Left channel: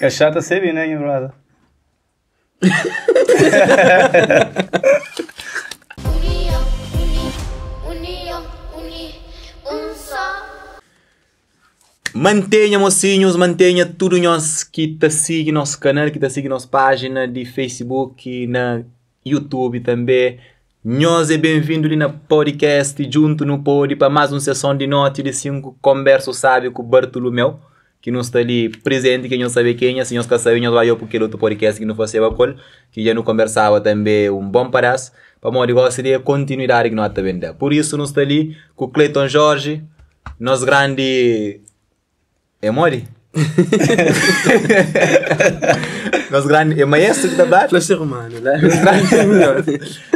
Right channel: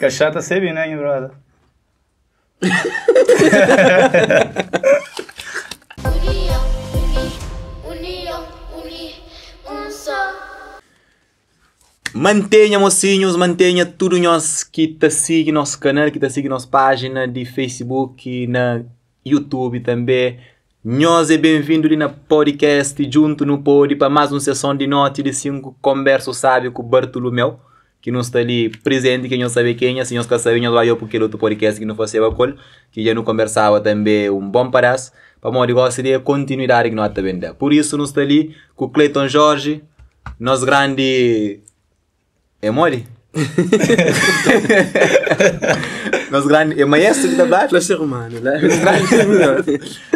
Cachata se bem, né, brother? Mantenha, mocinhos, mantenha tudo nós que tá siga nosso canal, que tá siga nossa página de Facebook, na YouTube também. Nós é bem-vindo ali na podcast, junto no pod, para mais uma sessão de noite de 5 conversa, sabe, com o Bartolomeu, que não está ali presente, que não sabe quem é, se nós quer saber, nós vai para aquele outro podcast que não fosse a col, que já não conversava também um bom pedaço, para o negócio de continuidade que nós está vendo. Por isso, nós está ali com o Cleiton Jorge, nosso grande... É mole? Nosso grande... É maestro que está lá? Para ser humano, né?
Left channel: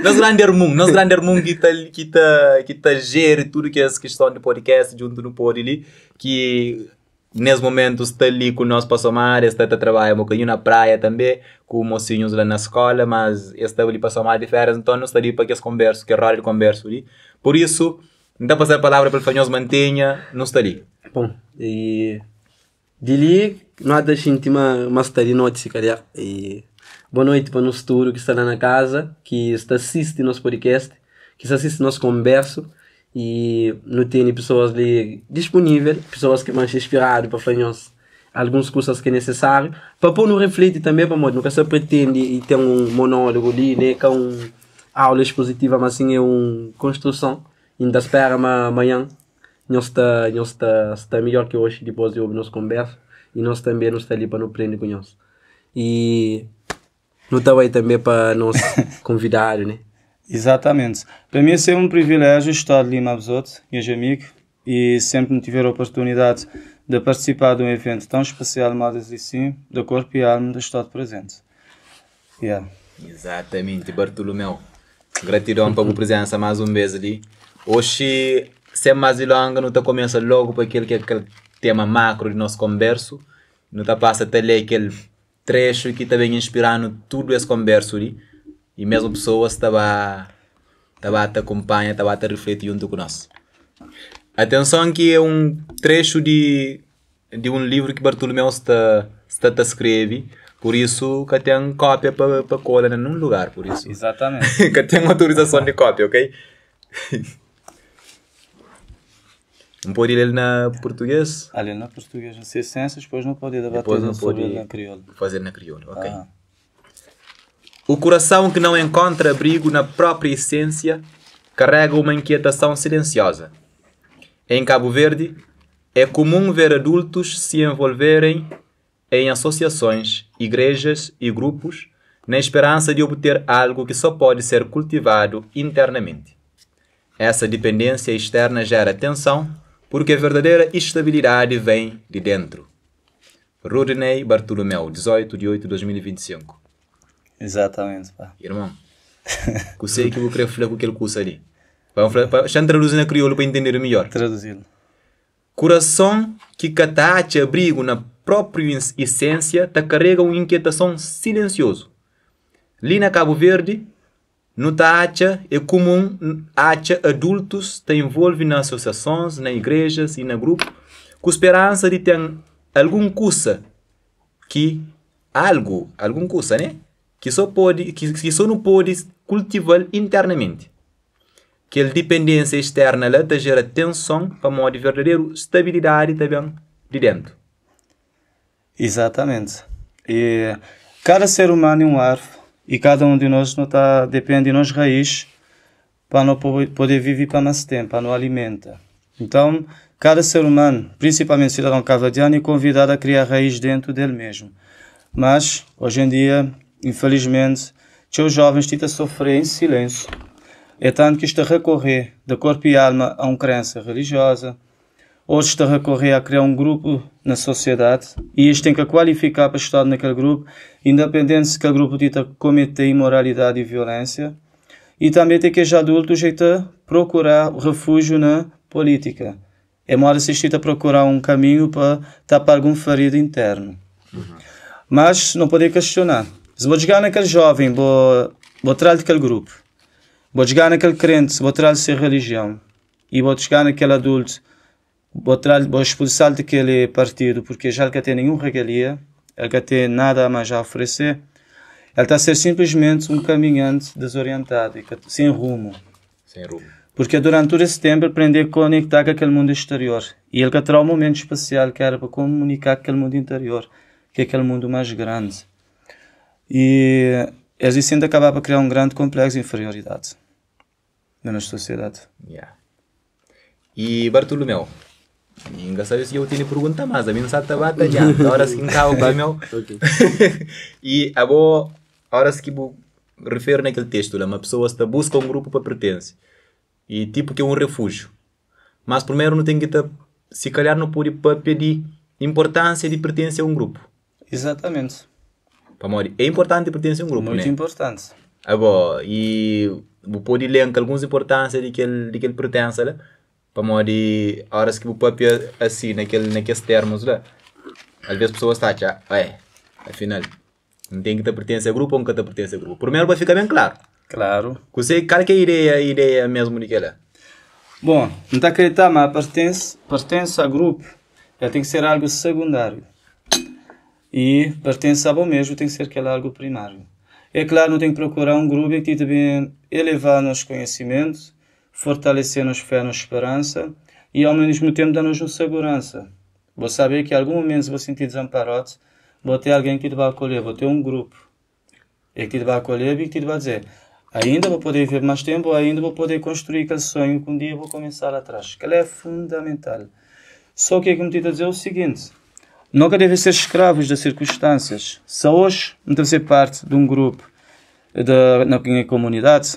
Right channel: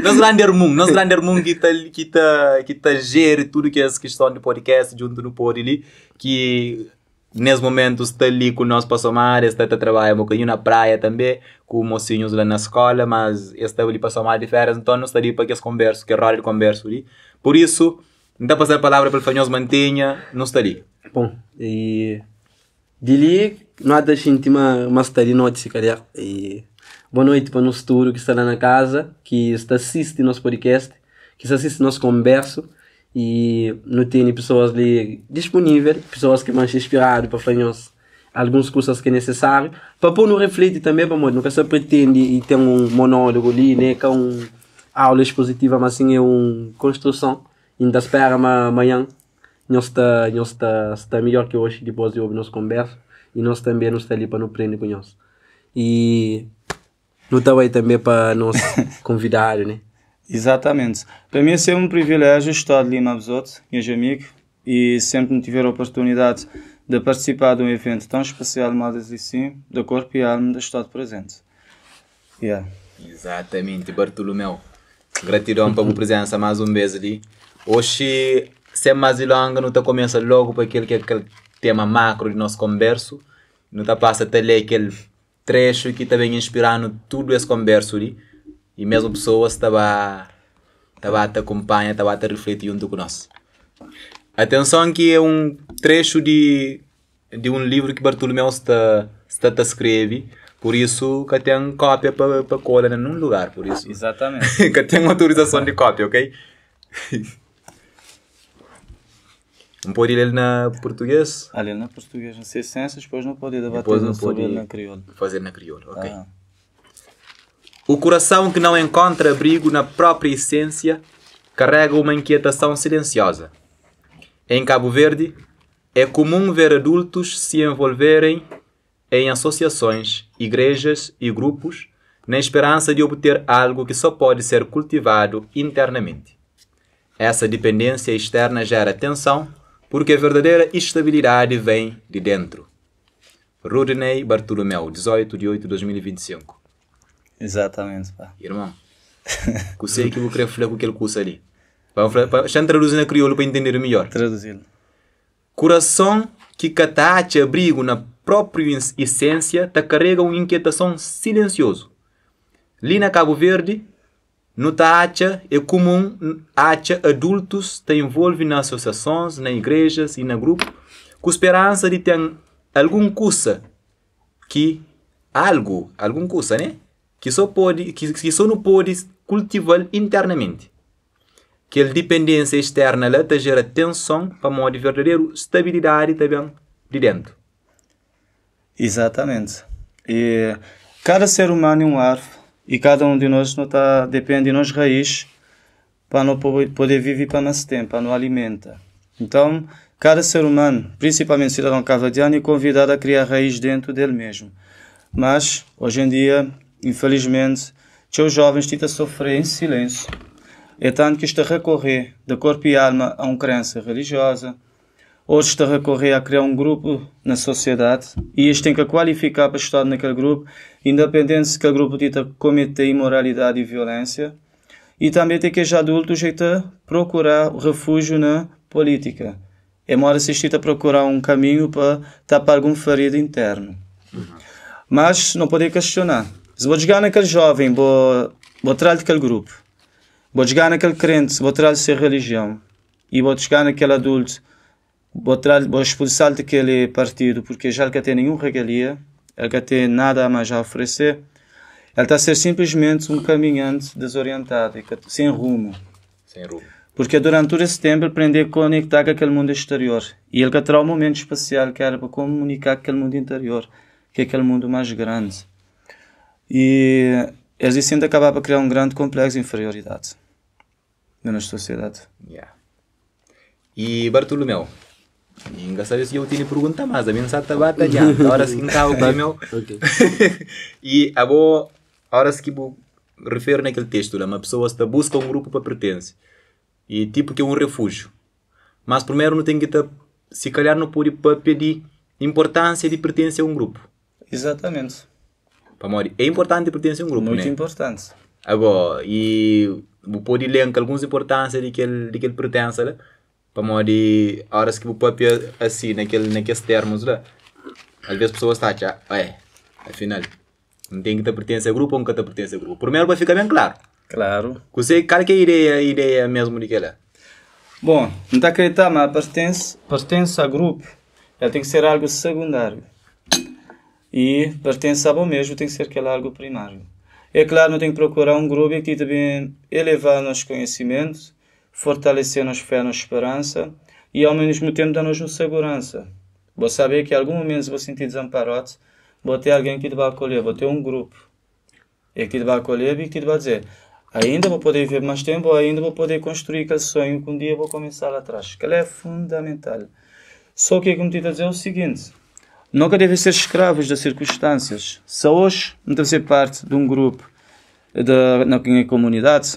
Nosso grande irmão que tá gere tudo que é essa questão de podcast junto no pod ali, que nesse momento está ali com nós para somar, está a trabalhar um bocadinho na praia também, com mocinhos lá na escola, mas está ali para somar de férias, então não está ali para que as conversas, que é raro de conversa ali. Por isso, não dá para passar a palavra para o Fanhoso Mantenha, não está ali. Bom, e... Dili, nada senti uma história noite, cara. E boa noite para o nosso futuro que está lá na casa, que está assiste nosso podcast, que está assiste nosso converso e não tem pessoas ali disponíveis, pessoas que vão se inspirar para fazer algumas coisas que é necessário, para pôr no refletir também, para nunca se pretende e ter um monólogo ali, né, que é uma aula expositiva, mas sim é uma construção. Ainda espera amanhã. Nós está melhor que hoje, depois de ouvir nossa conversa. E nós também não está ali para nos aprender com nós. E não está aí também para nos convidar, né? Exatamente. Para mim é um privilégio estar ali com os outros, meus amigos, e sempre me tiver a oportunidade de participar de um evento tão especial, mas assim, da corpo e alma, de estar presente. Yeah. Exatamente, Bartolomeu. Gratidão pela presença mais uma vez ali. Hoje... Sem mais longa, não está começa logo para aquele tema macro de nosso converso. Não está passa até ler aquele trecho que está bem inspirando tudo esse converso ali. E mesmo pessoas estava a te acompanhar, estava a te refletir junto com nós. Atenção que é um trecho de um livro que Bartolomeu está a escrever. Por isso que tem cópia para colar num lugar, por isso. Exatamente. Que tem autorização de cópia, ok? Não pode ler na português? Ali na português, não sei ciências, depois não pode fazer na crioula, ok. O coração que não encontra abrigo na própria essência carrega uma inquietação silenciosa. Em Cabo Verde, é comum ver adultos se envolverem em associações, igrejas e grupos na esperança de obter algo que só pode ser cultivado internamente. Essa dependência externa gera tensão, porque a verdadeira estabilidade vem de dentro. Rodney Bartolomeu, 18 de 8 de 2025. Exatamente, pá. Irmão, eu sei que vou querer falar com aquele curso ali. Deixa-me traduzir na crioulo para entender melhor. Traduzindo. Coração que catacha abrigo na própria essência te carrega uma inquietação silencioso. Ali na Cabo Verde, no Tacha é comum adultos te envolvem nas associações, nas igrejas e na grupo, com esperança de ter algum coisa né? Que só não pode cultivar internamente. Que a dependência externa lá te gera tensão para modo de verdadeira estabilidade também de dentro. Exatamente. E cada ser humano é um árvore. E cada um de nós não depende de nós raízes para não poder viver para nosso tempo, para não alimentar. Então, cada ser humano, principalmente cidadão cabo-verdiano, é convidado a criar raiz dentro dele mesmo. Mas, hoje em dia, infelizmente, os jovens estão a sofrer em silêncio. É tanto que estão a recorrer de corpo e alma a uma crença religiosa, outros estão a recorrer a criar um grupo na sociedade e eles têm que qualificar para estar naquele grupo, independente se aquele grupo comete imoralidade e violência. E também tem que os adultos procurar refúgio na política. É uma hora assistir a procurar um caminho para tapar algum ferido interno. Uhum. Mas não pode questionar. Se vou chegar naquele jovem, vou trazer daquele grupo. Vou chegar naquele crente, vou trazer religião. E vou chegar naquele adulto, vou expulsar daquele partido, porque já não tem nenhuma regalia. ele que tem nada mais a oferecer, ele está a ser simplesmente um caminhante desorientado, sem rumo. Sem rumo. Porque durante todo esse tempo ele aprendeu a conectar com aquele mundo exterior. E ele terá um momento especial que era para comunicar com aquele mundo interior, que é aquele mundo mais grande. E isso ainda acabava a criar um grande complexo de inferioridade na nossa sociedade. Yeah. E Bartolomeu, engraçado se eu tinha pergunta mais, a mensagem está batalhando, agora se encava o meu. E a boa, agora se que vou referir naquele texto, uma pessoa está busca um grupo para pertencer. E tipo que é um refúgio. Mas primeiro não tem que estar, se calhar não pode pedir importância de pertencer a um grupo. Exatamente. É importante pertencer a um grupo, muito né? Muito importante. Agora, e pode ler algumas importâncias de que ele pertence, né? Para morrer, horas que o papel assim, naqueles termos lá. Às vezes as pessoas estão afinal, não tem que te pertencer a grupo ou nunca te pertence a grupo. Primeiro vai ficar bem claro. Claro. Você, qual que é a ideia mesmo daquela? Bom, não está a acreditar, mas pertence a grupo, ele tem que ser algo secundário. E pertence a bom mesmo, tem que ser aquele algo primário. É claro, não tem que procurar um grupo que também elevar nos conhecimentos, fortalecer nos fé, nos esperança e ao mesmo tempo dar-nos segurança. Vou saber que em algum momento vou sentir desamparado, vou ter alguém que te vai acolher, vou ter um grupo que te vai acolher e que te vai dizer ainda vou poder viver mais tempo, ou ainda vou poder construir aquele sonho que um dia vou começar atrás. Que ele é fundamental. Só que o que me te dizer é o seguinte, nunca devem ser escravos das circunstâncias. Se hoje não deve ser parte de um grupo na minha comunidade,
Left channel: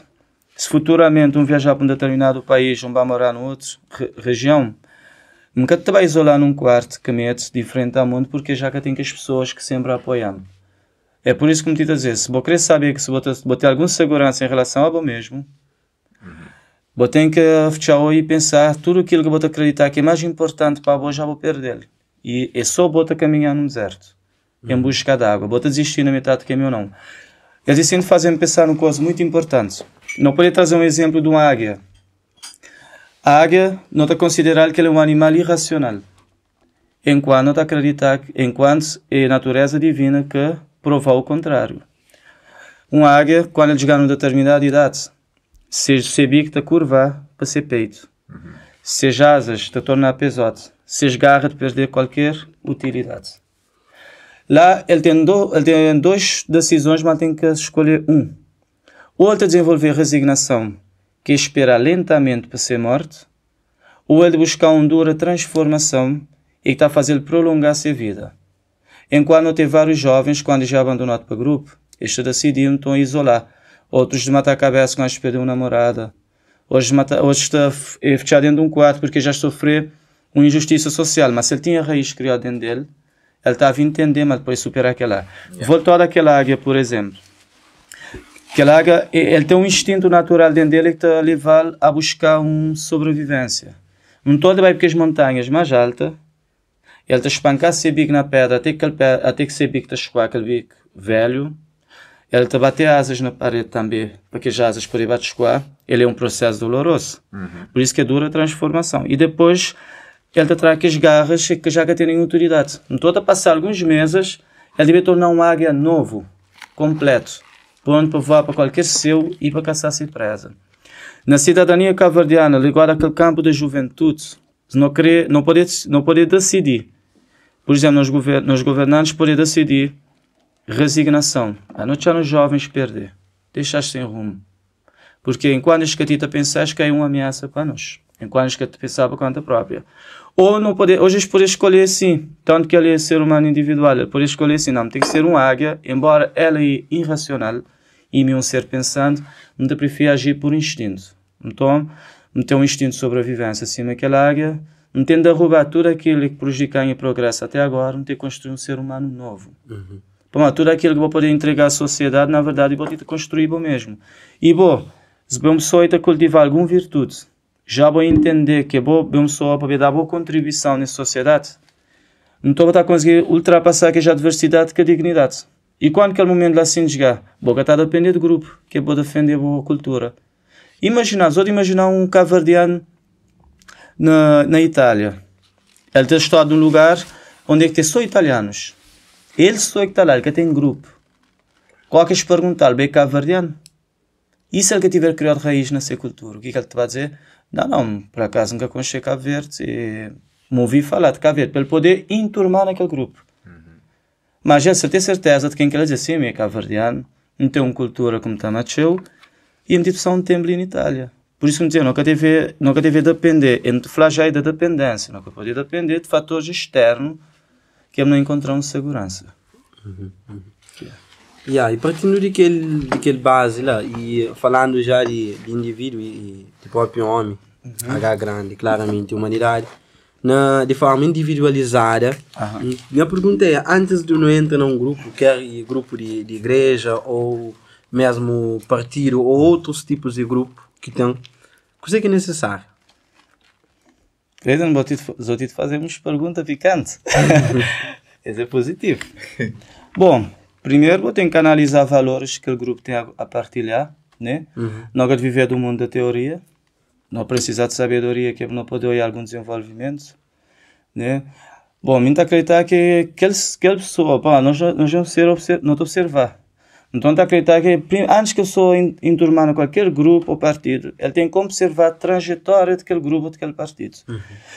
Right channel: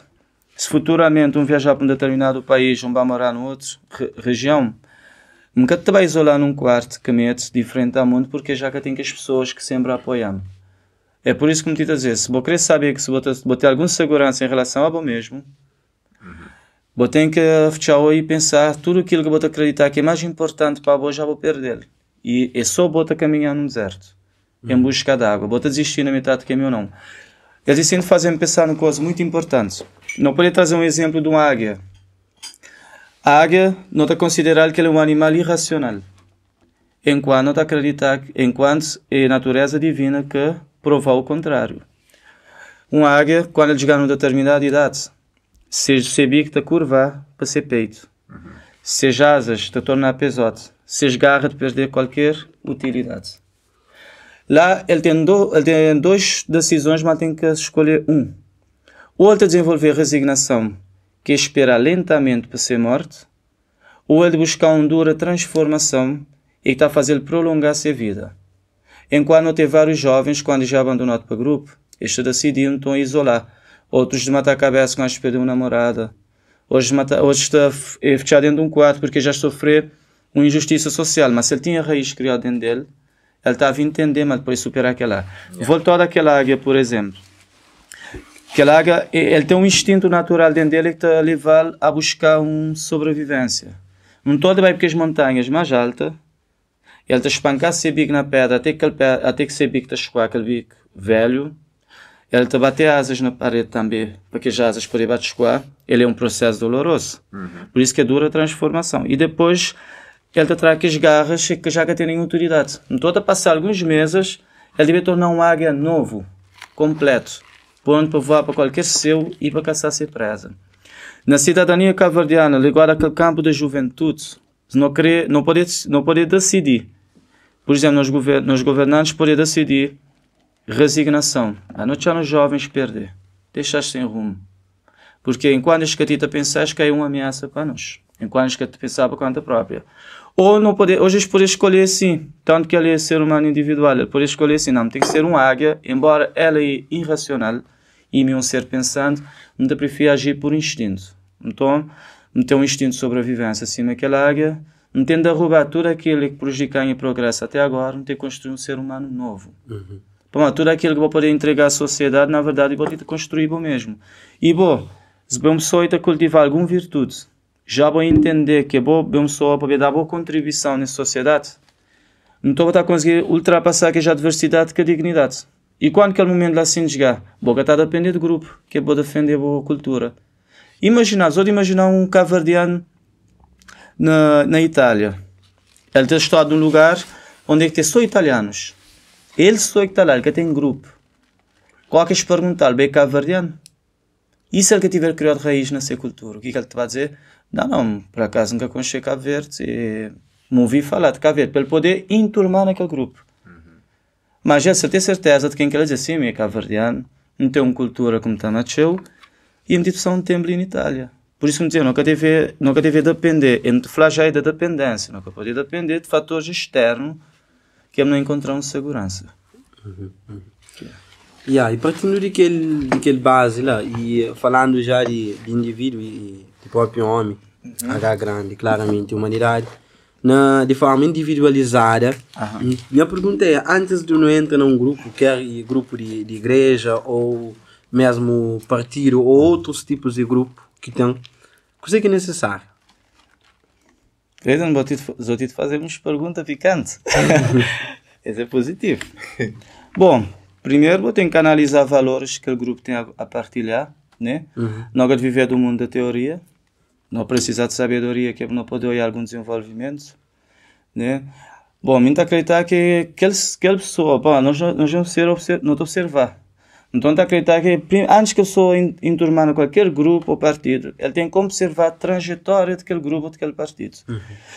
se futuramente um viajar para um determinado país, um vai morar numa outra região, nunca te vai isolar num quarto que mete diferente ao mundo, porque já que tem que as pessoas que sempre apoiam. É por isso que me digo a dizer, se vou querer saber que se vou ter alguma segurança em relação ao mesmo, vou ter que fechar e pensar tudo aquilo que vou acreditar que é mais importante para a já vou perder. E é só vou caminhar no deserto, em busca de água. Vou desistir na metade do caminho ou não. Eles sempre fazem-me pensar numa coisa muito importante. Não pode trazer um exemplo de uma águia. A águia não está considerada que ela é um animal irracional. Enquanto não está acreditar, enquanto é a natureza divina que prova o contrário. Uma águia, quando ela chegar a uma determinada idade, seja bico te curvar para ser peito. Seja asas te tornar pesote. Seja garra de perder qualquer utilidade. Lá ele tem duas decisões, mas tem que escolher um. Ou ele desenvolver resignação, que é esperar lentamente para ser morto, ou ele buscar uma dura transformação e está a fazer prolongar a sua vida. Enquanto tem vários jovens, quando já abandonaram para o grupo, eles decidiram então isolar. Outros de matar a cabeça, mas perder uma namorada. Outros estão fechar dentro de um quarto porque já sofrer uma injustiça social. Mas se ele tinha raiz criada dentro dele, ele estava a entender, mas depois superar aquela. Voltar àquela águia, por exemplo. Aquela águia, ele tem um instinto natural dentro dele que está a levar a buscar uma sobrevivência. Não todo vai para as montanhas mais altas. Ele te espancar seu bico na pedra até que seu bico te escoar aquele bico velho. Ele te bater asas na parede também, porque as asas podem bater escoar. Ele é um processo doloroso. Por isso que é dura a transformação. E depois, ele te traz as garras que já têm nenhuma utilidade. Então, a passar alguns meses, ele deve tornar um águia novo, completo, onde para voar para qualquer seu e para caçar sem presa. Na cidadania cavaldiana, agora aquele campo da juventude, não pode decidir. Por exemplo, nos governantes podem decidir resignação. A não deixar os jovens perder. Deixar sem rumo. Porque enquanto as que te pensas que é uma ameaça para nós. Enquanto as que te pensar por conta própria. Ou não pode, hoje eles podem escolher assim. Tanto que ele é ser humano individual. Ele pode escolher assim. Não, tem que ser uma águia. Embora ela é irracional. E meu ser pensante. Não te prefere agir por instinto. Então, não tem um instinto de sobrevivência. Assim, aquela águia... Não tem de derrubar tudo aquilo que prejudica o progresso até agora, não tem de construir um ser humano novo. Bom, tudo aquilo que vou poder entregar à sociedade, na verdade, vou ter de construir eu mesmo. E vou, se eu só de cultivar alguma virtude, já vou entender que vou só poder dar boa contribuição na sociedade, não estou a conseguir ultrapassar aquela diversidade que a dignidade. E quando aquele momento lá se chegar, vou estar a depender do grupo, que pode defender a boa cultura. Só de imaginar um cavardiano na Itália. Ele está estado num lugar onde é que tem só italianos. Ele estou que está lá, ele tem grupo. Qualquer perguntar, bem cabo-verdiano, e se ele tiver criado raiz nessa cultura, o que ele te vai dizer? Não, por acaso nunca conheci Cabo Verde, me ouvi falar de Cabo Verde, para ele poder enturmar naquele grupo. Mas essa tem certeza de quem quer dizer, sim, é cabo-verdiano, não tem uma cultura como está nasceu, e me só um tempo em Itália. Por isso, nunca deve depender, é muito flagelo da dependência, nunca pode depender de fatores externos que não encontramos segurança. E partindo daquele base lá, e falando já de indivíduo e de próprio homem, H grande, claramente, humanidade, de forma individualizada, minha pergunta é, antes de não entrar num grupo, quer grupo de igreja, ou mesmo partido, ou outros tipos de grupo que tem, o que é necessário? Eu vou te fazer umas perguntas picantes. Isso é positivo. Bom, primeiro vou ter que analisar valores que o grupo tem a partilhar, né? Não quero viver do mundo da teoria, não precisa de sabedoria que não pode olhar algum desenvolvimento, né? Bom, me acreditar que aquela pessoa, bom, nós não observar. Então, acreditar que antes que a pessoa enturmar em qualquer grupo ou partido, ele tem que observar a trajetória daquele grupo ou daquele partido.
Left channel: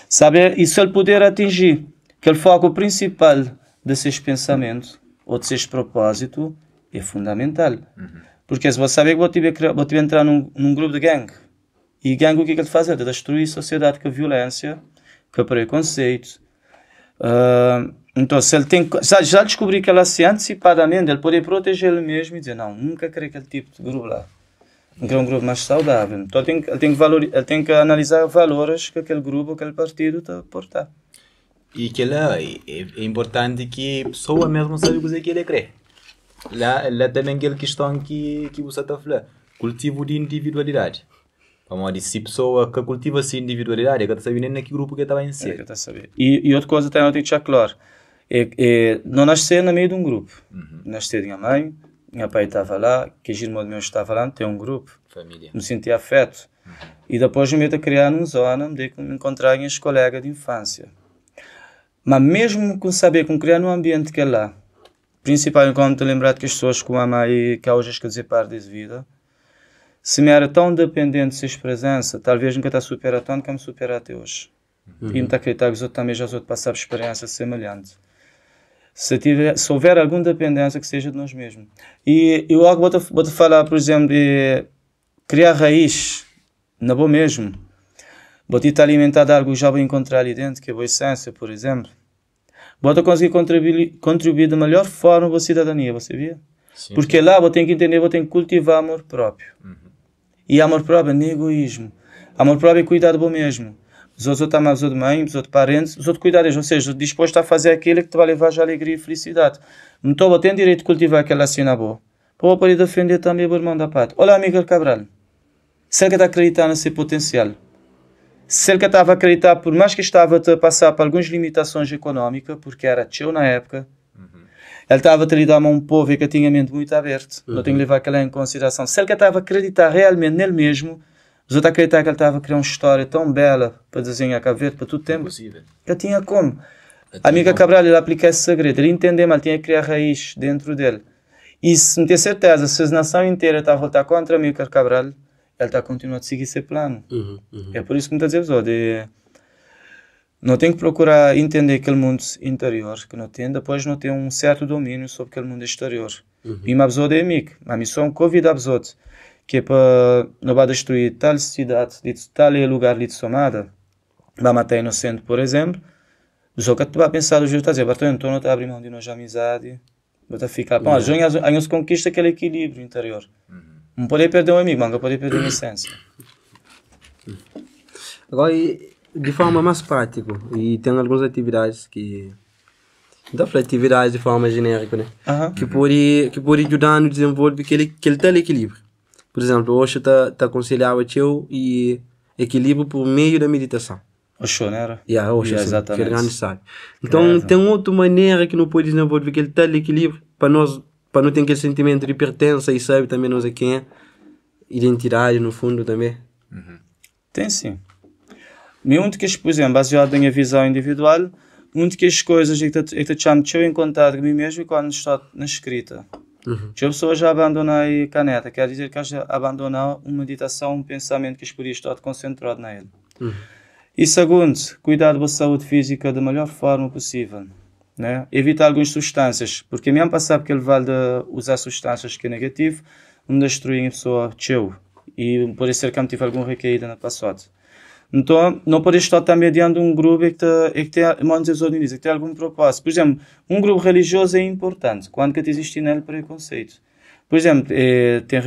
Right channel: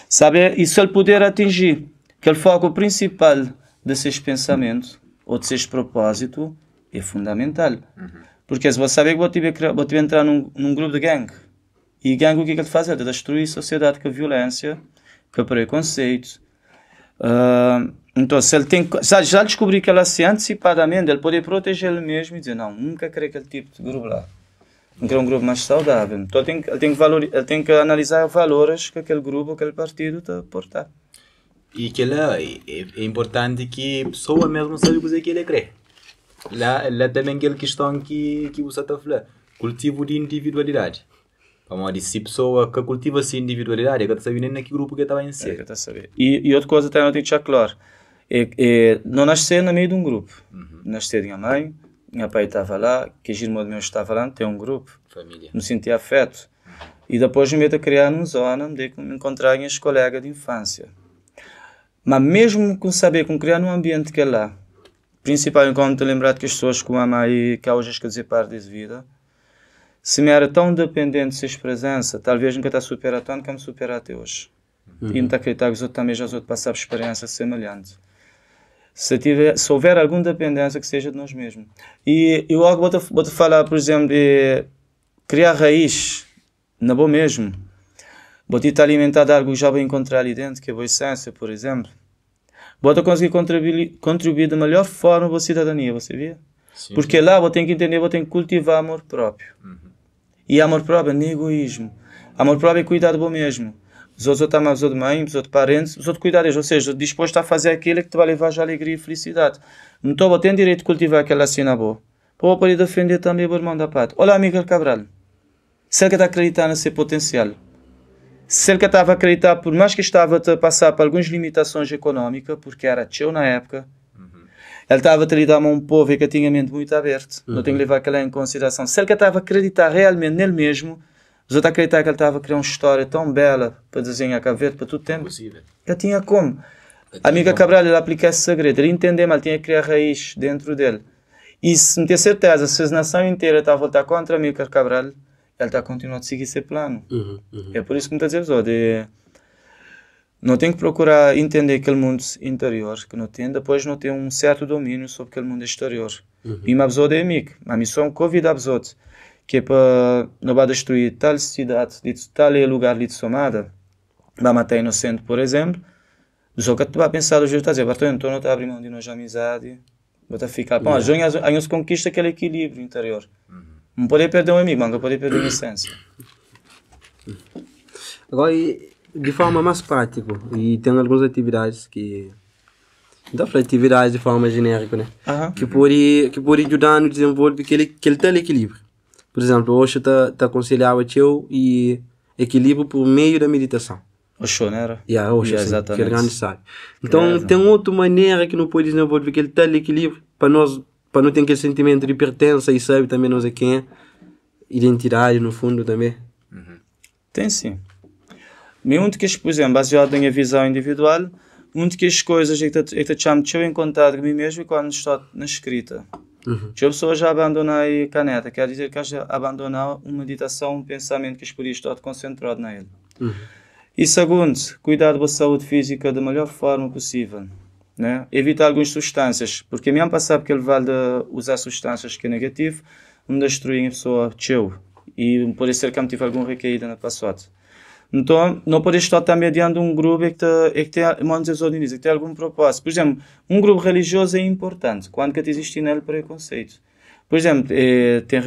Saber, e se ele puder atingir aquele foco principal de seus pensamentos ou de seus propósitos, é fundamental. Porque se você saber que vou entrar num grupo de gangue, e gangue o que é que ele faz? É destruir a sociedade com a violência, com o preconceito. Então, se ele já descobrir que ela se antecipadamente, ele pode proteger ele mesmo e dizer, não, nunca quero aquele tipo de grupo lá. Então, é um grupo mais saudável. Então, ele tem que analisar os valores que aquele grupo, aquele partido está a portar. E que lá é importante que a pessoa mesmo sabe o que ele crê. Lá também aquela questão que você está falando, cultivo de individualidade. Vamos dizer, se a pessoa que cultiva essa individualidade, que está sabendo naquele grupo que estava em ser. E outra coisa também tem que deixar claro, não nascer no meio de um grupo. Nascer minha mãe, meu pai estava lá, que o irmão meu estava lá, tem um grupo. Família. Me senti afeto. E depois me meto a criar numa zona onde me encontrar com os colegas de infância. Mas mesmo com saber como criar num ambiente que é lá, principalmente como estou lembrado que as pessoas como a mãe que hoje que parte de vida, se me era tão dependente de sua presença, talvez nunca está superado tanto como supera até hoje. E não acreditar que os outros também já passaram experiências semelhantes. Se houver alguma dependência, que seja de nós mesmos. E eu vou-te falar, por exemplo, de criar raiz, na boa mesmo. Vou-te alimentar de algo que já vou encontrar ali dentro, que é a boa essência, por exemplo. Vou-te conseguir contribuir da melhor forma à cidadania, você vê? Sim, porque lá vou ter que entender, vou ter que cultivar amor próprio. E amor próprio não é egoísmo. Amor próprio é cuidar de bom mesmo. Os outros amam os outros mães, os outros parentes, os outros cuidar deles. Ou seja, disposto a fazer aquilo que te vai levar a alegria e felicidade. Então eu tenho direito de cultivar aquela cena boa. Vou poder defender também o irmão da pátria. Olha, amigo Cabral. Se ele está acreditando no seu potencial, se ele estava a acreditar, por mais que estava a passar por algumas limitações económicas, porque era teu na época, ele estava a lidar com um povo que tinha a mente muito aberta. Eu tenho que levar aquilo em consideração. Se ele estava a acreditar realmente nele mesmo, você está a acreditar que ele estava a criar uma história tão bela para desenhar Cabo Verde para todo tempo? Impossível. Ele tinha como? A amiga Cabral, ele aplica esse segredo. Ele entendeu, mas tinha que criar raiz dentro dele. E se não ter certeza, se a nação inteira está a votar contra a amiga Cabral, ele está a continuar a seguir esse plano. É por isso que me está a dizer, não tem que procurar entender aquele mundo interior que não tem, depois não tem um certo domínio sobre aquele mundo exterior. E uma pessoa é amigo, a missão convida a pessoa que é para não vai destruir tal cidade, tal lugar de somada, vai matar inocente, por exemplo. Só que tu vai pensar do jeito de fazer, então não está abrindo mão de nossa amizade, vai ficar. Bom, a gente conquista aquele equilíbrio interior. Não pode perder um amigo, mas não pode perder a essência. Agora, de forma mais prática, e tem algumas atividades que... Dá para atividades de forma genérica, né? Que pode ajudar no desenvolvimento aquele tal equilíbrio. Por exemplo, hoje está aconselhado e equilíbrio por meio da meditação. Hoje, né? Hoje, sim, que é grande sabe. Então, tem outra maneira que não pode desenvolver aquele tal equilíbrio para não ter aquele sentimento de pertença e sabe também não sei quem é. Identidade, no fundo, também. Tem sim. Mesmo que, por exemplo, baseado na minha visão individual, uma das coisas é que eu chamo de eu em contato comigo mesmo quando estou na escrita. Que a pessoa já abandona a caneta, quer dizer que já abandona uma meditação, um pensamento que as podia estar concentrado nele. E segundo, cuidar da saúde física da melhor forma possível. Né? Evitar algumas substâncias, porque mesmo passar porque ele vai usar substâncias que é negativo, não destruir a pessoa teu. E pode ser que não tive alguma recaída no passado. Então, não pode estar também diante de um grupo que tem algum propósito. Por exemplo, um grupo religioso é importante quando que existe nele preconceito. Por exemplo, tem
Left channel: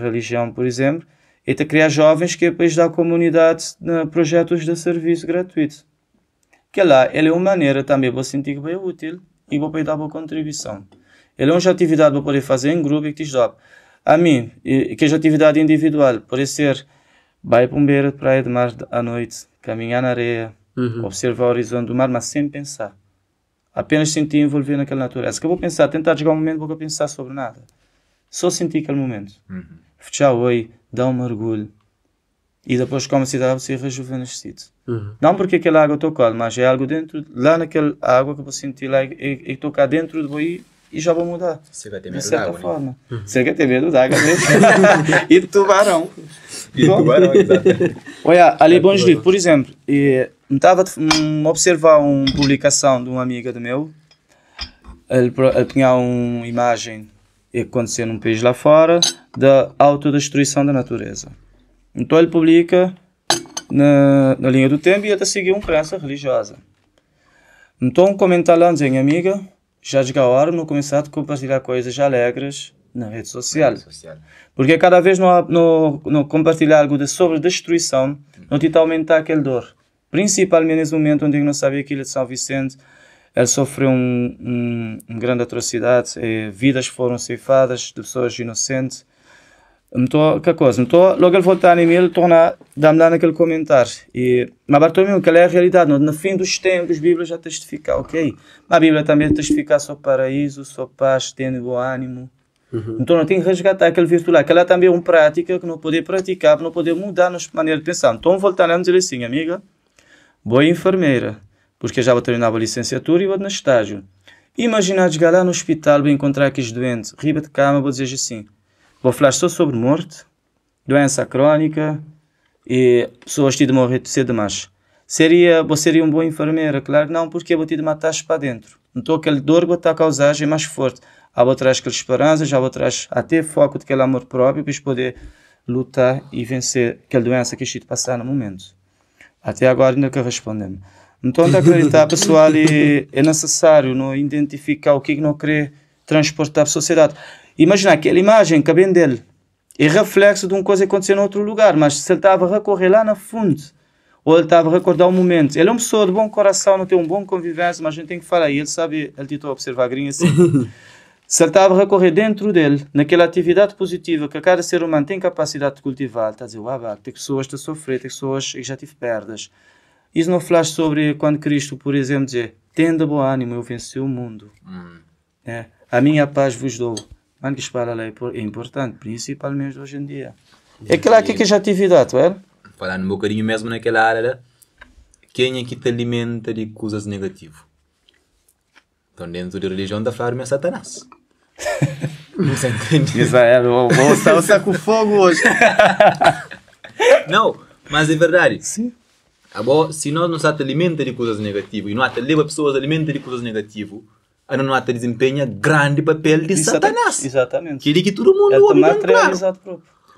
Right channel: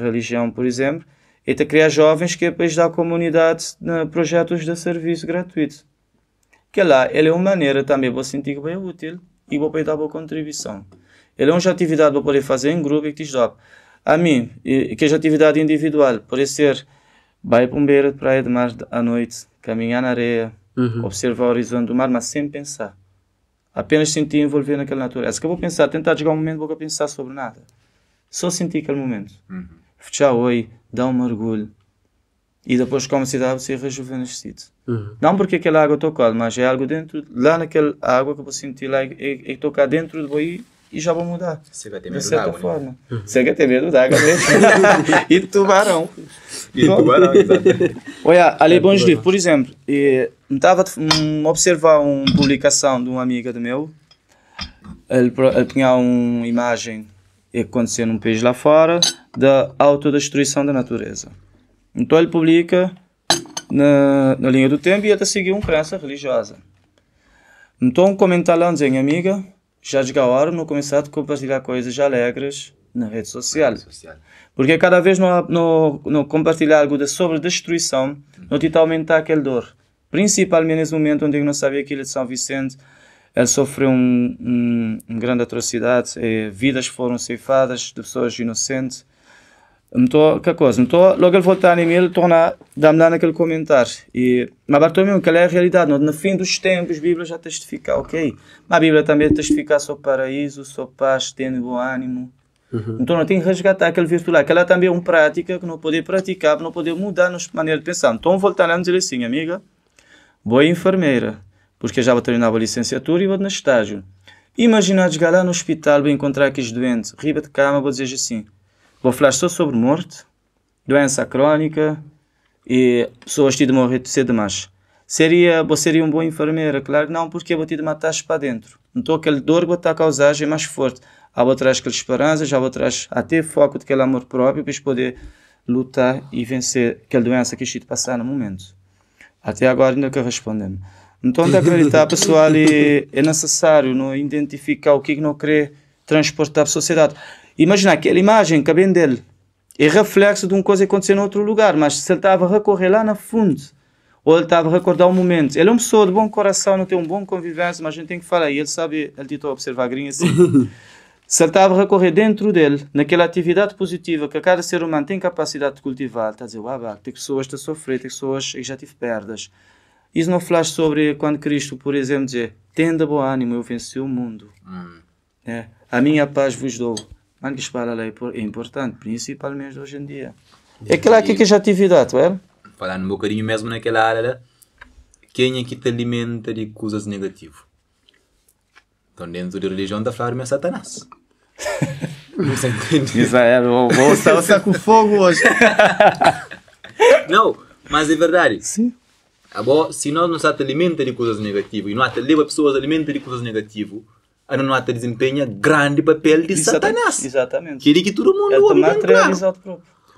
religião, por exemplo, é criar jovens que depois dá comunidade projetos de serviço gratuito. Que lá, ele é uma maneira também de sentir que vai útil e vai dar uma contribuição. Ele é uma atividade para poder fazer em grupo e que diz, a mim, que é atividade individual, pode ser vai para beira de praia de mar à noite, caminhar na areia, observar o horizonte do mar, mas sem pensar. Apenas sentir envolver naquela natureza. Que eu vou pensar, tentar chegar um momento, vou pensar sobre nada. Só sentir aquele momento. Tchau, oi, dá um mergulho. E depois, como se dá, você rejuvenescido. Não porque aquela água tocou, mas é algo dentro, lá naquela água que eu vou sentir lá, e tocar dentro de você e já vou mudar. Você vai ter medo d'água, né? Você vai ter medo d'água, né? E tubarão. E tubarão, exatamente. Olha, ali, bom dia, por exemplo, estava a observar uma publicação de uma amiga do meu. Ele tinha uma imagem que aconteceu num país lá fora da autodestruição da natureza. Então ele publica na linha do tempo e até seguir uma crença religiosa. Então um comentário lá dizendo, amiga, já chegou a hora de não começar a compartilhar coisas alegres na rede social. Porque cada vez não compartilhar algo sobre destruição, não tenta aumentar aquele dor. Principalmente nesse momento onde eu não sabia que ele de São Vicente sofreu uma grande atrocidade, vidas foram ceifadas de pessoas inocentes. Então, que coisa? Então, logo ele voltar em mim, ele torna dando aquele comentário. Mas Bartolomeu, que é a realidade. No fim dos tempos, a Bíblia já testifica, ok? A Bíblia também testifica sobre paraíso, sobre paz, tendo bom ânimo. Então, não tem que resgatar aquele virtual. Aquela também é uma prática que não pode praticar, não pode mudar a nossa maneira de pensar. Então, voltando a dizer assim, amiga, vou enfermeira, porque já vou terminar a licenciatura e vou no estágio. Imagina chegar lá no hospital, vou encontrar aqueles doentes, riba de cama, vou dizer assim, vou falar só sobre morte, doença crónica e pessoas que morrer de cedo demais. Você seria uma boa enfermeira? Claro que não, porque eu vou te matar para dentro. Então aquele dor que vou estar a causar é mais forte. Há outras aquela esperança, já outras até foco daquele amor próprio para poder lutar e vencer aquela doença que está passar no momento. Até agora nunca respondemos. Então acreditar, pessoal, é necessário não identificar o que não quer transportar para a sociedade. Imagina aquela imagem que vem dele é reflexo de uma coisa que aconteceu em outro lugar, mas se ele estava a recorrer lá na fundo, ou ele estava a recordar um momento, ele é uma pessoa de bom coração, não tem um bom convivência, mas a gente tem que falar, e ele sabe, ele tentou observar grinha assim. Se ele estava a recorrer dentro dele, naquela atividade positiva que cada ser humano tem capacidade de cultivar, está a dizer, tem pessoas que estão a sofrer, tem pessoas que já tive perdas. Isso não fala sobre quando Cristo, por exemplo, dizer, tenda bom ânimo, eu venci o mundo. A minha paz vos dou. Quando diz para ela é importante, principalmente hoje em dia. É claro que é atividade, não é? Falando um bocadinho mesmo naquela área, quem é que te alimenta de coisas negativas? Então dentro da religião da falar é Satanás. Não se entende? Vou ficar com fogo hoje. Não, mas é verdade. Se nós não se alimenta de coisas negativas e não leva pessoas a alimentar de coisas negativas, a não desempenha grande papel de Satanás. Exatamente. Que é que todo mundo ouve bem claro.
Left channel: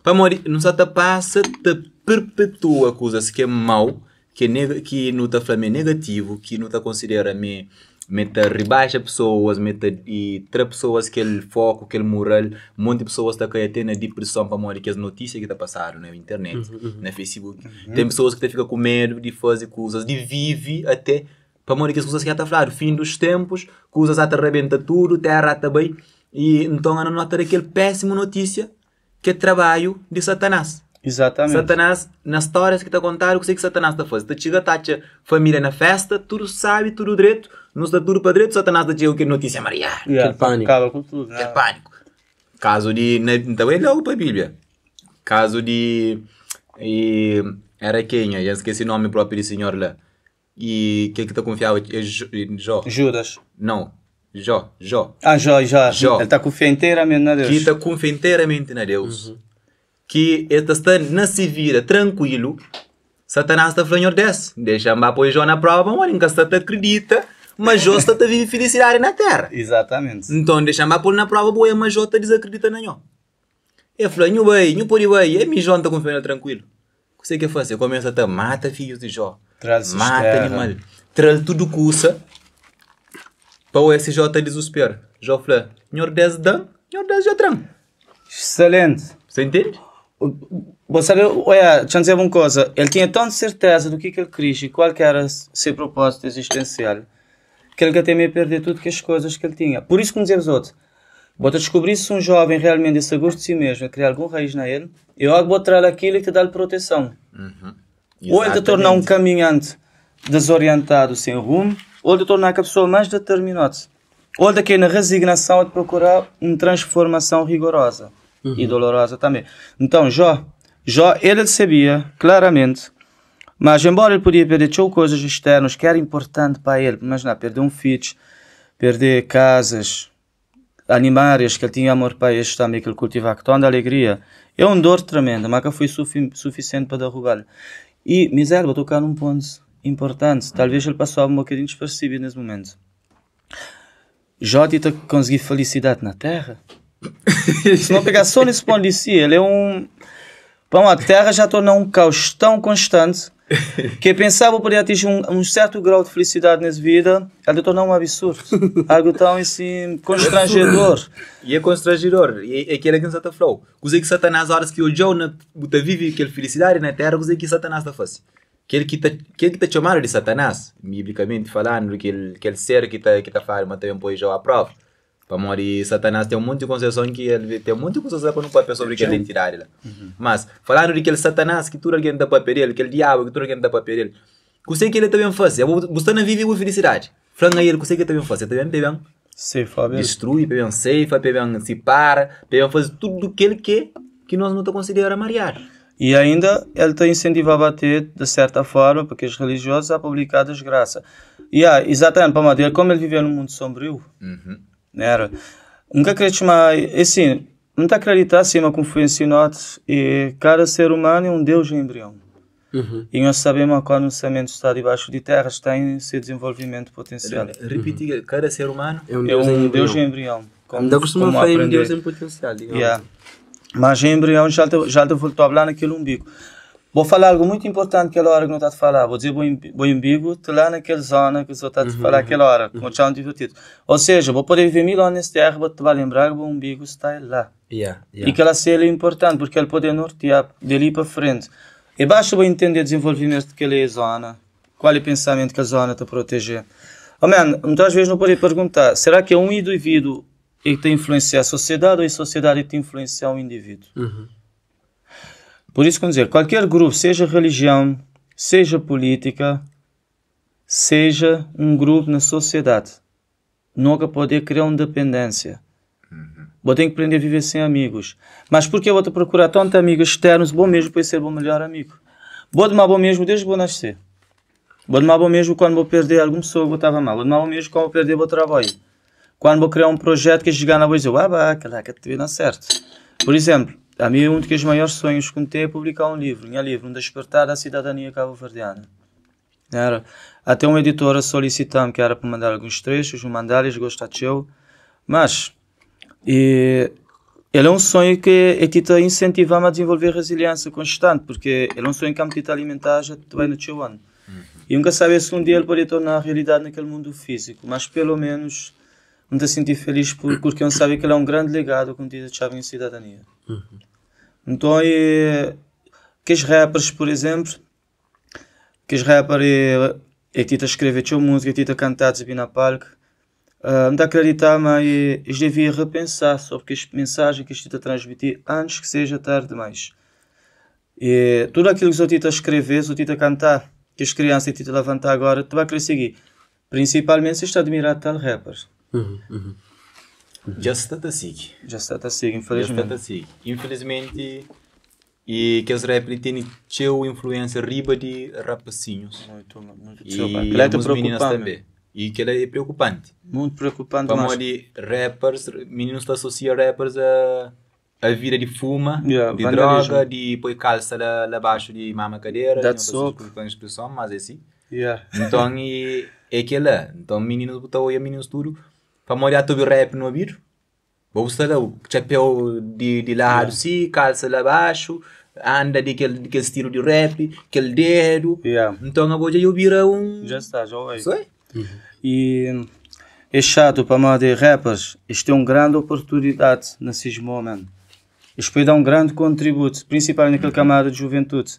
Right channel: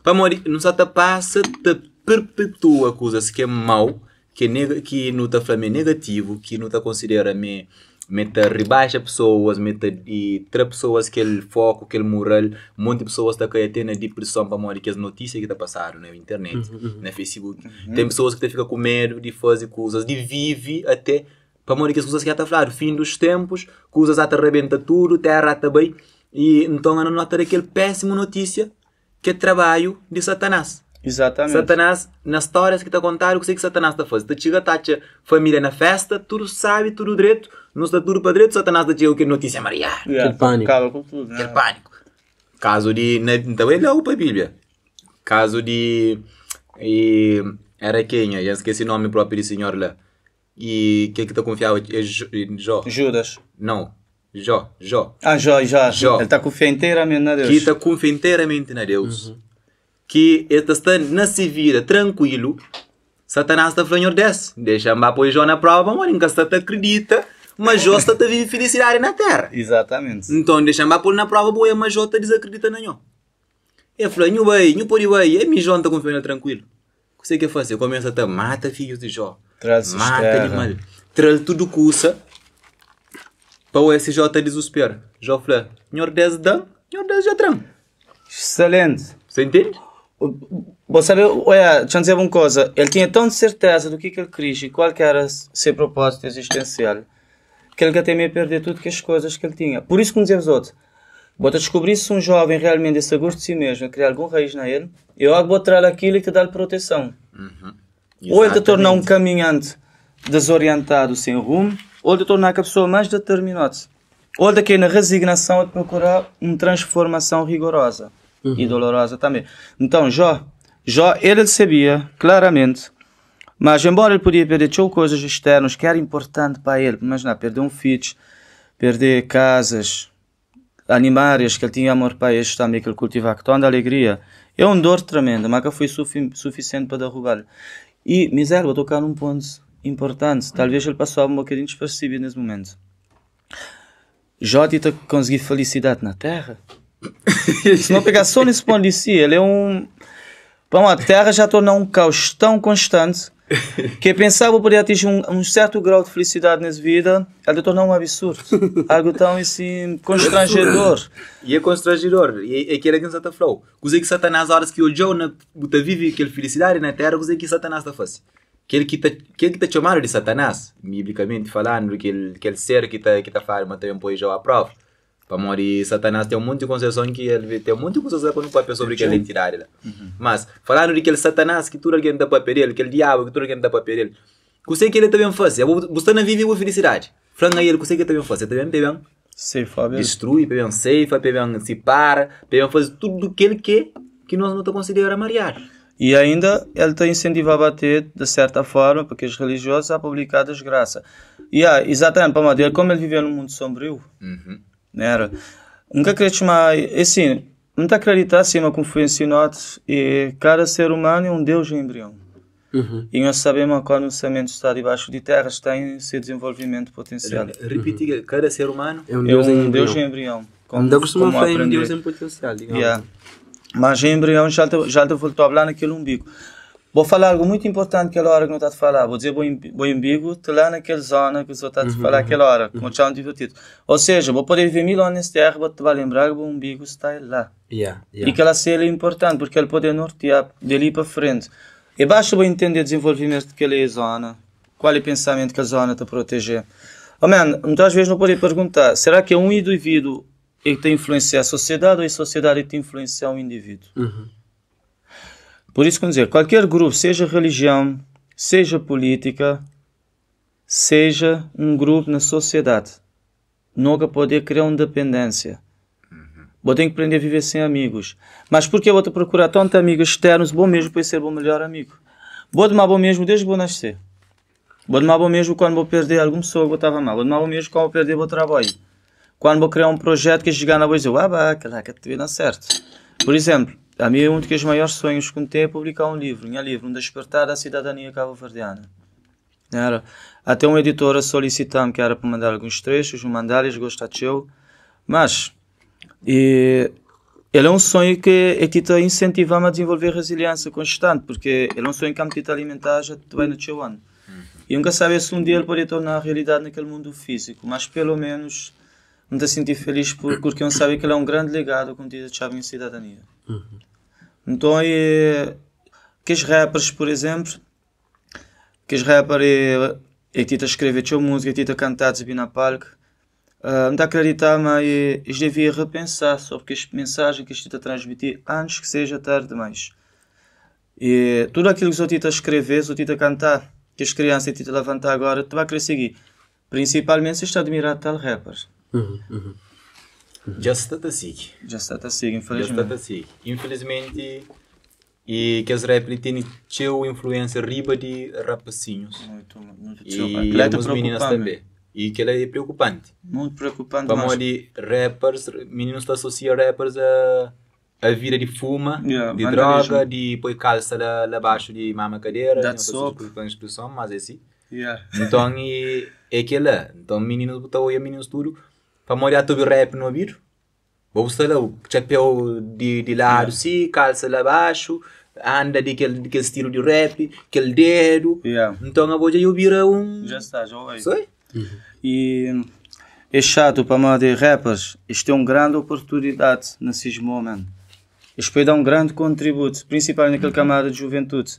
Para morrer, não se passa, te perpetua coisas que é mau, que não te fala negativo, que não te considera meta rebaixa pessoas, meta e tra pessoas que ele foco, que ele moral, um monte de pessoas está a ter na depressão para morrer que as notícias que está passando na internet, na Facebook. Tem pessoas que ficam com medo de fazer coisas, de viver até para morrer que as coisas que já está a falar, fim dos tempos, coisas já te arrebenta tudo, terra está bem, e então a nota daquele péssimo notícia que é trabalho de Satanás. Exatamente. Satanás, nas histórias que está a contar, o que Satanás está a fazer? Está chega, está a família na festa, tudo sabe, tudo direito, não está tudo para direito, Satanás está chega, que notícia Maria. Aquele pânico. Acaba com tudo. Aquele pânico. Caso de, também não para a Bíblia. Caso de, era quem? Já esqueci o nome próprio do senhor lá. E que está confiado é Jó. Judas. Não. Jó. Jó. Jó. Ele está com fé inteiramente na Deus. Que está com fé inteiramente na Deus. Que ele está na se vira tranquilo. Satanás está falando desse. Deixa-me apoiar Jó na prova, mas nunca está acredita. Mas Jó está a viver felicidade na terra. Exatamente. Então deixa-me apoiar na prova, boa, mas Jó está desacredita na Jó. Ele falou, não pode vai, é Jó está com fé tranquilo. O que você quer fazer? Começa a mata filhos de Jó. Mata animal. Traz tudo custa. Para o SJ desespero. Jó falou, senhor 10 dan, senhor 10 já tram. Excelente. Você entende? Você sabe, olha, deixa eu dizer uma coisa. Ele tinha tanta certeza do que ele queria e qual que era seu propósito existencial, que ele temia perder tudo que as coisas que ele tinha. Por isso, como dizia os outros, vou descobrir se um jovem realmente é seguro de si mesmo, criar algum raiz na ele, eu vou trazer aquilo e te dar proteção. Ou ele te tornar um caminhante desorientado, sem rumo, ou te tornar a pessoa mais determinada. Ou daqui na resignação de procurar uma transformação rigorosa e dolorosa também. Então, Jó, ele sabia claramente, mas embora ele podia perder coisas externas que eram importantes para ele, imagina, perder um filho, perder casas, animais que ele tinha amor para eles também, que ele cultivava com tanta alegria, é uma dor tremenda, mas que foi suficiente para derrubar. E, miséria, vou tocar num ponto importante, talvez ele passou um bocadinho despercebido nesse momento. Jó tinha conseguido felicidade na terra. Se não pegar só nesse ponto de si, ele é um... Bom, a terra já tornou um caos tão constante que eu pensava que poderia atingir um certo grau de felicidade nessa vida, ela tornou um absurdo. Algo tão assim, constrangedor. E é constrangedor. E é aquilo que Satan falou. Coisa que Satanás, horas que o Jó vive aquela felicidade na terra, coisa que Satanás está fazendo. Aquele que está chamado de Satanás, biblicamente falando, aquele ser que está falando, mas também põe Jó à prova. Para morrer, Satanás tem um monte de concessão que ele tem um monte de concessão para não papel sobre aquela entidade lá. Mas, falando de aquele Satanás que tudo alguém dá para perder, aquele diabo que tudo alguém dá para perder, o que ele também faz? Você não vive com felicidade. Falando a ele, o que ele também faz? Ele também destrui, também ceifa, também se para, também faz tudo aquilo que nós não consideramos marear. E ainda ele te incentivava a ter, de certa forma, porque os religiosos a publicar desgraça. E exatamente, para madeira, como ele vivia num mundo sombrio, era. Nunca acredito mais, assim, não está acreditar assim, como foi ensinado, e cada ser humano é um Deus em embrião. E nós sabemos que quando o semente está debaixo de terra, está em seu desenvolvimento potencial. Repite, cada ser humano é um Deus em embrião. Ainda costuma falar em um Deus em potencial, digamos. Mas em embrião já te voltou a falar naquele umbigo. Vou falar algo muito importante naquela hora que não está a falar. Vou dizer o umbigo, está lá naquela zona que você está a falar naquela hora, com o chão divertido. Ou seja, vou poder viver 1000 anos nessa terra, vou te lembrar que o umbigo está lá. E que ela seja importante, porque ele pode nortear dali para frente. E basta eu entender o desenvolvimento daquela zona, qual é o pensamento que a zona está a proteger. Muitas vezes não pode perguntar, será que é um indivíduo que tem influenciar a sociedade ou a sociedade que tem influenciar o indivíduo? Por isso, quer dizer, qualquer grupo, seja religião, seja política, seja um grupo na sociedade, nunca pode criar uma dependência. Vou ter que aprender a viver sem amigos. Mas por que eu vou procurar tantos amigos externos, bom mesmo para ser o melhor amigo? Vou tomar bom mesmo desde que vou nascer. Vou tomar bom mesmo quando vou perder alguma pessoa que eu estava mal. Vou tomar bom mesmo quando vou perder o meu trabalho. Quando vou criar um projeto que chegar na vou dizer, caraca, te não certo. Por exemplo, a mim um dos maiores sonhos que tenho é publicar um livro. Um despertar da cidadania cabo-verdiana. Até uma editora solicitando que era para mandar alguns trechos, mandar-lhes, gostou, mas ele é um sonho que te incentiva a desenvolver resiliência constante, porque ele é um sonho que te alimentar já te vai no teu ano. E nunca sabes se um dia ele pode tornar realidade naquele mundo físico, mas pelo menos me te sentir feliz porque eu sabe que ele é um grande legado que te deixava em cidadania. Então, que os rappers, por exemplo, que os rappers te escrever tua música, te cantar, te vir na palco, não te acreditar, mas eles deviam repensar sobre as mensagens que isto te transmitir antes que seja tarde demais. E tudo aquilo que você te escrever, você te cantar, que as crianças te levantar agora, tu vai querer seguir. Principalmente se está a admirar tal rapper. Já está a seguir. Infelizmente. E que os rappers têm influência riba de rapacinhos. E alguns meninas também. E que é preocupante. Muito preocupante. Para modo de rappers, meninos estão associando rappers a vida de fuma, de droga, de pôr calça lá abaixo de mama cadeira, não sei se é expressão, mas é assim. Então, é que lá. Então, meninos botam aí, meninos tudo, para modo de rap no ouvido. Vou usar lá o chapéu de lado, sim, calça lá abaixo, anda daquele estilo de rap, aquele dedo. Então, a voz aí vira Já está, já ouvi. Sei? E é chato para nós de rappers. Isto é uma grande oportunidade nesses momentos. Isto vai dar um grande contributo, principalmente naquela camada de juventude.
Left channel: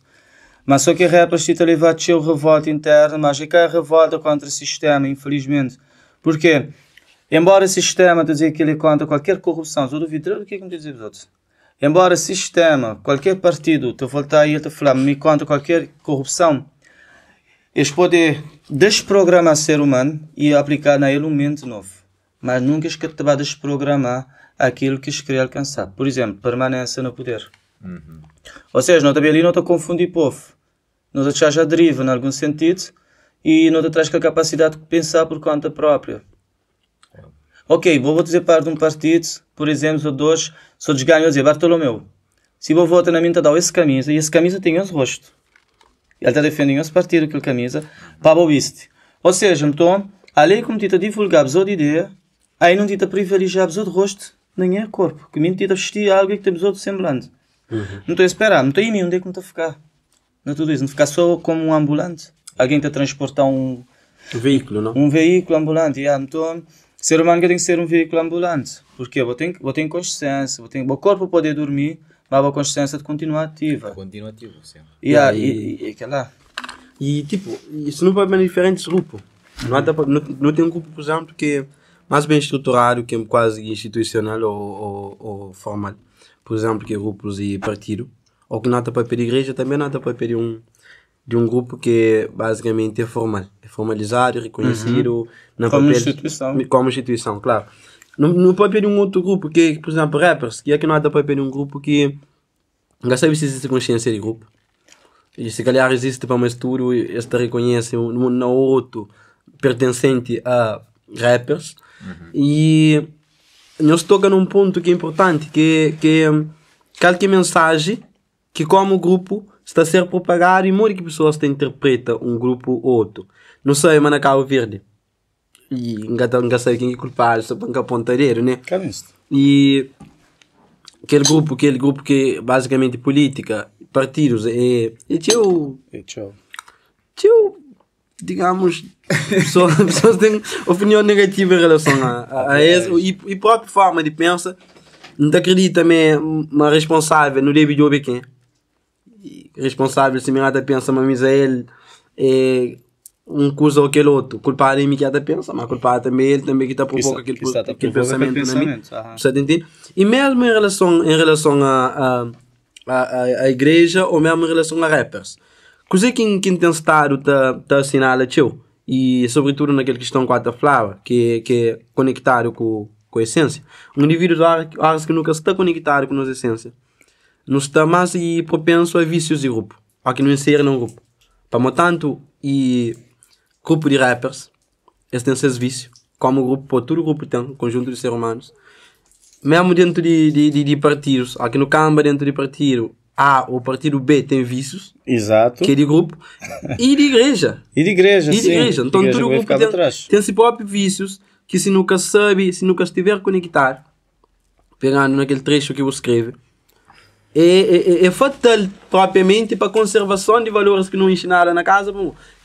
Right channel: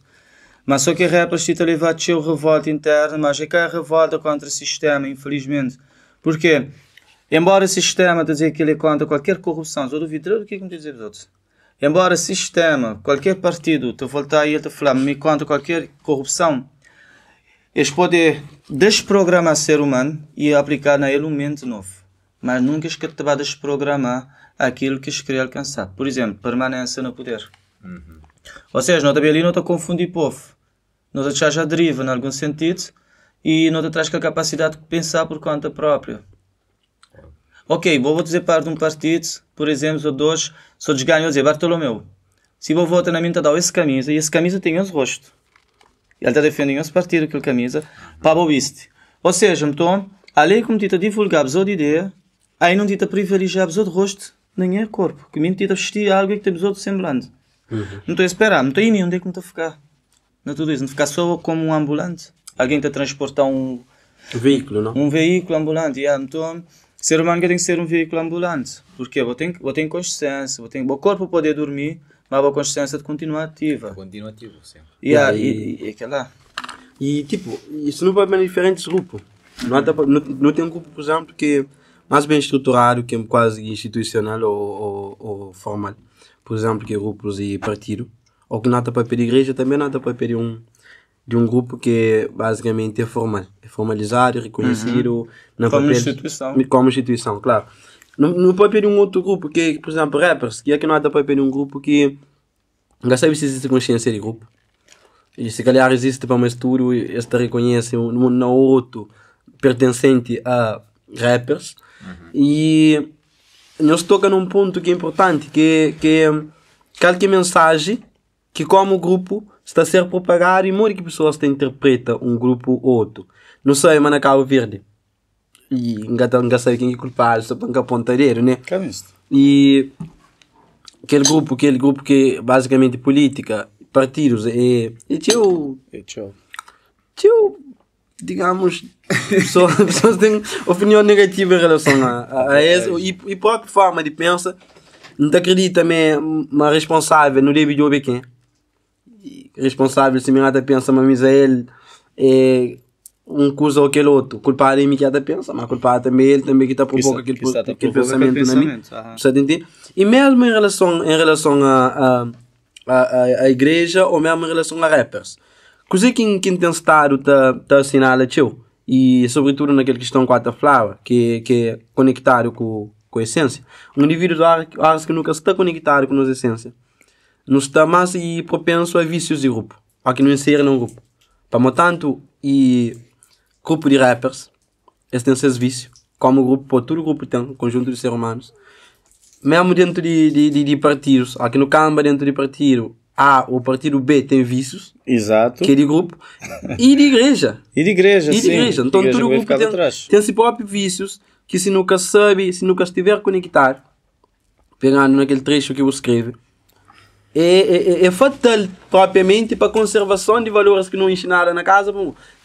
Mas só que rappers se levar a ter revolta interna, mas é que há revolta contra o sistema, infelizmente. Porque, embora o sistema dizer que ele é contra qualquer corrupção, eu duvido do que me dizer os outros. Embora o sistema, qualquer partido, te voltar aí a te falar, me contra qualquer corrupção, eles podem desprogramar o ser humano e aplicar na ele um mente novo. Mas nunca te vai desprogramar aquilo que eles querem alcançar. Por exemplo, permanência no poder. Ou seja, não ali não te confundir povo. Não te traz a deriva, em algum sentido, e não te traz a capacidade de pensar por conta própria. Ok, vou dizer parte de um partido, por exemplo, dois, só desganho, dizer, Bartolomeu, se vou votar na minha, te dá essa camisa, e essa camisa tem esse rosto. Ele está defendendo esse partido, aquela camisa, para o viste. Ou seja, então, além como te divulgar a de ideia, aí não te privilegiar o rosto, nem é corpo, que nem te vestir algo que te outro semblante. Então, espera, não estou em mim, onde é que me está a ficar? Não tudo isso, não ficar só como um ambulante. Alguém está a transportar um veículo, não? Um veículo ambulante, então, ser humano tem que ser um veículo ambulante. Porque eu tenho consciência, o corpo pode dormir, mas a consciência continua ativa. É continuativo, sim. E tipo, isso não pode ser diferentes grupos. Não tem um grupo, por exemplo, que é mais bem estruturado, que é quase institucional ou formal. Por exemplo, que é grupos e partido. Ou que nada para pedir igreja, também nada para pedir de um grupo que basicamente é formal. É formalizado, reconhecido, na papel, como instituição, claro. No papel de um outro grupo, que por exemplo, rappers, que é que nada para pedir um grupo que não sabe se existe consciência de grupo. E se calhar existe para um estudo, este reconhece um outro pertencente a rappers. E nós toca num ponto que é importante, que é qualquer mensagem que como grupo está a ser propagado e muitas pessoas interpretam um grupo ou outro. Não sei, mas na Cabo Verde. E não sei quem é culpado, só para pontadeiro, né? E aquele grupo que basicamente política, partidos, digamos, pessoas têm opinião negativa em relação a isso e própria forma de pensar. Não te acredita também, mas responsável não deve de quem. Responsável se me nada pensa, mas ele é um coisa ou aquele outro. Culpado em mim que até pensa, mas culpado também ele também que está provoca aquele pensamento na mim. Você entende? E mesmo em relação à igreja ou mesmo em relação a rappers. Coisa que tem estado tá assinala teu e sobretudo naquela questão com a Flower, que é conectado com a essência. Um indivíduo que nunca está conectado com a nossa essência. Não está mais propenso a vícios de grupo. A que não insere num grupo. Para tanto, e grupo de rappers, eles têm esses vícios. Como grupo, todo grupo tem um conjunto de seres humanos. Mesmo dentro de partidos, aqui no Camba, dentro de partido A ou partido B tem vícios. Exato. Que é de grupo. E de igreja. E de igreja. Então, todo grupo tem seus próprios vícios que se nunca sabe, se nunca estiver conectado, pegando naquele trecho que eu escrevo, é fatal propriamente para a conservação de valores que não ensinaram na casa.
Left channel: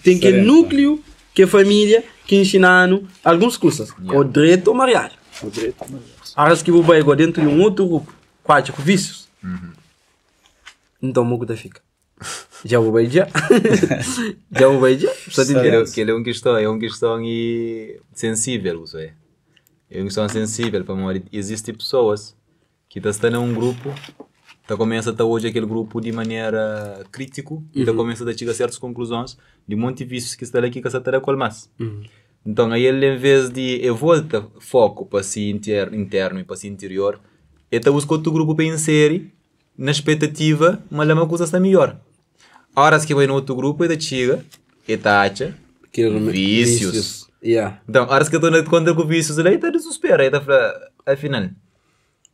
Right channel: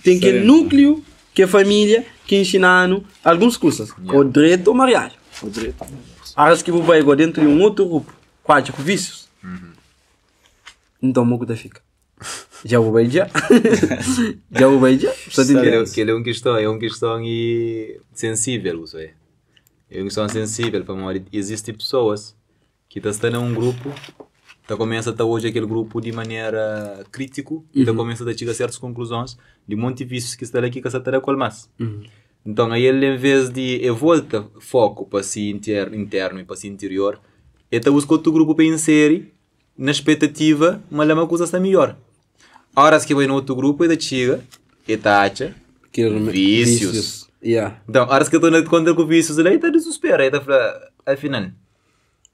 Tem que núcleo, que é família, que ensinaram algumas coisas. O direito ou mariagem. Acho que vou pegar dentro de um outro grupo, quatro vícios. Então, o que fica? Já vou beijar. Já vou beijar. Que é uma questão sensível, isso é. É uma questão sensível para morrer. Existem pessoas que estão num grupo, começa a hoje aquele grupo de maneira crítica e começa a chegar a certas conclusões de um monte de vícios que está aqui que está a colmar. Então aí ele, em vez de volta foco para si interno e para si interior, ele busca outro grupo para inserir na expectativa, mas uma coisa está melhor. A hora que vai no outro grupo, ele chega, ele acha Vícios. Yeah. Então, horas que eu estou contra com vícios, ele está desespero, aí está afinal.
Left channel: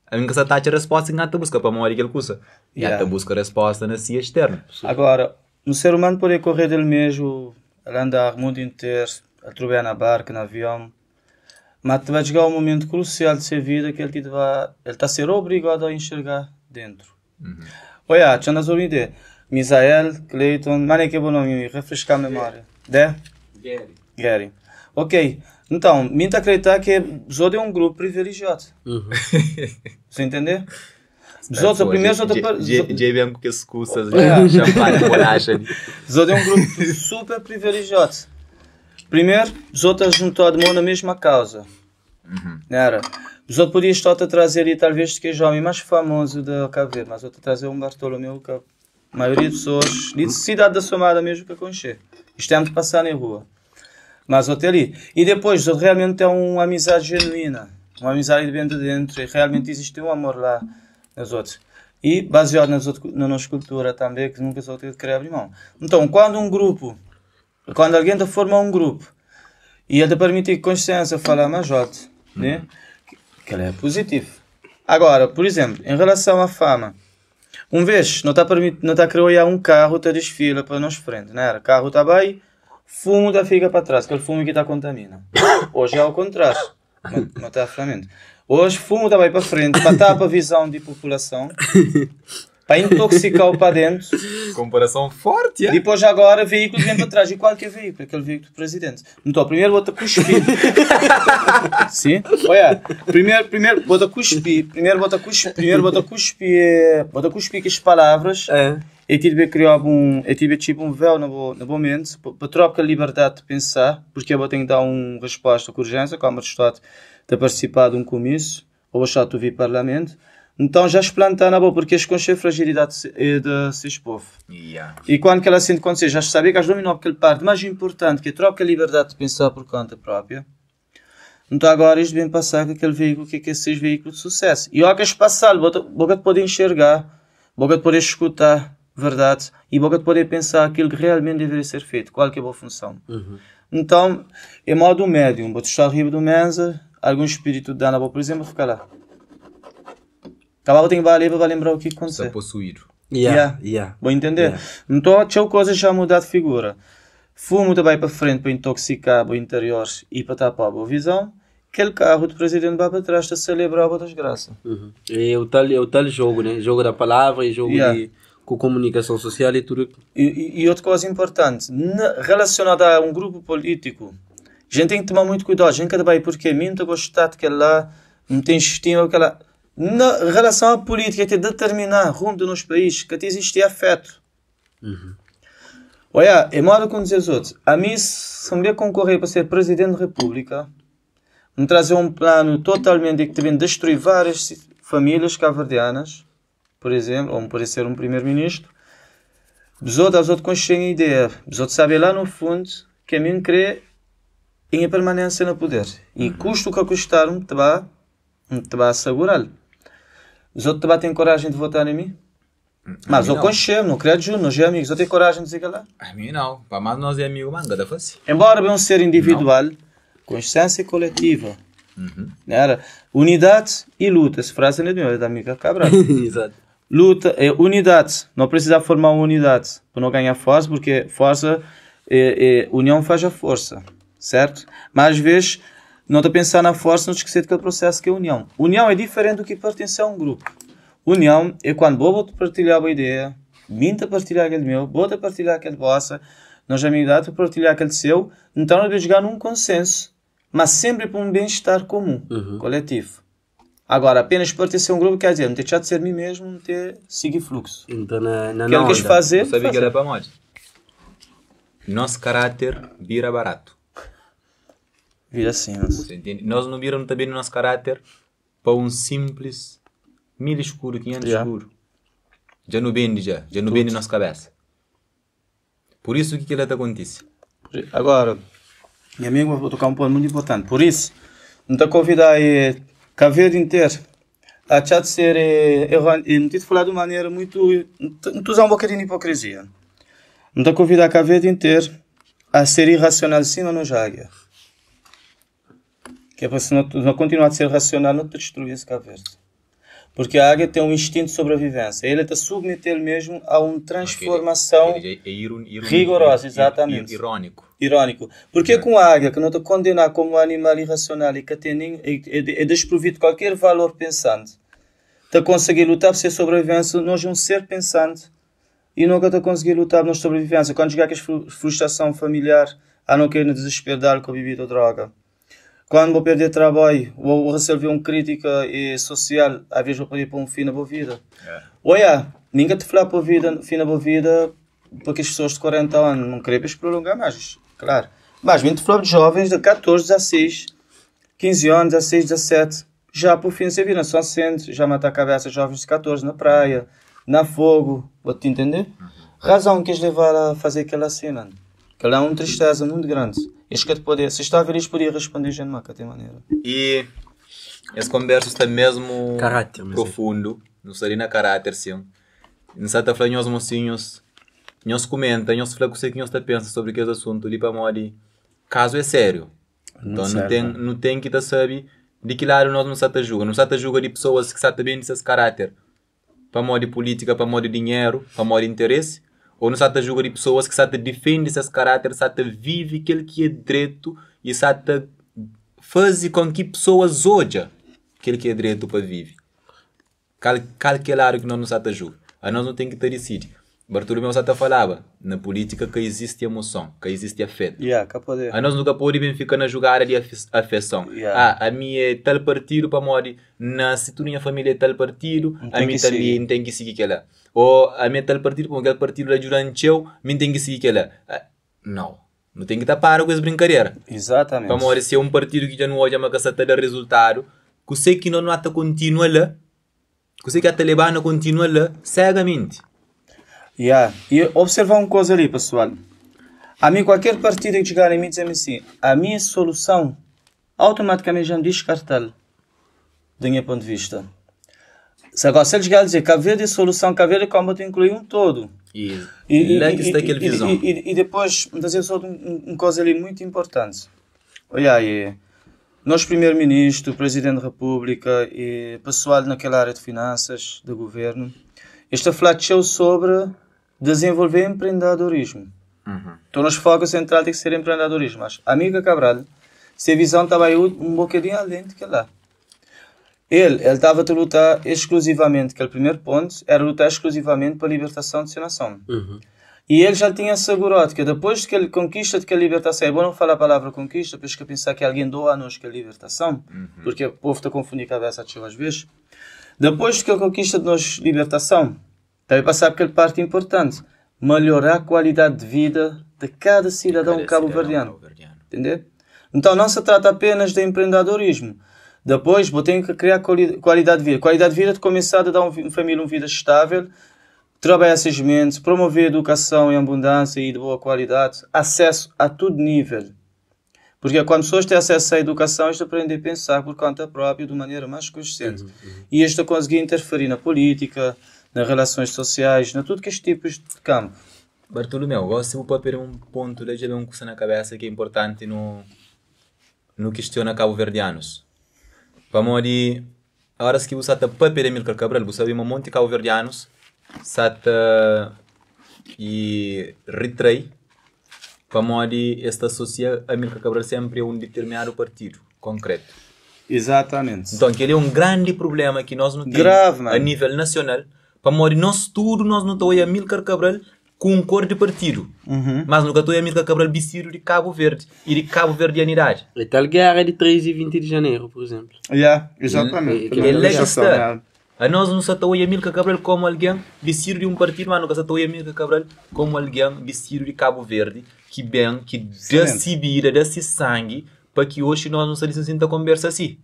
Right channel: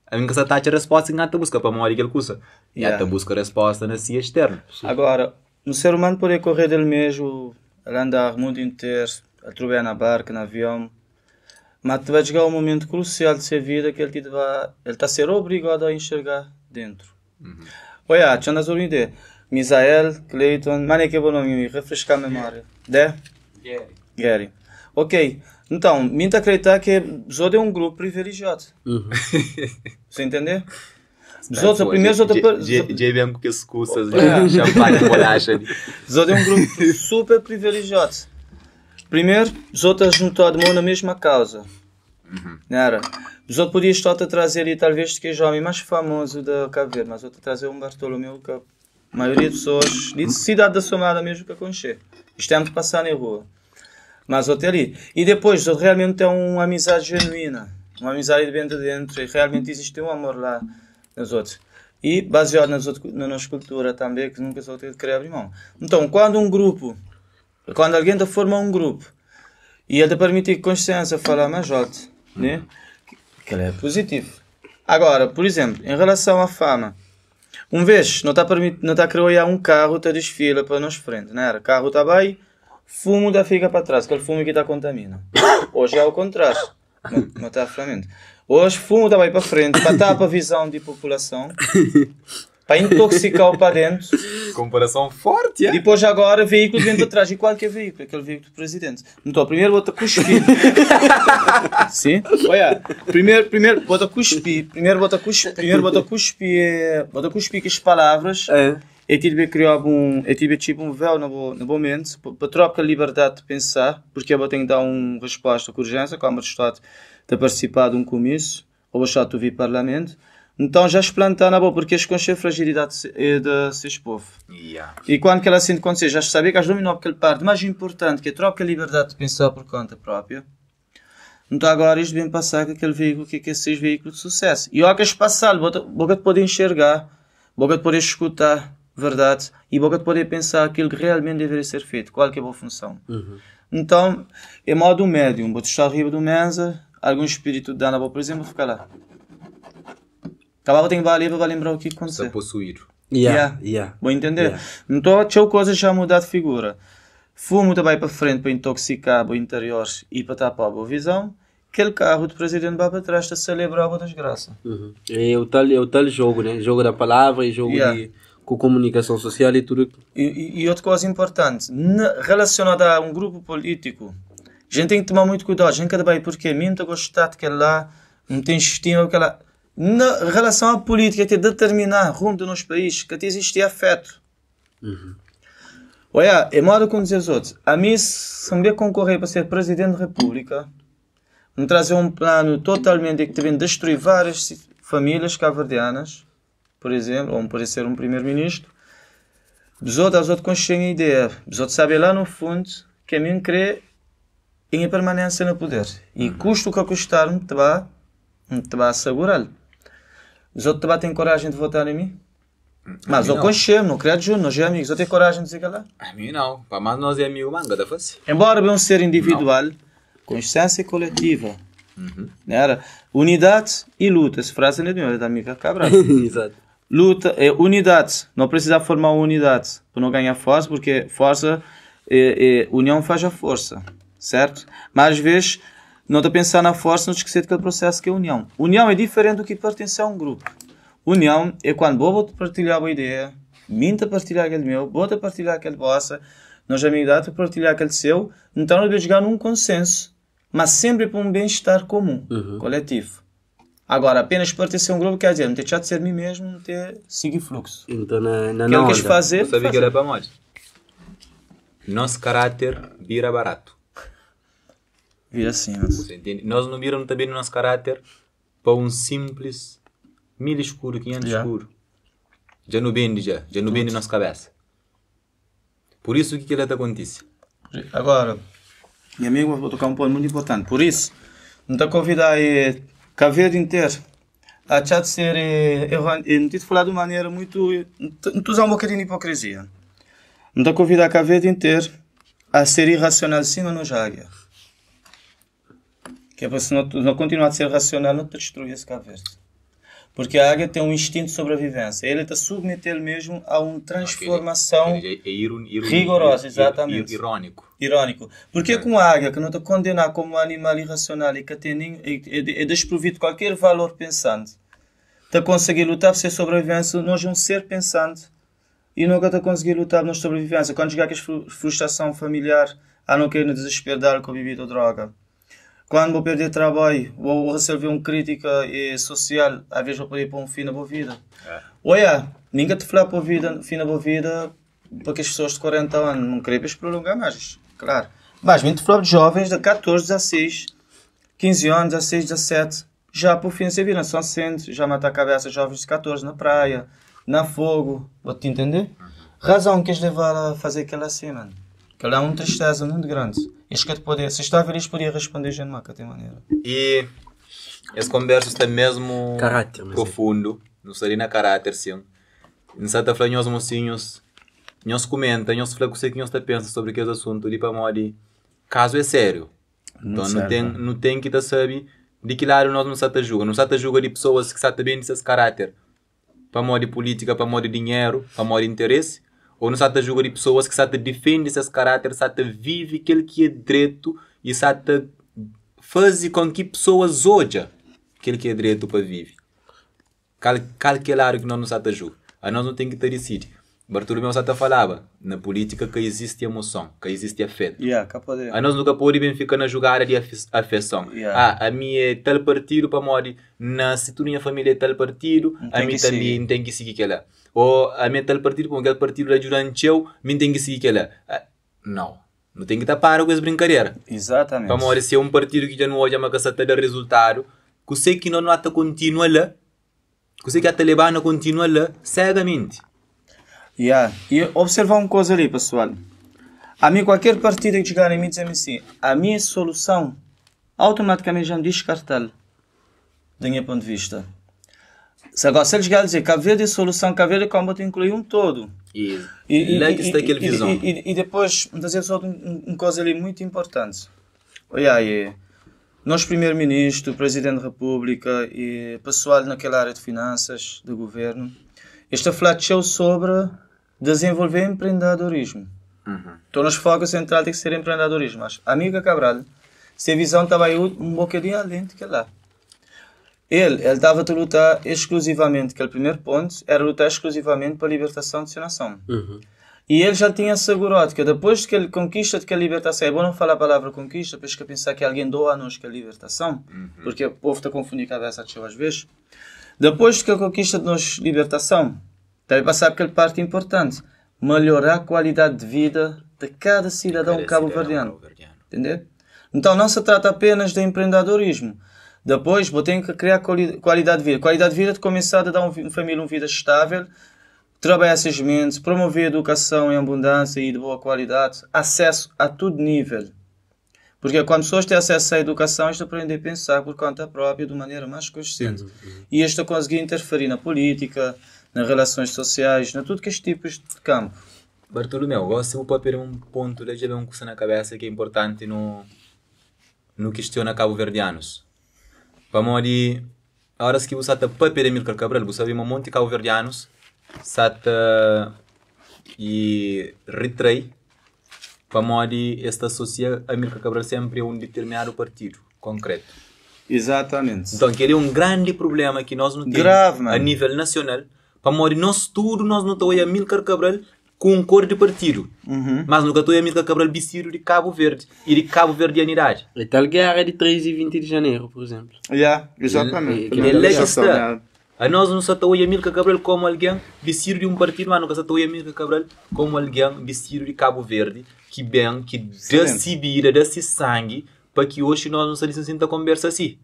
A minha casa está a resposta que a busca para uma hora que ele custa. E a busca resposta na si externa. Agora, um ser humano pode correr dele mesmo, ele andar o mundo inteiro, a trovar na barca, no avião, mas vai chegar um momento crucial de sua vida que ele está a ser obrigado a enxergar dentro. Olha, já nas ideia. Misael, Clayton, mano, que é bom nome, refrescar a memória. Gary. Ok, então, me acreditar que Zod é um grupo privilegiado. Você entendeu? JB com que excusas, champanhe, bolacha. Zod é um grupo super privilegiado. Primeiro, Zod está juntado na mesma causa. Zod podia estar a trazer ali, talvez, que é o homem mais famoso da Cabo Verde, mas Zod a trazer um Bartolomeu que a maioria das pessoas, de cidade da Somada mesmo, que conhecer. Isto é de passar na rua. Mas até ali. E depois, realmente é uma amizade genuína. Uma amizade que vem de dentro. E realmente existe um amor lá nos outros. E baseado na nossa cultura também, que nunca só tem de querer abrir mão. Então, quando alguém forma um grupo, e é de permitir consciência falar mais alto, né? Que é positivo. Agora, por exemplo, em relação à fama, vez, não está a criar um carro, está desfila para nós frente, né? O carro está bem, fumo da fica para trás, que é o fumo que está contamina. Hoje é ao contrário. Não está a ferramenta. Hoje fumo está bem para frente, para tapar a visão de população, para intoxicar o para dentro. Comparação forte, é? Depois agora veículos dentro atrás. E qual que é o veículo? Aquele veículo do presidente. Então primeiro bota cuspir. Sim? Olha, primeiro bota cuspir. Primeiro bota cuspir que as palavras. Eu tive que criar tipo um véu no momento, para trocar a liberdade de pensar, porque eu tenho que dar uma resposta com urgência, como o Estado de participar de um comício, ou o Estado de ouvir parlamento. Então já explantar na boa, porque eles conhecem a fragilidade desses povos. E quando que ela sente acontecer, já sabia que eles dominam aquela parte mais importante, que é trocar a liberdade de pensar por conta própria. Então agora eles vêm passar com aquele veículo, que é esses veículos de sucesso. E ao que eles passarem, vou poder enxergar, vou poder escutar verdade e vou poder pensar aquilo que realmente deveria ser feito, qual que é a boa função. Então, é modo médium, vou estar arriba do mesa, algum espírito de dano, por exemplo, ficar lá. Acabava de vai lembrar o que aconteceu. Está possuir. Vou entender? Então, tinha coisa já mudar de figura. Fumo também para frente para intoxicar o interior e para tapar a boa visão. Aquele carro do presidente vai para trás para celebrar a desgraça. É o tal jogo, né? Jogo da palavra e jogo com comunicação social e tudo. E outra coisa importante, relacionada a um grupo político, a gente tem que tomar muito cuidado. A gente cada vez porque minta gostar de que lá não tem estima, aquela na relação à política, é determinar rumo do nosso país, que existe afeto. Olha, é modo como dizer os outros. A mim, se me concorrer para ser Presidente da República, me trazer um plano totalmente que vem destruir várias famílias cabo-verdianas, por exemplo, ou pode ser um Primeiro-Ministro, os outros consciem a ideia, os outros sabem lá no fundo que a mim crê em a permanência no poder. E custo que custar-me, te vai assegurar. Os outros têm coragem de votar em mim? Mas eu conheço, não creio junto, nós é amigos. Eu tenho coragem de dizer que lá? A mim não. Para mais nós é amigo, manga da face. Embora eu ser individual, consciência coletiva. Unidade e luta. Essa frase é da amiga Cabral. Exato. Luta é unidade. Não precisa formar uma unidade para não ganhar força, porque força união faz a força. Certo? Mas às vezes, não está pensando na força, não esquecer que é o processo que é união. União é diferente do que pertencer a um grupo. União é quando vou partilhar a ideia, minta partilhar aquele meu, vou partilhar aquele vossa, nós amizade partilhar aquele seu, então eu vou chegar num consenso, mas sempre para um bem-estar comum, coletivo. Agora, apenas pertencer a um grupo quer dizer, não ter de ser mim mesmo, não ter seguir fluxo. Então, na onda. Você sabe que era para morte. Nosso caráter vira barato. Vira assim. Você entende? Nós não viramos também no nosso caráter para um simples 1000 escuro, 500 escuro. Já não vende na nossa cabeça. Por isso o que ele acontece? Agora, minha amiga vou tocar um ponto muito importante. Por isso, não te convidar a Cabo Verde inteiro a de ser, não te falar de maneira muito, não te usar um bocadinho de hipocrisia. Não te convidar a Cabo Verde inteiro a ser irracional sim ou não jaga. Que é para se não continuar a ser racional, não te destruir esse Cabo Verde. Porque a águia tem um instinto de sobrevivência. Ele está submeter mesmo a uma transformação rigorosa, exatamente. Irônico. Porque com a águia, que não te condenar como um animal irracional e que é desprovido de qualquer valor pensante, te conseguir lutar por ser sobrevivência, nós um ser pensante e nunca te conseguir lutar por sobrevivência. Quando chegar com a frustração familiar, a não querer desespero de álcool, bebida ou droga. Quando vou perder trabalho, vou receber uma crítica social, às vezes vou poder pôr um fim na boa vida. Olha, ninguém te fala por vida, fim na boa vida, porque as pessoas de 40 anos não querem prolongar mais, claro. Mas vim te falar de jovens de 14, 16, 15 anos, 16, 17, já por fim de sua vida, só sente, já mata a cabeça jovens de 14 na praia, na fogo, vou-te entender? Razão que eles levaram a fazer aquela cena, que lá é uma tristeza muito grande. Se está a ver isto, podia responder de maneira. E essa conversa está mesmo profundo, não seria na caráter, sim. Não está a falar nós mocinhos, nós comenta, nós fala com você que nós pensa sobre aquele assunto ali para morrer. Caso é sério. Então não tem que estar saber de que lado nós não está a julgar. Não está a julgar de pessoas que estão bem desse caráter. Para morrer política, para morrer dinheiro, para morrer interesse. Ou não está a julgar de pessoas que está a defender esses caráteres, está a viver aquilo que é direito e está a fazer com que pessoas ojam aquilo que é direito para viver. Calcular que nós não está a julgar. A nós não tem que ter decidido. Bartolomeu Sata falava na política que existe emoção, que existe afeto. A nós nunca podemos ficar na jogada de afeição. A minha é tal partido para morrer, se tu minha família é tal partido, a mim também tem que seguir aquela. Ou a minha tal partido, porque aquele partido é durante eu, mim tem que seguir aquela. Não tem que estar para com essa brincadeira. Exatamente. Para morrer, se é um partido que já não olha uma caçata de resultado, que sei que não está continua lá, que sei que a Talibana continua lá, cegamente. E observar uma coisa ali, pessoal. A mim, qualquer partido que chegar em mim diz assim, a minha solução automaticamente já descartada, do meu ponto de vista. Se agora você chegar a dizer que a vez de solução, que a vez de como eu incluir um todo. E lá que está aquela visão. E depois, dizer só uma coisa ali muito importante. Olha aí, nosso primeiro-ministro, presidente da República e pessoal naquela área de finanças, do governo, está falando sobre desenvolver empreendedorismo. Então, nos focos centrais tem que ser empreendedorismo. Mas, amiga Cabral, se a visão estava aí um bocadinho além de lá. Ele estava a lutar exclusivamente, que o primeiro ponto era lutar exclusivamente para a libertação de sua nação. E ele já tinha assegurado que depois que ele conquista que a libertação, é bom não falar a palavra conquista, porque pensar que alguém doa a nós que a libertação, porque o povo está a confundir a cabeça às vezes. Depois que a conquista de nós libertação, vai passar aquela parte importante, melhorar a qualidade de vida de cada cidadão cabo-verdiano. Entendeu? Então não se trata apenas de empreendedorismo. Depois, vou ter que criar qualidade de vida. Qualidade de vida de começar a dar uma família uma vida estável, trabalhar esses mentes, promover a educação em abundância e de boa qualidade, acesso a todo nível. Porque quando as pessoas têm acesso à educação, eles aprendem a pensar por conta própria de maneira mais consciente. E eles conseguem interferir na política, nas relações sociais, em tudo que estes tipos de campo. Bartolomeu, gosto de pôr um ponto de já um coisa na cabeça que é importante no questiona cabo-verdianos. Para morrer, a hora que você está para perder Amílcar Cabral, você vê um monte de cabo-verdianos, está e retrai, para morrer, esta associa Amílcar Cabral sempre a um determinado partido concreto. Exatamente. Então, aquele é um grande problema que nós não temos a nível nacional. Para morrer, nós não estamos a Amílcar Cabral com um cor de partido. Mas nunca estou a Amílcar Cabral vestido de Cabo Verde e de Cabo Verdianidade. E tal guerra de 3 e 20 de janeiro, por exemplo. Exatamente. Ele é que está. A nós não estamos a Amílcar Cabral como alguém vestido de um partido, mas nunca estamos a Amílcar Cabral como alguém vestido de Cabo Verde, que bem, que dá-se vida, dá-se sangue, para que hoje nós não saíssemos a conversa assim.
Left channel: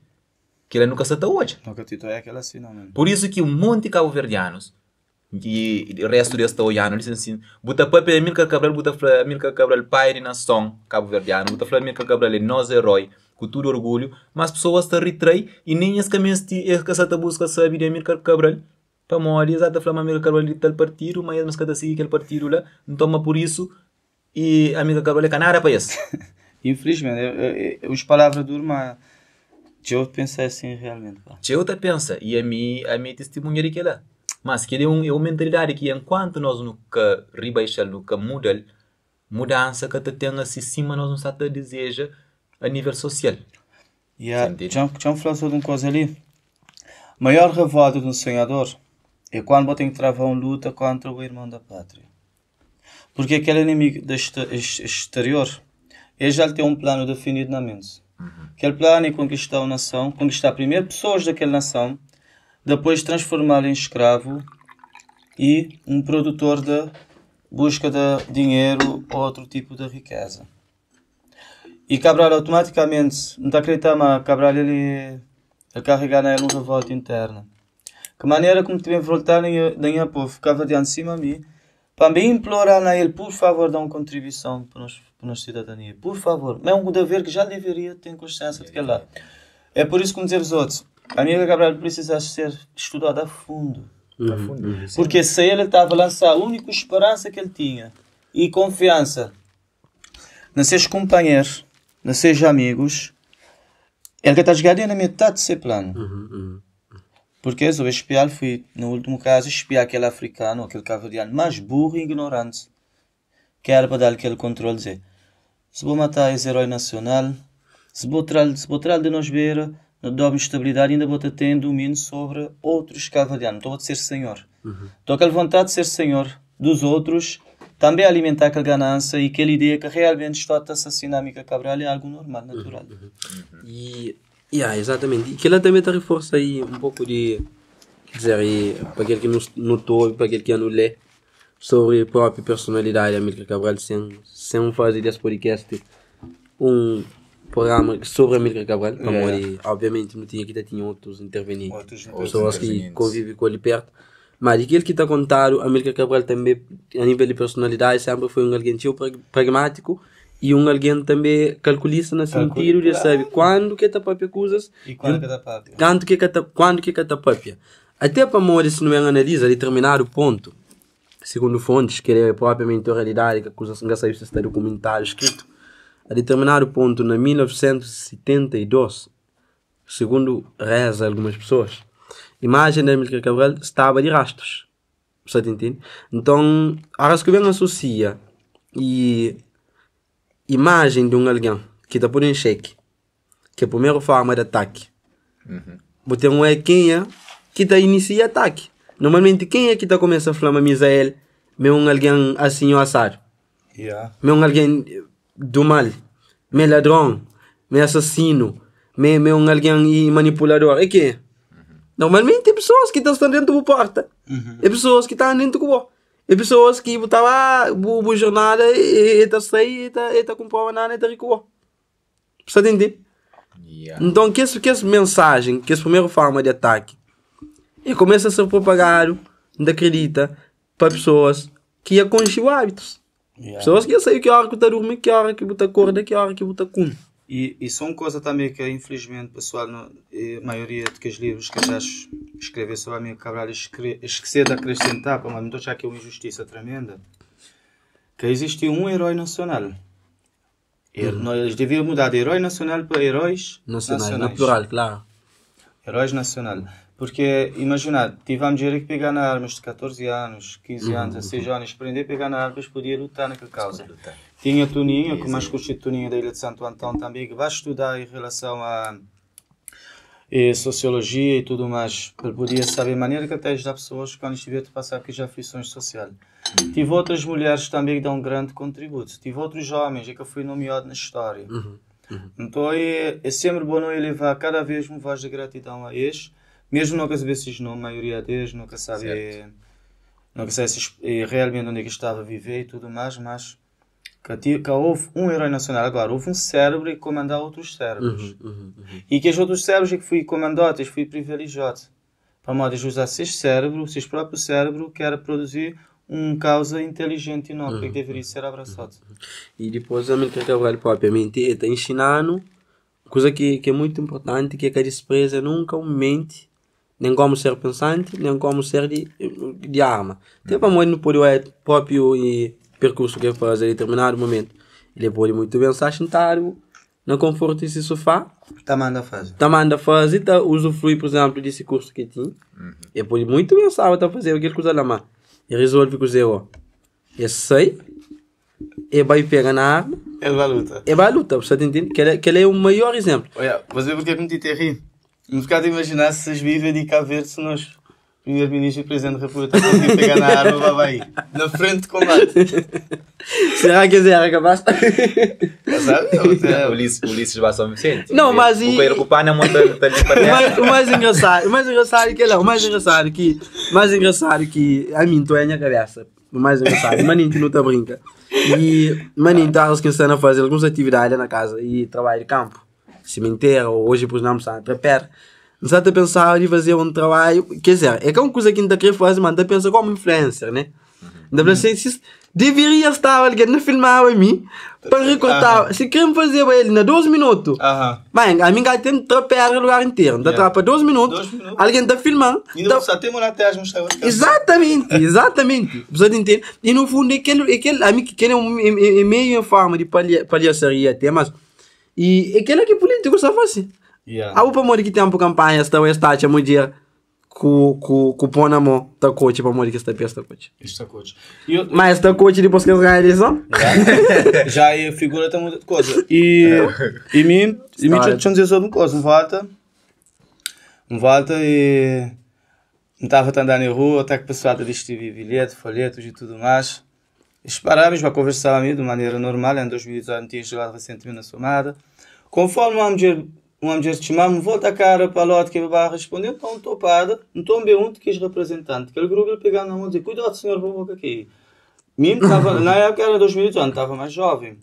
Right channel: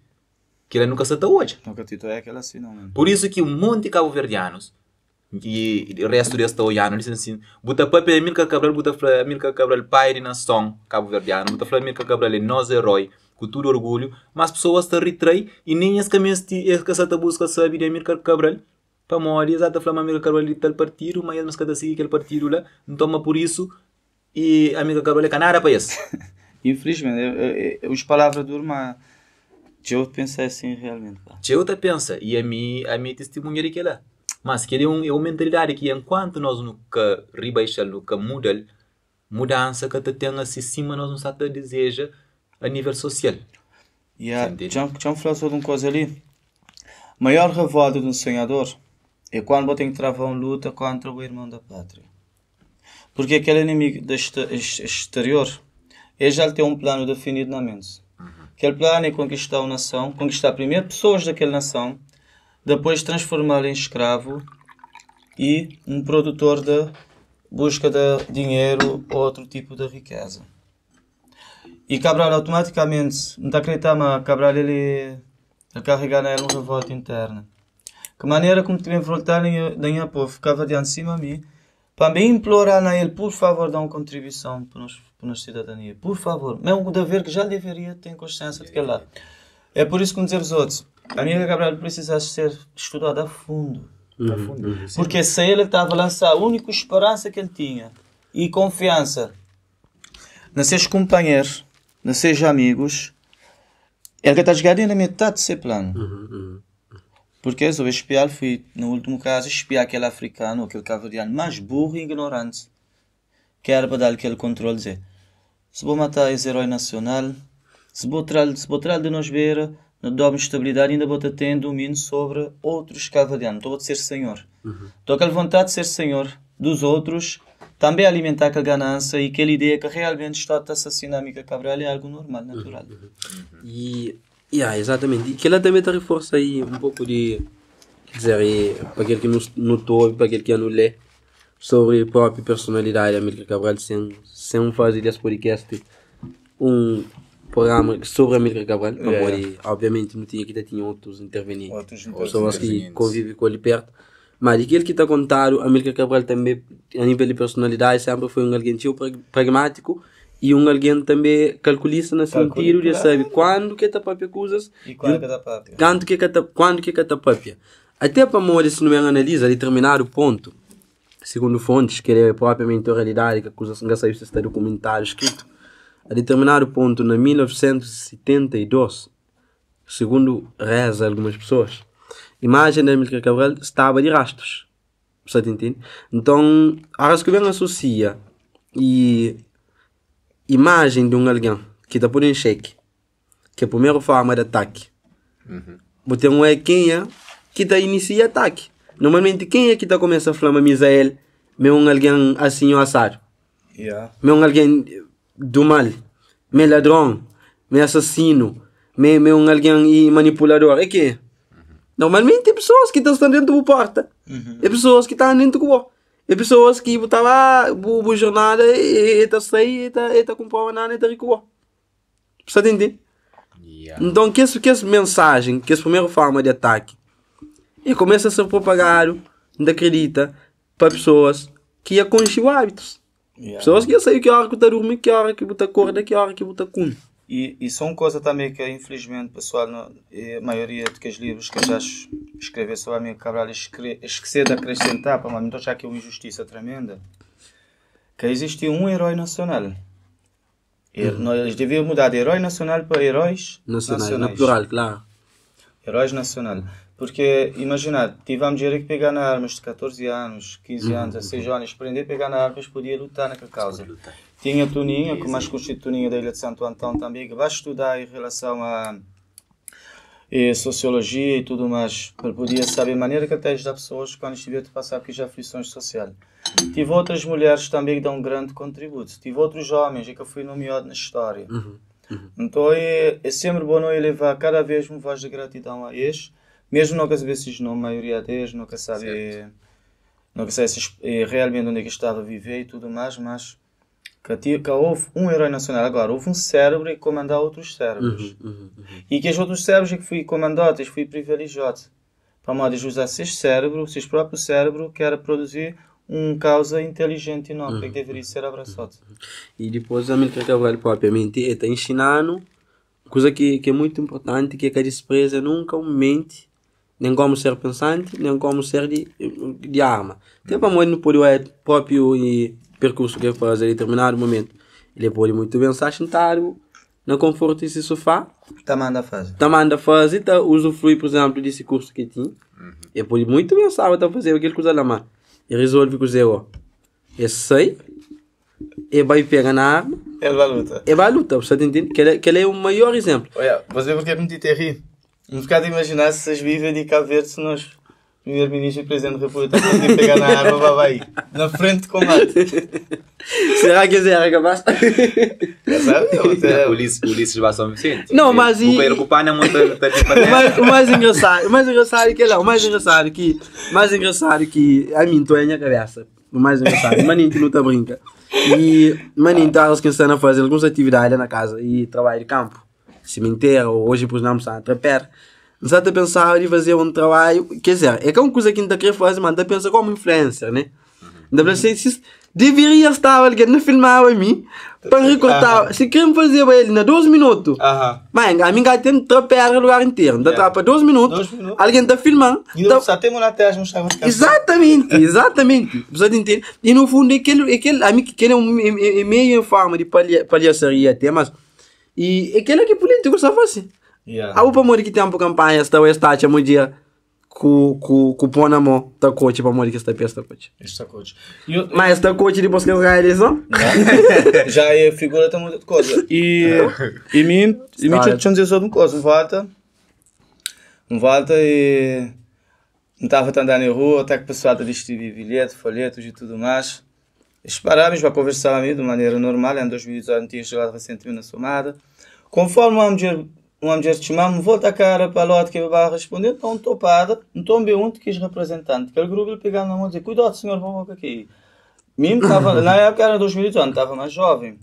Que ele nunca está hoje. Por isso que um monte de cabo-verdianos e o resto desta olhando dizem assim, bota para Amílcar Cabral, bota para Amílcar Cabral pai de nação cabo-verdiano, bota para Amílcar Cabral é nosso herói, com todo orgulho, mas pessoas estão retrai e nem as caminhos que essa busca saber de Amílcar Cabral para morrer, exato, falar Amílcar Cabral de tal partido, mas cada seguir aquele partido lá, então por isso e a amiga Gabriela Canara para isso. Infelizmente, as palavras do irmão. Eu pensei assim realmente. Eu te pensa, e a minha testemunha de que lá. Mas que é uma mentalidade que enquanto nós nunca rebaixamos, nunca mudança que te tenha assim cima, nós não sabemos deseja a nível social. Já me falou sobre uma coisa ali. A maior revolta de um sonhador é quando você tem que travar uma luta contra o irmão da pátria. Porque aquele inimigo exterior, ele já tem um plano definido na mente. Aquele plano é conquistar uma nação, conquistar primeiro pessoas daquela nação, depois transformá-lo em escravo e um produtor da busca de dinheiro ou outro tipo de riqueza. E Cabral automaticamente, não está acreditando, mas Cabral ele carregar na uma revolta interna. Que maneira como tivem voltar em povo, ficava diante de cima de mim, para me implorar na ele, por favor, dá uma contribuição para a cidadania. Por favor. Mas é um dever que já deveria ter consciência de que lá. É por isso que dizer os outros, a amiga Gabriel precisa ser estudada a fundo. Porque se ele estava a lançar a única esperança que ele tinha e confiança nos seus companheiros, nos seus amigos, ele está jogando na metade do seu plano. Porque eu espiar, fui, no último caso, espiar aquele africano, aquele cavaliano mais burro e ignorante, que era para dar aquele controle, dizer, se vou matar esse herói nacional, se vou trazer de nós ver, não dá uma estabilidade, ainda vou ter domínio sobre outros cavalianos, estou a ser senhor. Estou com a vontade de ser senhor dos outros, também alimentar aquela ganância e aquela ideia que realmente está a assassinar a amiga Cabral é algo normal, natural. Exatamente. E que ela também reforça aí um pouco de, quer dizer, para aquele que notou, para aquele que não lê, sobre a própria personalidade da Amílcar Cabral, sem fazer esse podcast, um programa sobre a Amílcar Cabral, para morrer, obviamente não tinha que tinha outros intervenir, pessoas que convivem com ele perto, mas aquele que está contado, a Amílcar Cabral também, a nível de personalidade, sempre foi um alguém pragmático, e um alguém também calculista no sentido de saber quando que está papia coisas e quando que está papia. Quando que está papia. Até para morrer, se não me analisa determinado ponto, segundo fontes, que é propriamente a realidade, que a coisa não saiu se está documentado, escrito, a determinado ponto, na 1972, segundo reza algumas pessoas, a imagem da Amílcar Cabral estava de rastros. Você entende? Então, a que vem associa e imagem de um alguém que está por em xeque, que é a primeira forma de ataque. Você não é quem é que está inicia ataque. Normalmente quem é que está começa a falar Misael, é um alguém assim ou assado. É um alguém do mal, é ladrão, é assassino, é um alguém manipulador. É que normalmente é pessoas que estão dentro da porta. É pessoas que estão dentro do corpo. E pessoas que estavam a jornada e está comprando nada e está recuando. Você entende? Então, que essa mensagem, que essa primeira forma de ataque, e começa a ser propagado, não acredita, para pessoas que já conhecem hábitos. Pessoas que já sabem que hora que está dormindo, que hora que está acorda, que hora que está come. E são coisas também que, infelizmente, pessoal, a maioria dos livros que já escrever sobre a minha Cabral, esquecer de acrescentar, para não achar que é uma injustiça tremenda, que existe um herói nacional. Nós devíamos mudar de herói nacional para heróis nacionais. Na plural, claro. Heróis nacional. Porque, imagina, tivemos que pegar na armas de 14 anos, 15 anos, 16 anos, aprender a pegar na armas, podia lutar naquela causa. Tinha Toninha, que mais conhecido Toninha da Ilha de Santo Antão também, que vai estudar em relação a sociologia e tudo mais, para poder saber a maneira que até ajudar pessoas quando estiver a passar por aflições sociais. Tive outras mulheres também que dão um grande contributo. Tive outros homens que eu fui nomeado na história. Então é sempre bom levar cada vez uma voz de gratidão a eles, mesmo não que às vezes não, a maioria deles nunca sabe realmente onde é que estava a viver e tudo mais, mas que houve um herói nacional. Agora, houve um cérebro que comandava outros cérebros. E que os outros cérebros que fui comandado, que fui privilegiado. Para modo de usar seu cérebro, seu próprio cérebro, que era produzir uma causa inteligente e não, que deveria ser abraçado. E depois a Amílcar Cabral propriamente está ensinando coisa que é muito importante, que é que a despreza nunca mente nem como ser pensante, nem como ser de arma. Até para modo no poder próprio e percurso que faz em determinado momento, ele pode muito bem estar sentado no conforto desse sofá, manda fazer, tá usufrui, por exemplo, desse curso que tinha, ele pode muito bem estar a fazer aquele coisa lá, mas ele resolve que ó, ele sai, ele vai pegar na arma, ele vai lutar, você entende? Que ele é o maior exemplo. Olha, você porque me te rir, me ficar de imaginar se vocês vivem de Cabo Verde, se nós primeiro-ministro e presidente da República vão pegar na arma, vai na frente de combate. Será que é capaz? Ulisses vai São Vicente. Não, mas o Pedro Cupana é muito o mais engraçado é que lá, o mais engraçado que a mim tô em minha cabeça. O mais engraçado, maninho que não tá brinca. E maninho tá que estão a fazer algumas atividades na casa e trabalho de campo, cemitério, hoje por exemplo, está a trapar. Não está a pensar em fazer um trabalho, quer dizer, é que é uma coisa que não está a querer fazer, mas está a pensar como influencer, né? Deveria estar alguém a filmar a mim para recortar. Se querem fazer ele na 12 minutos, mas a mim já tem que trapar o lugar inteiro. Dá para 12 minutos, alguém está filmando. E só tem uma até as mostrar. Exatamente. Você entende? E no fundo, aquele é meio em forma de palhaçaria até, mas. E aquele que político só faz assim. A upa mori que tem uma campanha, está o estátua muito dia com pão na mão, tá coach para mori que está pesta coach. Está coach. Mas está coach depois que as raízes são. Já é figura tão muita coisa. E mim já tinha dizer uma coisa, um volta e não estava andando na rua, até que o pessoal vestir bilhete, folhetos e tudo mais. Esperávamos para conversar de maneira normal, em 2018 não tinha chegado recentemente na somada. Conforme uma mulher chamava-me, volta a cara para o lado que vai responder, não estou parada, não estou bem onde quis representante. Aquele grupo ele pegava na mão e dizia, cuidado senhor, vou aqui. Na época era 2018, estava mais jovem.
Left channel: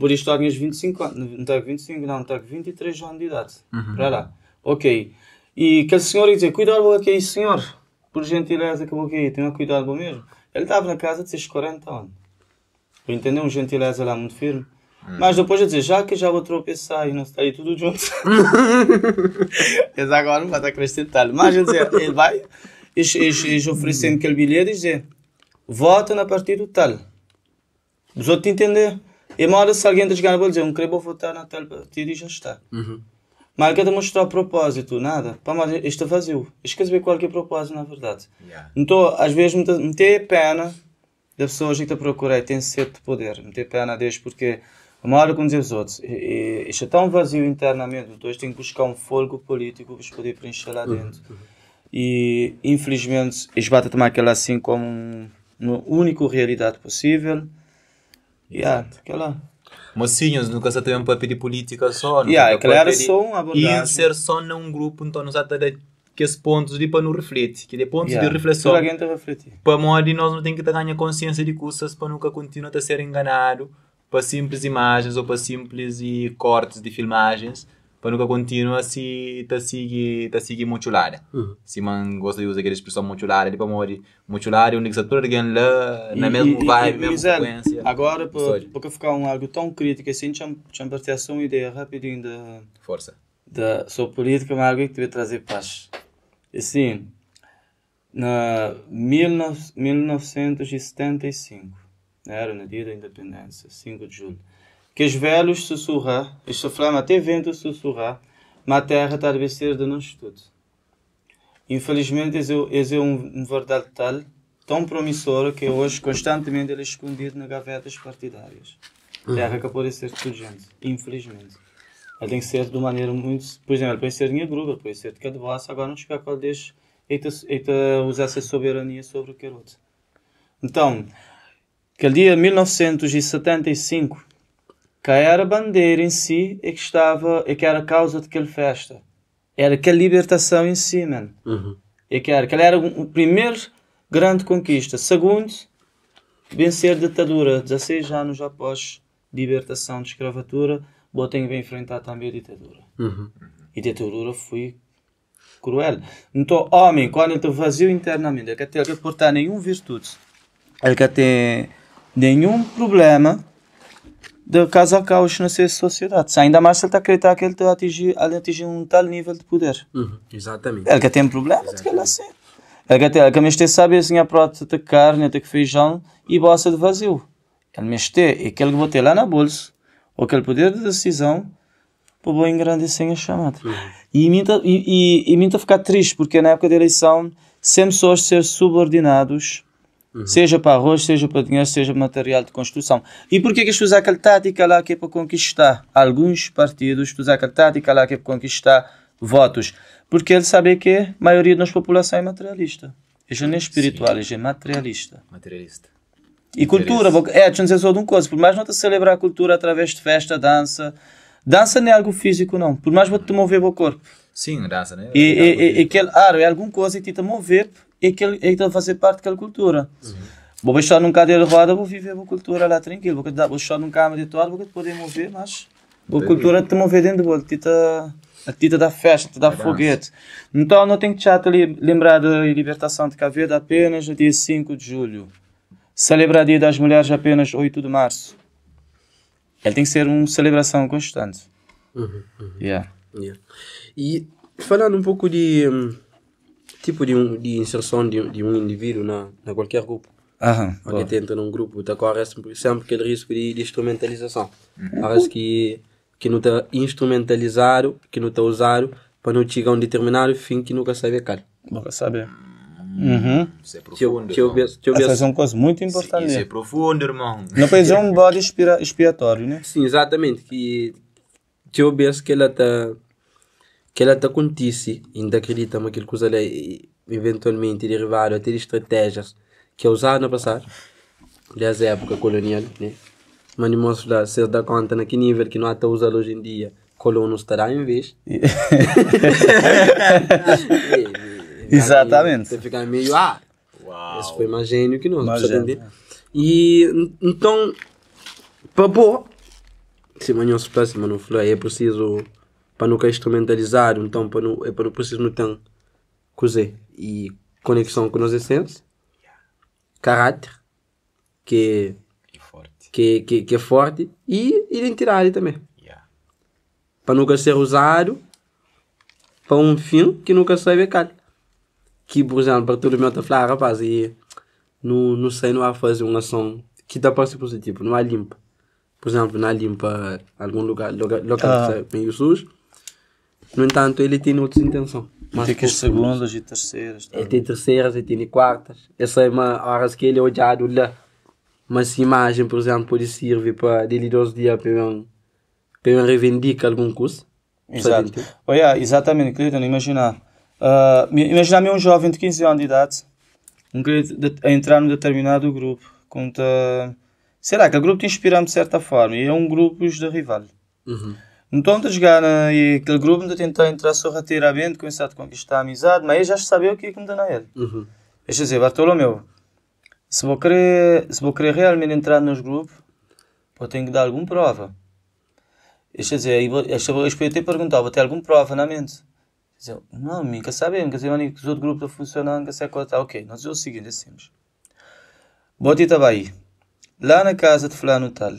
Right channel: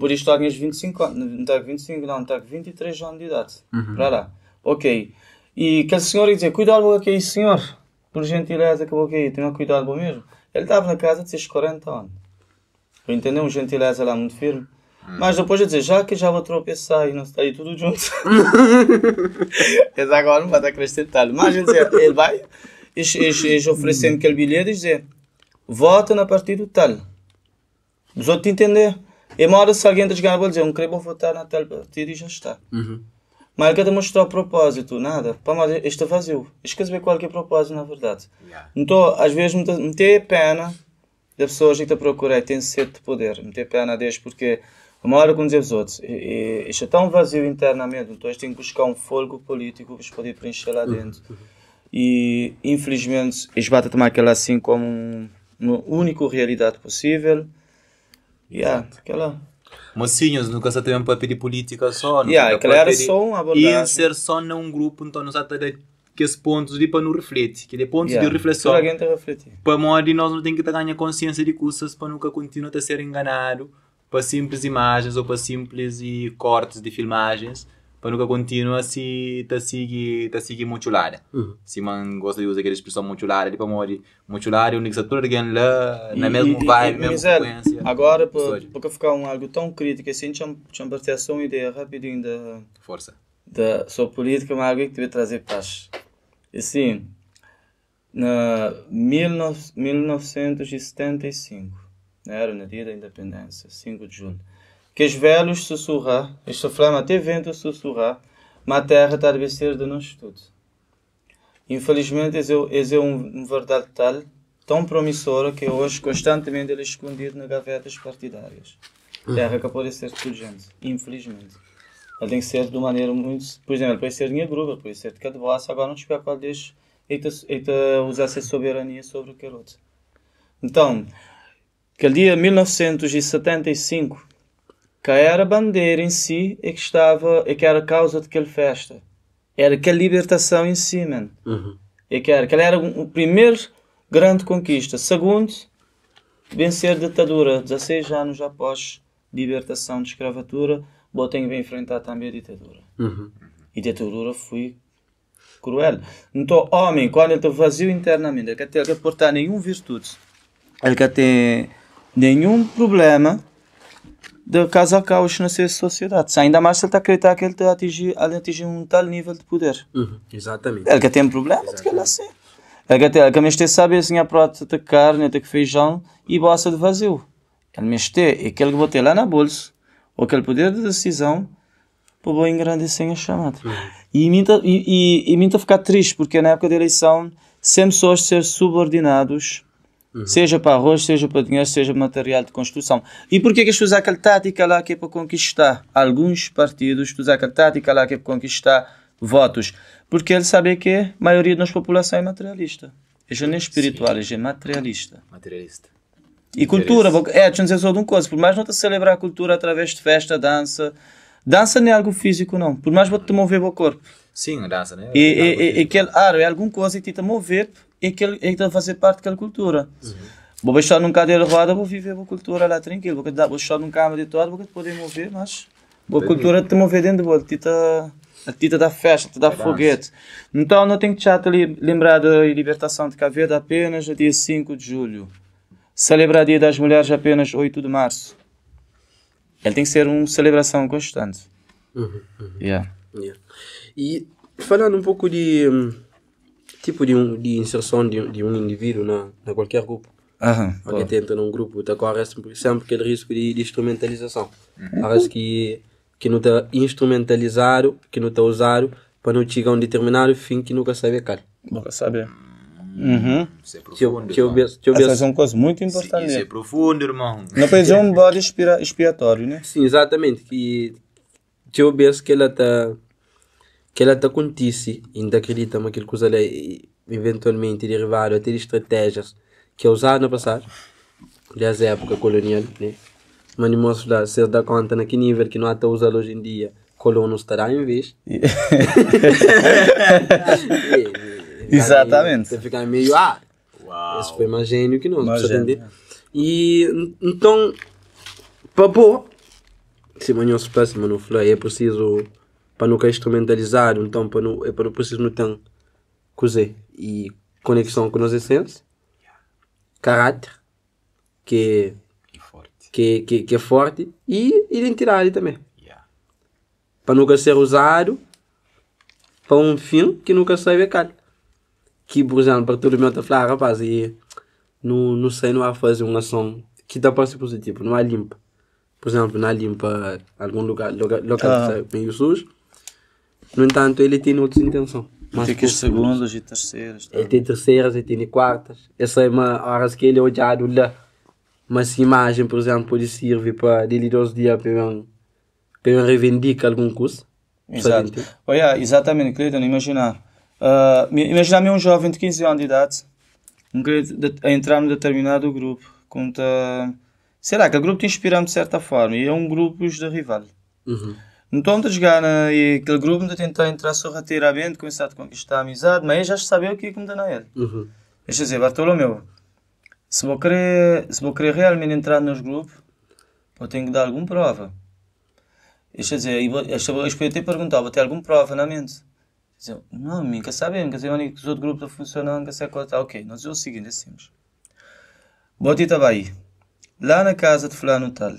Por isso estava com 25 anos, não estava com 25, não, estava com 23 anos de idade. Para lá. Ok. E aquele senhor dizia, cuidado, vou aqui, senhor, por gentileza que vou aqui, tenha cuidado, vou mesmo. Ele estava na casa de seus 40 anos. Para entender, um gentileza lá muito firme. Mas depois de dizer, já que já vou tropeçar e não está aí tudo junto. Mas agora não vai acrescentar. Mas ele vai, eles oferecem aquele bilhete e dizem, vota na partido tal. Os outros entender. E uma hora se alguém das ganas vai dizer, não quero votar na tal partido e já está. Mas ele quer demonstrar o propósito, nada. Mas este é vazio. Esquece ver qual que é o propósito na verdade. Então, às vezes, me tem pena das pessoas que estão a procurar, tem sede de poder. Me tem pena deles porque uma hora com os outros, isto é tão vazio internamente, então eles têm que buscar um fogo político para poder preencher lá dentro. E, infelizmente, eles vão tomar aquela assim como uma única realidade possível. Exato. Aquela... Mocinhos, nunca se tem um papel de política só, não se tem papel de inserção num grupo, então não se tem aqueles pontos de para não refletir, que é pontos de reflexão. Para modo nós não temos que ganhar consciência de coisas para nunca continuar a ser enganado para simples imagens ou para simples cortes de filmagens, para nunca continuar a seguir mutilada. Se man gosta de usar aquela expressão mutilada, para modo mutilada, o único setor alguém lá na mesma vibe, mesma frequência. Agora, porque ficar algo tão crítico assim, tinha partilhado só uma ideia rapidinho da força da sua política, mas alguém que deve trazer paz. Assim, na 1975, era no dia da independência, 5 de julho, que os velhos sussurram, eles sofrem até vento sussurrar, mas a terra está a ser de nós todos. Infelizmente, esse é uma verdade tão promissora que hoje constantemente ele é escondido nas gavetas partidárias. A terra que pode ser de gente, infelizmente. Ela tem que ser de uma maneira muito... Por exemplo, pode ser de minha grupo, pode ser de cada voz, agora não espero qual deixe usar essa soberania sobre o que é outro. Então, aquele dia de 1975, que era a bandeira em si que era a causa daquela festa. Era aquela libertação em si, mano. Que era a primeira grande conquista. Segundo, vencer a ditadura. 16 anos após libertação de escravatura, botem que enfrentar também a ditadura. E a ditadura foi cruel. Então, homem, quando está vazio internamente, ele quer portar nenhuma virtude, ele quer ter nenhum problema de causar caos na sociedade. Se ainda mais ele está a acreditar que ele está a atingir um tal nível de poder. Exatamente. Ele quer ter um problema. Exatamente. Que mexer sabe assim a prota de carne, de feijão e bossa de vazio. Que mexer é aquele que vou ter lá na bolsa, ou aquele poder de decisão, para vou engrandecer a chamada. E me ficar triste, porque na época da eleição, sempre pessoas ser subordinados, seja para arroz, seja para dinheiro, seja material de construção. E porquê que usam aquela tática lá que é para conquistar alguns partidos, usam aquela tática lá que é para conquistar votos? Porque eles sabem que a maioria da nossa população é materialista. Não é espiritual, é materialista. Materialista. E cultura, deixa eu dizer só de uma coisa, por mais não te celebrar a cultura através de festa, dança não é algo físico, não. Por mais você te mover o corpo. Sim, a dança, né? É alguma coisa que te mover e que ele fazer parte daquela cultura. Vou estar num cadeira de roda, vou viver a cultura lá tranquilo. Vou estar num carro de todo, vou poder mover, mas a cultura te mover dentro do outro. A tita da festa, te dá foguete. Então não tem que te lembrar da libertação de Cabo Verde apenas no dia 5 de julho. Celebrar o Dia das Mulheres apenas 8 de março. Ele tem que ser uma celebração constante. Yeah. E falando um pouco de tipo de inserção de um indivíduo na qualquer grupo. Alguém entra num grupo, corre sempre aquele risco de instrumentalização. Parece que não está instrumentalizado, que não está usado para não chegar a um determinado fim que nunca sabe qual. Nunca sabe. Isso é profundo, Isso é uma coisa muito importante. Isso é profundo, irmão. Isso é um bode expiatório, né? Sim, exatamente. Que eu vejo que ela está acontece, ainda acredita que aquilo coisa eventualmente derivado a ter estratégias que é usado no passado, desde a época colonial, né? Mas não mostra se dá conta naquele nível que não está usado hoje em dia, colonos estará em vez. Exatamente. Ficar meio, esse foi mais gênio que nós, precisa entender. E então, para pôr, se amanhã se passa, mas não falei, é preciso, para não ficar instrumentalizado, então para não preciso não ter coisa e conexão com as essências, caráter, que é forte, e identidade também. Para nunca ser usado para um fim que nunca sabe qual. Que, por exemplo, para todo mundo está a falar, rapaz, não sei, não vai fazer uma ação que dá para ser positivo, não há limpa. Por exemplo, não há limpa algum local que está meio sujo. No entanto, ele tem outras intenções mais profundas. Ele tem terceiras, ele tem quartas. Essa é uma hora que ele é odiado lá. Mas essa imagem, por exemplo, pode servir para dele 2 dias para reivindicar algum curso. Exatamente, Cleiton, imagina um jovem de 15 anos de idade a entrar num determinado grupo. Será que o grupo te inspira de certa forma? E é um grupo de rival. Então, de chegar naquele grupo de tentar entrar sorrateiramente, começar a conquistar a amizade, mas ele já sabia o que ia condenar ele. Quer dizer, Bartolomeu, se vou querer realmente entrar nos grupos, eu tenho que dar alguma prova. Quer dizer, eu podia te perguntar, vou ter alguma prova na mente? Dizer, não, nunca sabemos, quer dizer, que os outros grupos estão funcionando, que sei qual está. Ok, nós é o seguinte, assim. Vou te estava aí, lá na casa de fulano tal,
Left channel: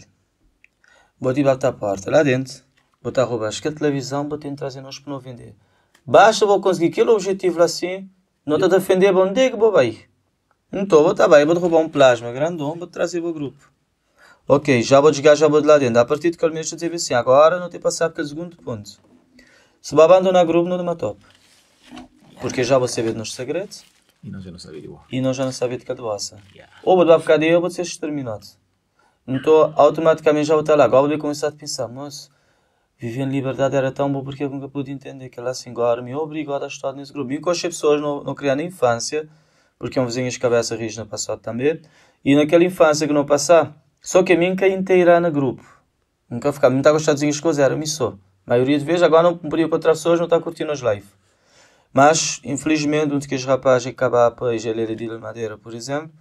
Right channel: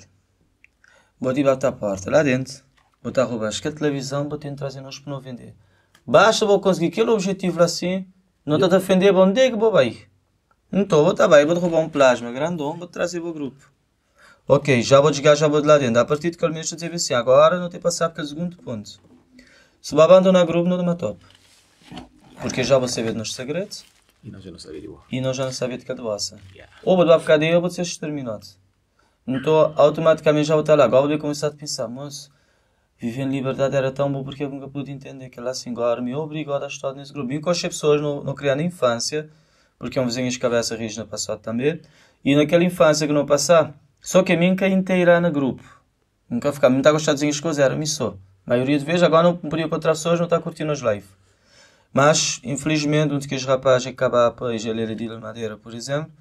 vou te bater a porta, lá dentro, vou te roubar a televisão, vou te trazer nós para não vender. Basta vou conseguir aquele objetivo lá assim, não te defender, bom dia que vou aí. Então, vou estar aí, vou roubar um plasma grandão, vou trazer para o grupo. Ok, já vou desligar, já vou de lá dentro. A partir de que mês eu dizer assim, agora não te passar para o segundo ponto. Se vai abandonar o grupo, não te matou. Porque já vou saber dos nossos segredos. E nós já não sabemos de boa. E nós já não sabemos de cada doação. Ou vou ficar daí ou vou ser exterminado. Então, automaticamente já vou estar lá. Agora vou começar a pensar, mas viver em liberdade era tão bom porque eu nunca pude entender que ela assim agora me obrigou a estar nesse grupo. E com as pessoas não criar na infância, porque é um vizinho de cabeça rígida no passado também. E naquela infância que não passar, só que a mim que inteira no grupo. Nunca ficava, não está gostando de as coisas, era missão. A maioria de vezes agora não podia encontrar pessoas, não está curtindo as lives. Mas, infelizmente, um dos rapazes que acabava para a geleira de Madeira, por exemplo,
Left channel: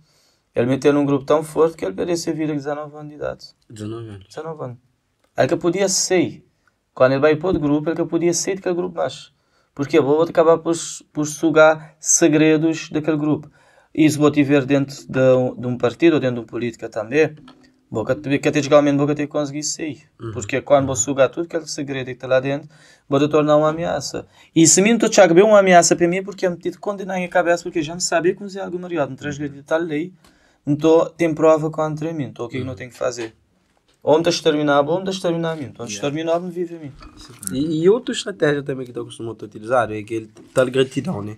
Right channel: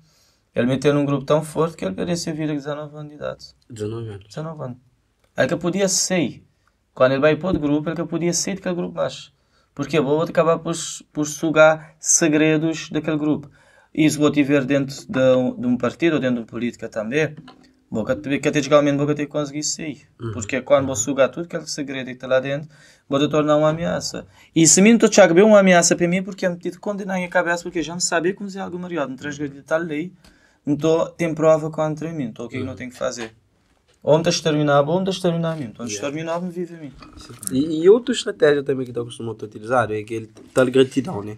ele meteu num grupo tão forte que ele parecia vir a 19 anos de idade. 19 anos. 19 anos. Ele que podia sair. Quando ele vai para outro grupo, ele que podia sair daquele grupo mais. Porque eu vou acabar por sugar segredos daquele grupo. E se vou tiver dentro de um partido ou dentro de uma política também, categoricamente vou ter que conseguir sair. Porque quando vou sugar tudo aquele segredo que está lá dentro, pode tornar uma ameaça. E se mim estou a ver uma ameaça para mim, porque eu me tive condenar em cabeça, porque já me sabia que usei alguma mariado, não traz de tal lei, então tem prova contra mim, então o que eu tenho que fazer? Ou me exterminar, ou me exterminar mim. Então exterminar, me vive a mim. E outra estratégia também que eu costumo utilizar é aquele tal gratidão, né?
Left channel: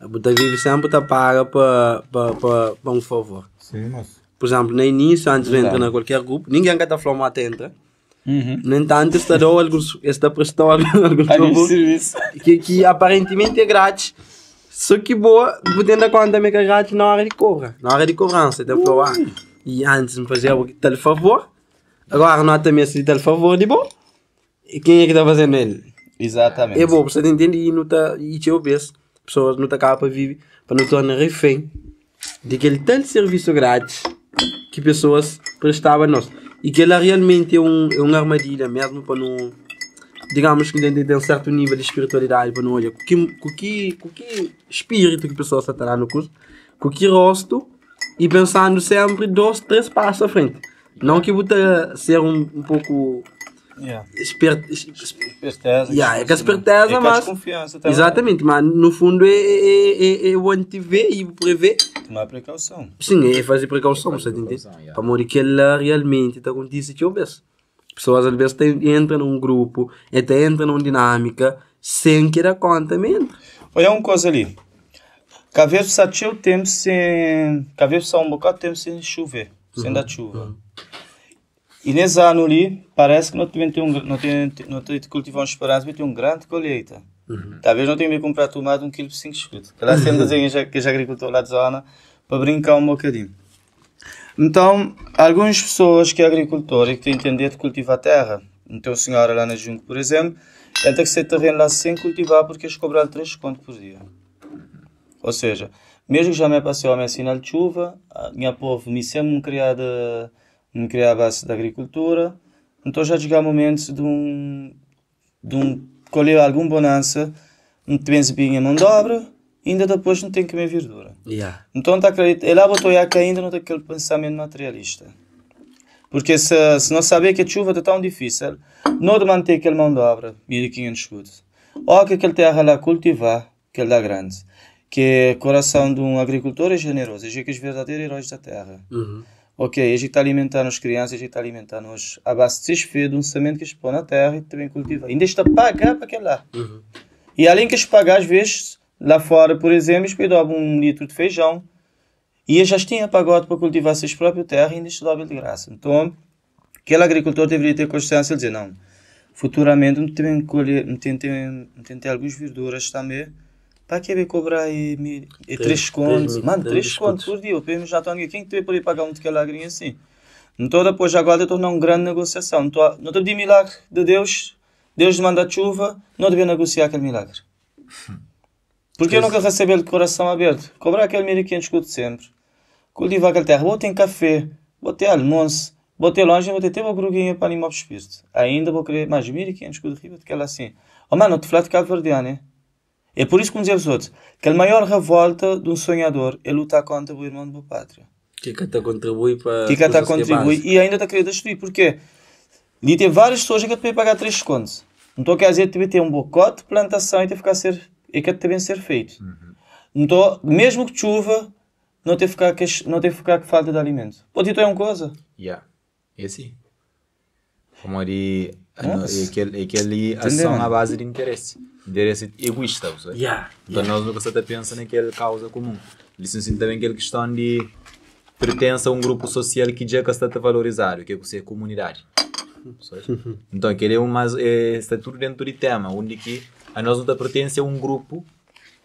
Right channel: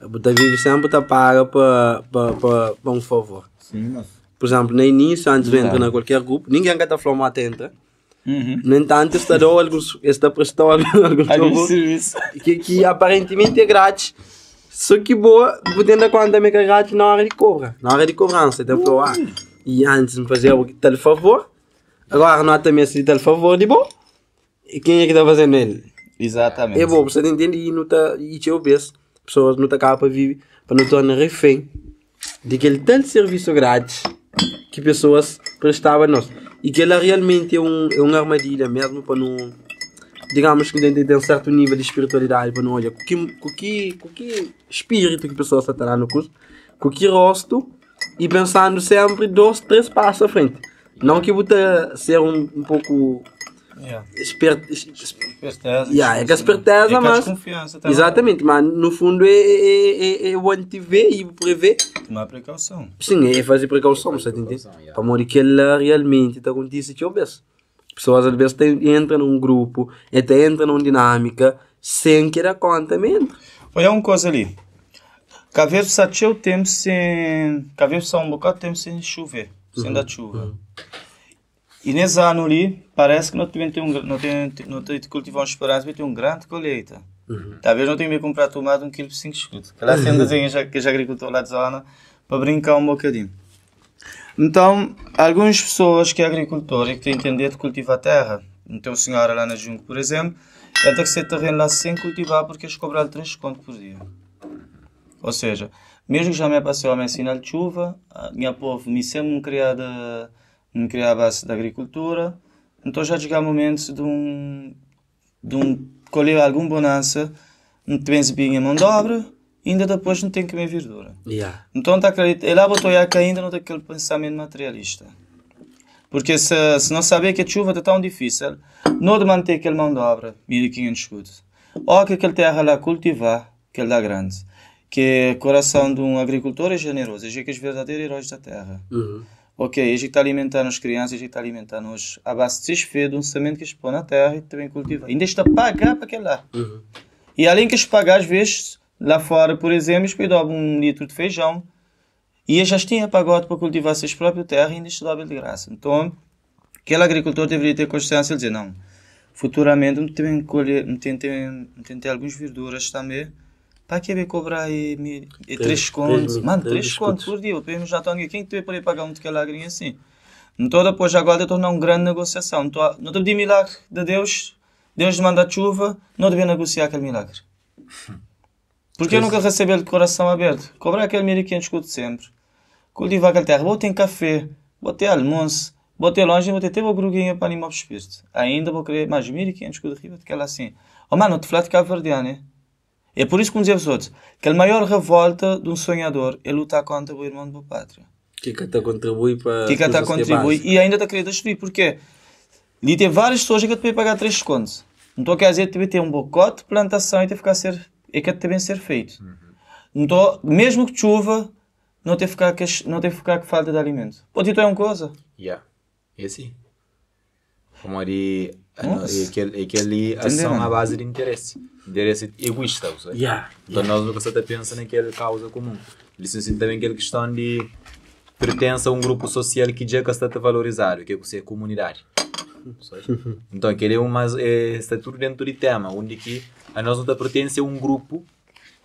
Você vive sempre tá paga para um favor. Sim, mas... Por exemplo, no início, antes de entrar em qualquer grupo, ninguém quer estar falando até entra. No entanto, está prestando alguns favor que aparentemente é grátis. Só que boa, você dar conta também que é grátis na hora de cobra. Na hora de cobrança, então falou, e antes me fazia tal favor, agora não há também esse tal favor de bom. E quem é que está fazendo ele? Exatamente. É bom, você entende e não tá, e te obedece. Pessoas não estão cá para viver, para não tornar refém de aquele tal serviço grátis que pessoas prestavam a nós. E que ela realmente é uma armadilha mesmo para não, digamos que tem um certo nível de espiritualidade para não olhar com que espírito que a pessoa está lá no curso, com que rosto e pensando sempre 2, 3 passos à frente. Não que você ser um pouco esperto, é que a esperteza, mas exatamente, mas no fundo é o antever e o prever. Tomar precaução. Sim, é fazer precaução, você entende? Para morrer que ela realmente está acontecendo que eu vejo. Pessoas às vezes entram num grupo, até entram numa dinâmica sem que dar conta mesmo. Olha uma coisa ali. Caveiro sabe o tempo sem, caveiro só um bocado de tempo sem chover, sem dar chuva. E nesse ano ali, parece que nós também temos cultivamos esperança, vai ter uma grande colheita. Talvez não tenha me comprado tomado 1 kg por 5 escudos. Claro que desenho que já agricultor lá de zona, para brincar um bocadinho. Então, algumas pessoas que é agricultor e que têm entendido de cultivar a terra, tem uma senhora lá na junta, por exemplo, tem que ser terreno lá sem cultivar porque eles cobraram 3 contos por dia. Ou seja, mesmo que já me passei a me ensinar de chuva, a minha povo me sempre não criar a base da agricultura, então já chega momentos de colher alguma bonança, não tem bem a mão de obra, ainda depois não tem que comer verdura. Então está acreditando, ela botou que ainda não tem aquele pensamento materialista. Porque se não saber que a chuva está tão difícil, não de manter aquela mão de obra, 1500 escudos, ou que aquela terra lá cultivar, que ele dá grande, que o coração de um agricultor é generoso, é que é os verdadeiros heróis da terra. Ok, a gente está alimentando as crianças, a gente está alimentando os abastecer de um semente que eles põem na terra e também cultivam. Ainda está a pagar para aquele lá. E além que eles pagam, às vezes, lá fora, por exemplo, eles pedem 1 litro de feijão e eles já tinham pagado para cultivar as suas próprias terras e ainda estão de graça. Então, aquele agricultor deveria ter consciência de dizer, não, futuramente não tem que colher, não tem algumas verduras também. Para que ele cobrar 3 contos? Mano, 3 contos por dia. Eu pergunto já estou aqui. Quem que vai poder pagar muito aquela agrinha assim? Então depois agora eu tornar uma grande negociação. Então, não deve de milagre de Deus. Deus manda chuva. Não deve negociar aquele milagre. Porque eu nunca receber de coração aberto. Cobrar aquele 1500 contos sempre. Cultivar aquela terra. Vou ter café. Vou ter almoço. Vou ter longe. Vou ter até uma gruguinha para animar o espírito. Ainda vou querer mais 1500 contos aqui. Vou ter aquela assim. Oh mano, tu falaste de Cabo Verdeano, né? É por isso que dizemos outros que a maior revolta de um sonhador é lutar contra o irmão do meu pátria. Que está a contribuir para a coisa que é básica. E ainda está a querer destruir. Porquê? E tem várias pessoas que te pagar 3 contos. Então quer dizer que deve ter um bocote de plantação e tem que também ser feito. Então, mesmo que chuva, não tem que ficar com falta de alimento. Pode ter uma coisa? É assim. Como aquele ação à base de interesse egoísta, sabe? Então nós nunca só pensa naquela causa comum. Eles assim também aquela questão de pertence a um grupo social que já está a valorizar, que é a comunidade. Então aquele está tudo dentro de tema, onde que a nós não pertence a um grupo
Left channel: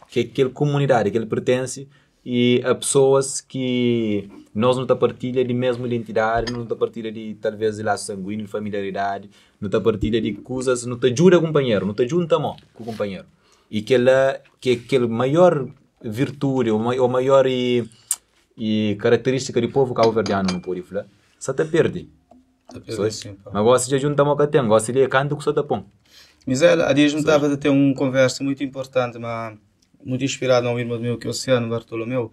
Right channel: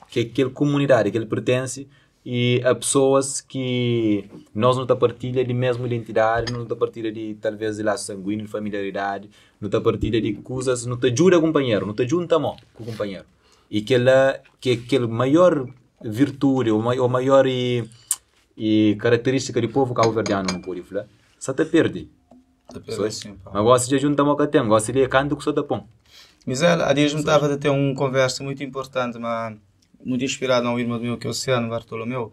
que é aquela comunidade, que ele pertence e a pessoas que nós não partilha de mesma identidade, não partilha de talvez de laço sanguíneo, de familiaridade, não partilha de coisas, não te ajuda o companheiro, não te junta com o companheiro. E que aquela maior virtude, ou maior característica do povo cabo-verdiano não pode falar, só te perde. Mas gosta de juntar com tem, gosta de canto que só te põe. Mas a dia juntava de ter uma conversa muito importante, mas muito inspirado a um irmão meu que é o Oceano Bartolomeu.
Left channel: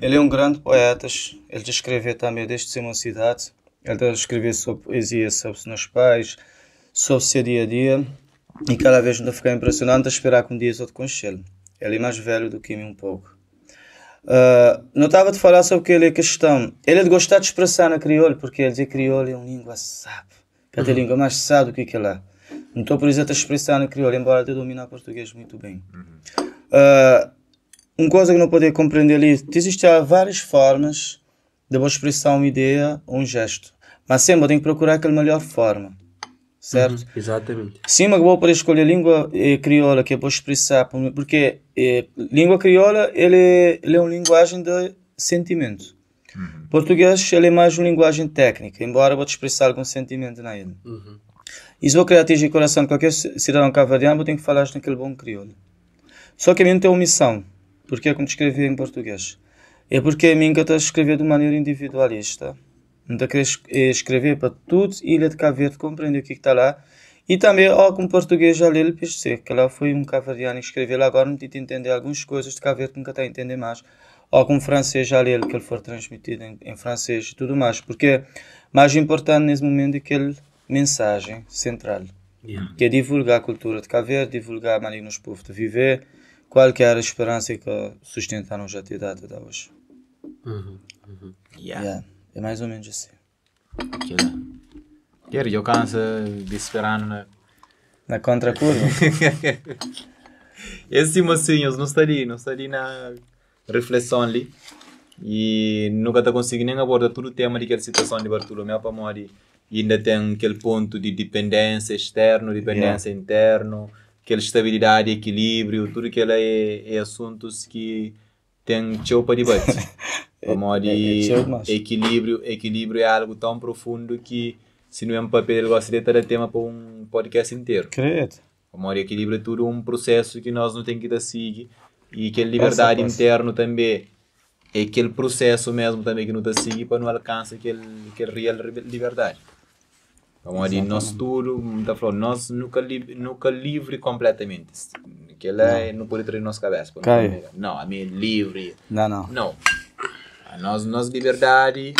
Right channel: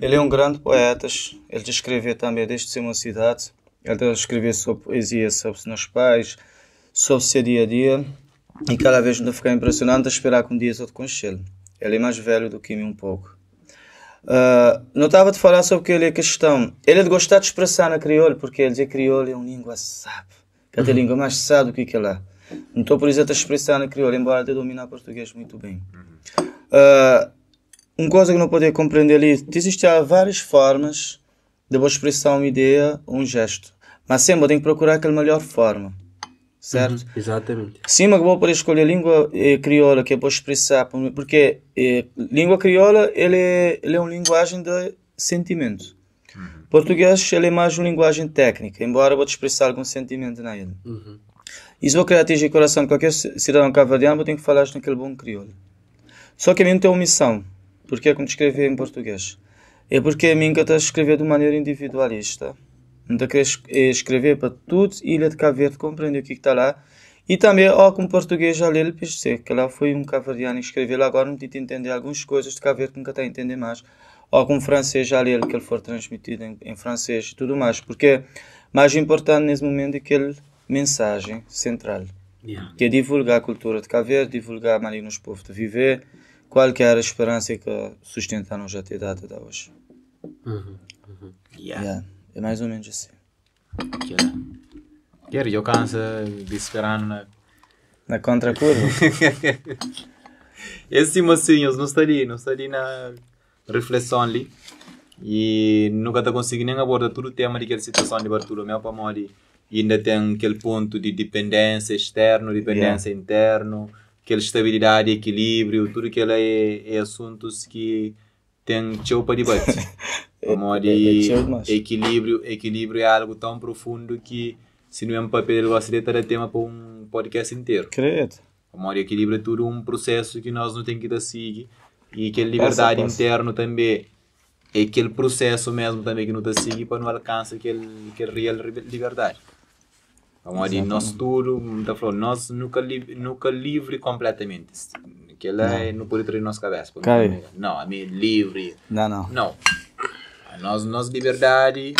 Ele é um grande poeta, ele te escreveu também desde ser uma cidade, ele te escreveu sobre poesia, sobre os nossos pais, sobre o seu dia a dia. E cada vez me ficar impressionado de esperar que um dia eu conheça ele. Ele é mais velho do que mim um pouco. Não estava a falar sobre aquela questão. Ele é de gostar de expressar na crioulo, porque ele diz que crioulo é uma língua sabe. Cada língua mais sabe do que é lá. Não estou por exemplo a expressar na crioulo, embora eu domine português muito bem. Uma coisa que não poder compreender ali, existem várias formas de vou expressar uma ideia ou um gesto. Mas sempre eu tenho que procurar aquela melhor forma. Certo? Exatamente. Sim, mas vou poder escolher a língua crioula que eu vou expressar, porque língua crioula ele é uma linguagem de sentimento. Português ele é mais uma linguagem técnica, embora eu vou expressar algum sentimento nele. E se eu querer atingir o coração de qualquer cidadão cabo-verdiano, eu tenho que falar naquele bom crioulo. Só que a mim tem uma missão. Porque é como escrever em português. É porque a mim que eu estou a escrever de maneira individualista. Não quero escrever para tudo Ilha de Cabo Verde compreender o que está lá. E também, como português já lhe pensei, que lá foi um cabo-verdiano escrever lá agora, não tive entender algumas coisas de Cabo Verde que nunca está a entender mais. Ou com francês já lhe que ele for transmitido em francês e tudo mais. Porque mais importante nesse momento é aquela mensagem central. Que é divulgar a cultura de Cabo Verde, divulgar a maneira nos povos de viver, qual que era a esperança que sustentaram já até data de hoje. É mais ou menos assim. Quero, eu canso de esperar na contracurva. Esse mocinho não está ali na reflexão ali e nunca está conseguindo nem abordar todo o tema daquela situação de Bartolomeu para morrer. E ainda tem aquele ponto de dependência externa, dependência interna, aquela estabilidade, equilíbrio, tudo aquilo é assuntos que tem tchau para debate. Equilíbrio é algo tão profundo que se não é um papel ele gostaria de ter tema para um podcast inteiro. Equilíbrio é tudo um processo que nós não temos que dar seguir e aquela liberdade interna também é aquele processo mesmo também que não está seguir para não alcançar aquele real liberdade. Nós tudo, nós nunca livre completamente. Aquilo não pode ter na nossa cabeça. Não, a minha livre. Não. A nossa liberdade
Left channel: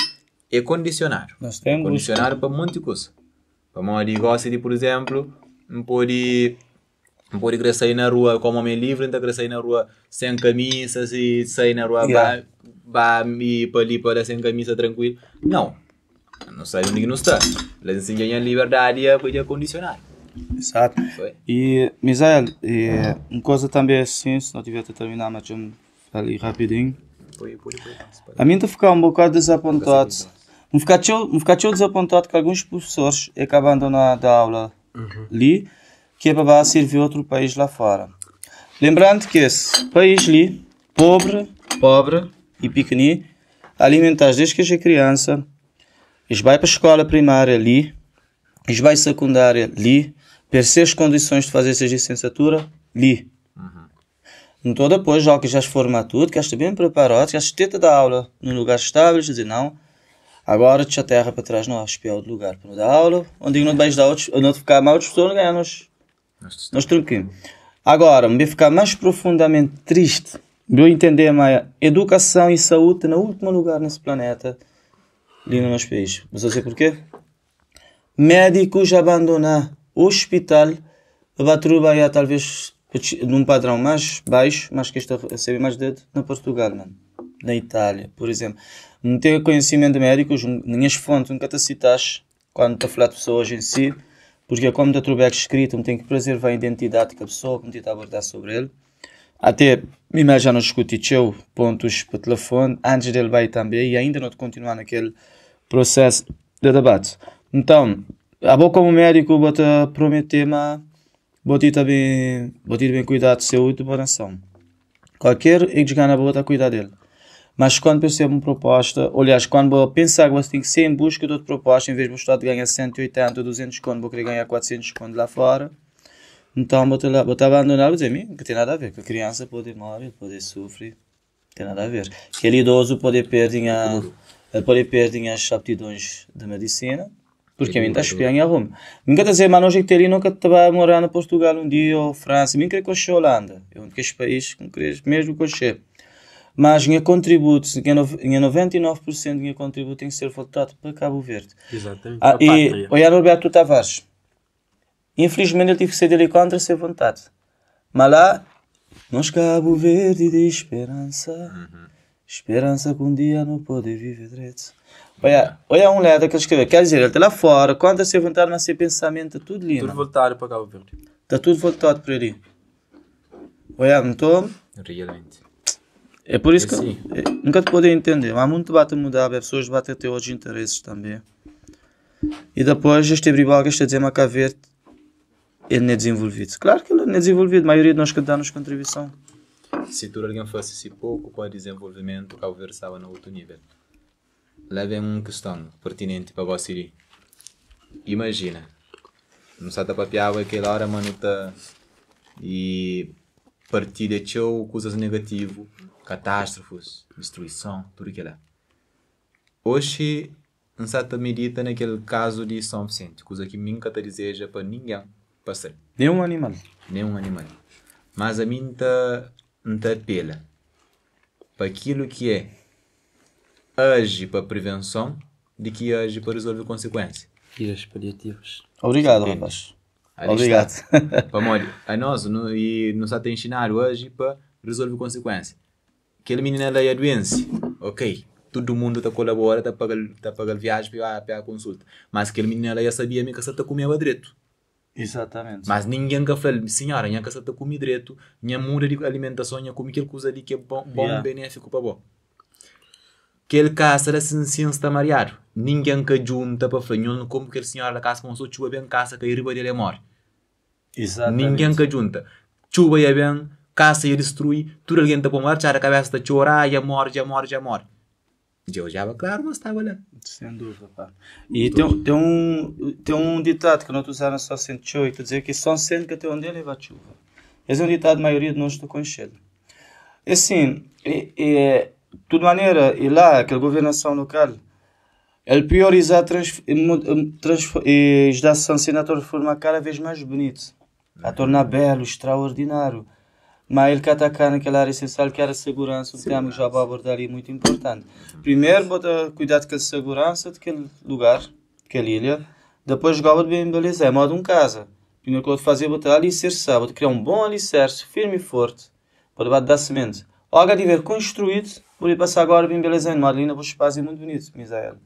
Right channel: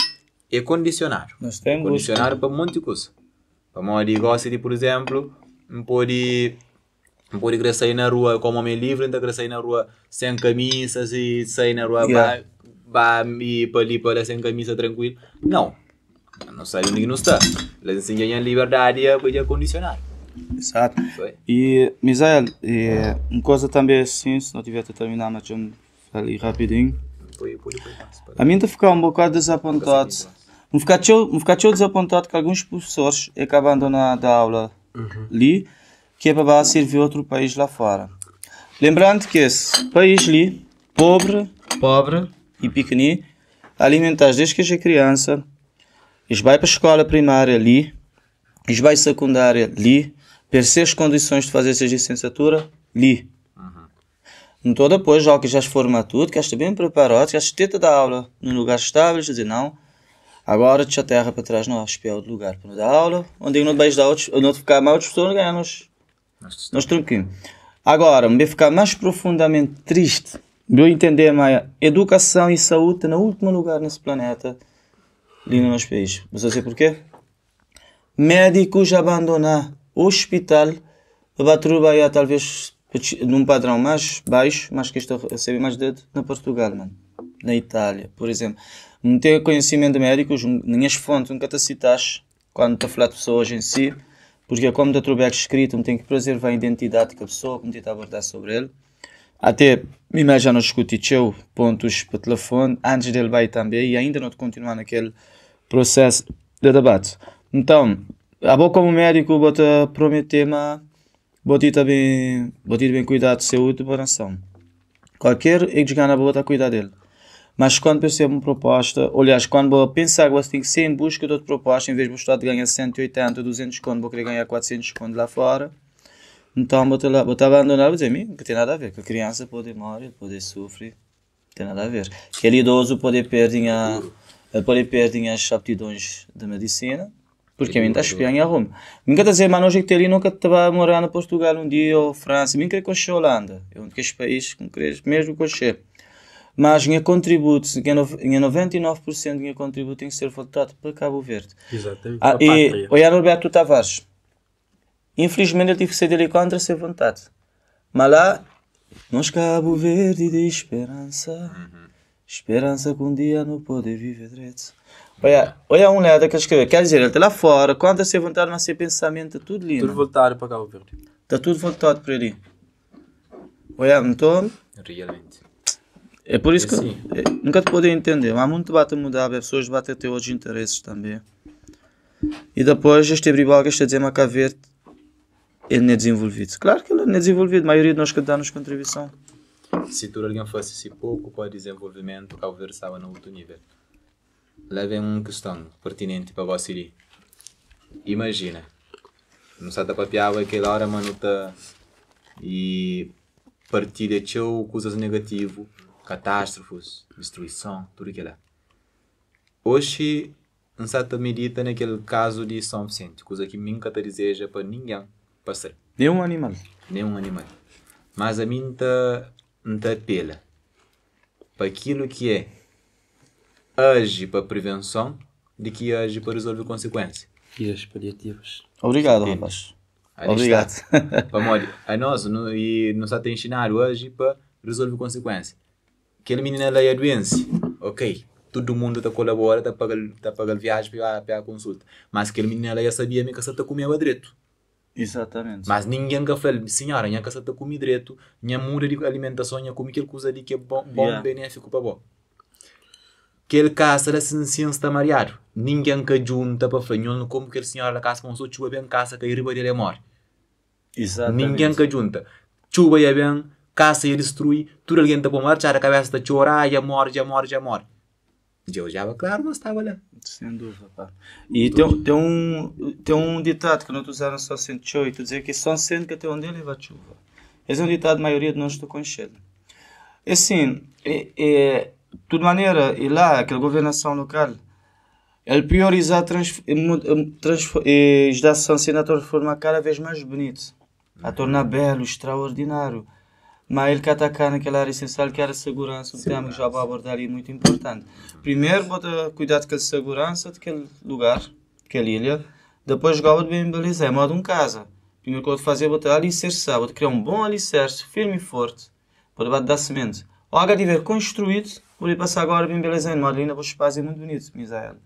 é condicionar. É condicionar para um monte de coisa. Gosta de, por exemplo, não pode querer sair na rua como homem livre, então querer sair na rua sem camisa, e sair na rua para sem camisa tranquilo. Não sabe onde não está. Eles ensinam a liberdade a condicionar. Exato. E, Misael, uma coisa também assim, se não tiver que terminar, mas eu ali rapidinho. Pode mais. A mim está ficando um bocado desapontado. Me ficar desapontado que alguns professores é que abandonam a aula ali, que é para servir outro país lá fora. Lembrando que esse país ali, pobre e pequenino, alimentar desde que é criança, eles vão para a escola primária ali, eles vão para a secundária ali, ter as condições de fazer essa licenciatura ali. Então depois, já que já se forma tudo, que está bem preparado, já se tenta dar aula num lugar estável, dizer não, agora deixa a terra para trás, não, espera outro lugar para dar aula, onde não vais dar outros, onde ficar mais outros pessoas, nós tranquilos. Agora, me ficar mais profundamente triste, de eu entender mais, educação e saúde no último lugar nesse planeta, ali no nosso país. Não sei porquê. Médicos abandonam o hospital para trabalhar talvez num padrão mais baixo, mas que está a receber mais dedo na Portugal, na Itália, por exemplo. Não tenho conhecimento de médicos, minhas fontes nunca te citaste quando estou a falar de pessoas em si, porque como está tudo escrito, não tenho que preservar a identidade da pessoa, como está a abordar sobre ele. Até, me já não escutei pontos para telefone, antes dele vai também, e ainda não continuar naquele processo de debate. Então, eu como médico vou te prometer, mas vou ter bem cuidado de saúde e boa nação. Qualquer ex-gana vou ter cuidar dele. Mas quando percebo uma proposta, aliás, quando vou pensar que você tem que ser em busca de outra proposta, em vez de gostar de ganhar 180, 200 conto, vou querer ganhar 400 conto lá fora. Então vou abandonar, vou dizer, não tem nada a ver, que a criança pode morrer, pode sofrer, não tem nada a ver. Aquele idoso pode perder as aptidões de medicina, porque a mim está espiando em Roma. Nunca está a dizer, mas não que nunca te vai morar na Portugal um dia, ou França, nem querer coxer a Holanda, é um daqueles países que não queres mesmo coxer. Mas minha contributo, 99% do meu contributo tem que ser voltado para Cabo Verde. Exatamente. E o Roberto Tavares, Infelizmente ele tive que ser dele contra sem vontade. Mas lá, nós Cabo Verde de esperança. Esperança que um dia não pode viver direito. Olha um lado daqueles que quer dizer, até lá fora, contra sem vontade, mas sem pensamento, tudo lindo. Tudo voltado para Cabo Verde. Está tudo voltado para ali. Olha, então... Realmente. É por isso que assim. nunca te podem entender. Há muito debate a mudar, as pessoas vão ter outros interesses também. E depois este briboga está a dizer, mas Cabo Verde, ele não é desenvolvido. Claro que ele não é desenvolvido, a maioria de nós que damos contribuição. Se tu alguém fosse assim pouco para desenvolvimento, o Cabo Verde estava no outro nível. Levem uma questão pertinente para você ali. Imagina, não está a papiar aquela hora, mano, tá e partilha tchau, coisas negativas, catástrofes, destruição, tudo aquilo. Hoje, não está a medita naquele caso de São Vicente, coisa que nunca te deseja para ninguém passar. Nenhum animal. Nenhum animal. Mas a mim não apela para aquilo que é age para prevenção de que age para resolver consequências. E as paliativas. Obrigado, rapaz. Ali Obrigado. está. Para morrer. A nós, e nos está a ensinar hoje para resolver consequências. Aquele menino é a doença. Ok. Todo mundo está colabora, está pagando viagem para a consulta. Mas aquele menino já sabia que você está comendo direito. Exatamente. Mas ninguém que fala, senhora, não está comendo direito, não muda de alimentação, não come aquela coisa ali que é bom, benéfico para bom. Aquele caso era ciência está mareado. Ninguém que junta para falar, não como aquele senhor da casa com sua chuva bem casa que a riba dele morre. Exatamente. Ninguém que junta. Chuva é bem, caça e destrui, tudo alguém está para marchar, a cabeça está a chorar, já morre. Eu já claro, mas estava lá. Sem dúvida, pá. E tem um ditado que nós usamos só sendo show e tu dizer que só sendo que até onde ele vai chuva. Esse é um ditado, a maioria de nós está conhecendo. Assim, de maneira, e lá, aquela governação local, ele prioriza a legislação senatorial de forma cada vez mais bonita, a tornar belo, extraordinário. Mas ele quer atacar naquela área essencial que era a segurança, um tema que já vou abordar ali muito importante. Primeiro, bota cuidado com a segurança daquele lugar, daquela ilha. Depois, jogar bem beleza, é modo um casa. Primeiro que eu vou fazer, botar alicerçar, vou criar um bom alicerce, firme e forte, para debaixo da semente. Algo a tiver construído, por ir passar agora bem beleza em modo, ali na vou espaço muito bonito, Misael.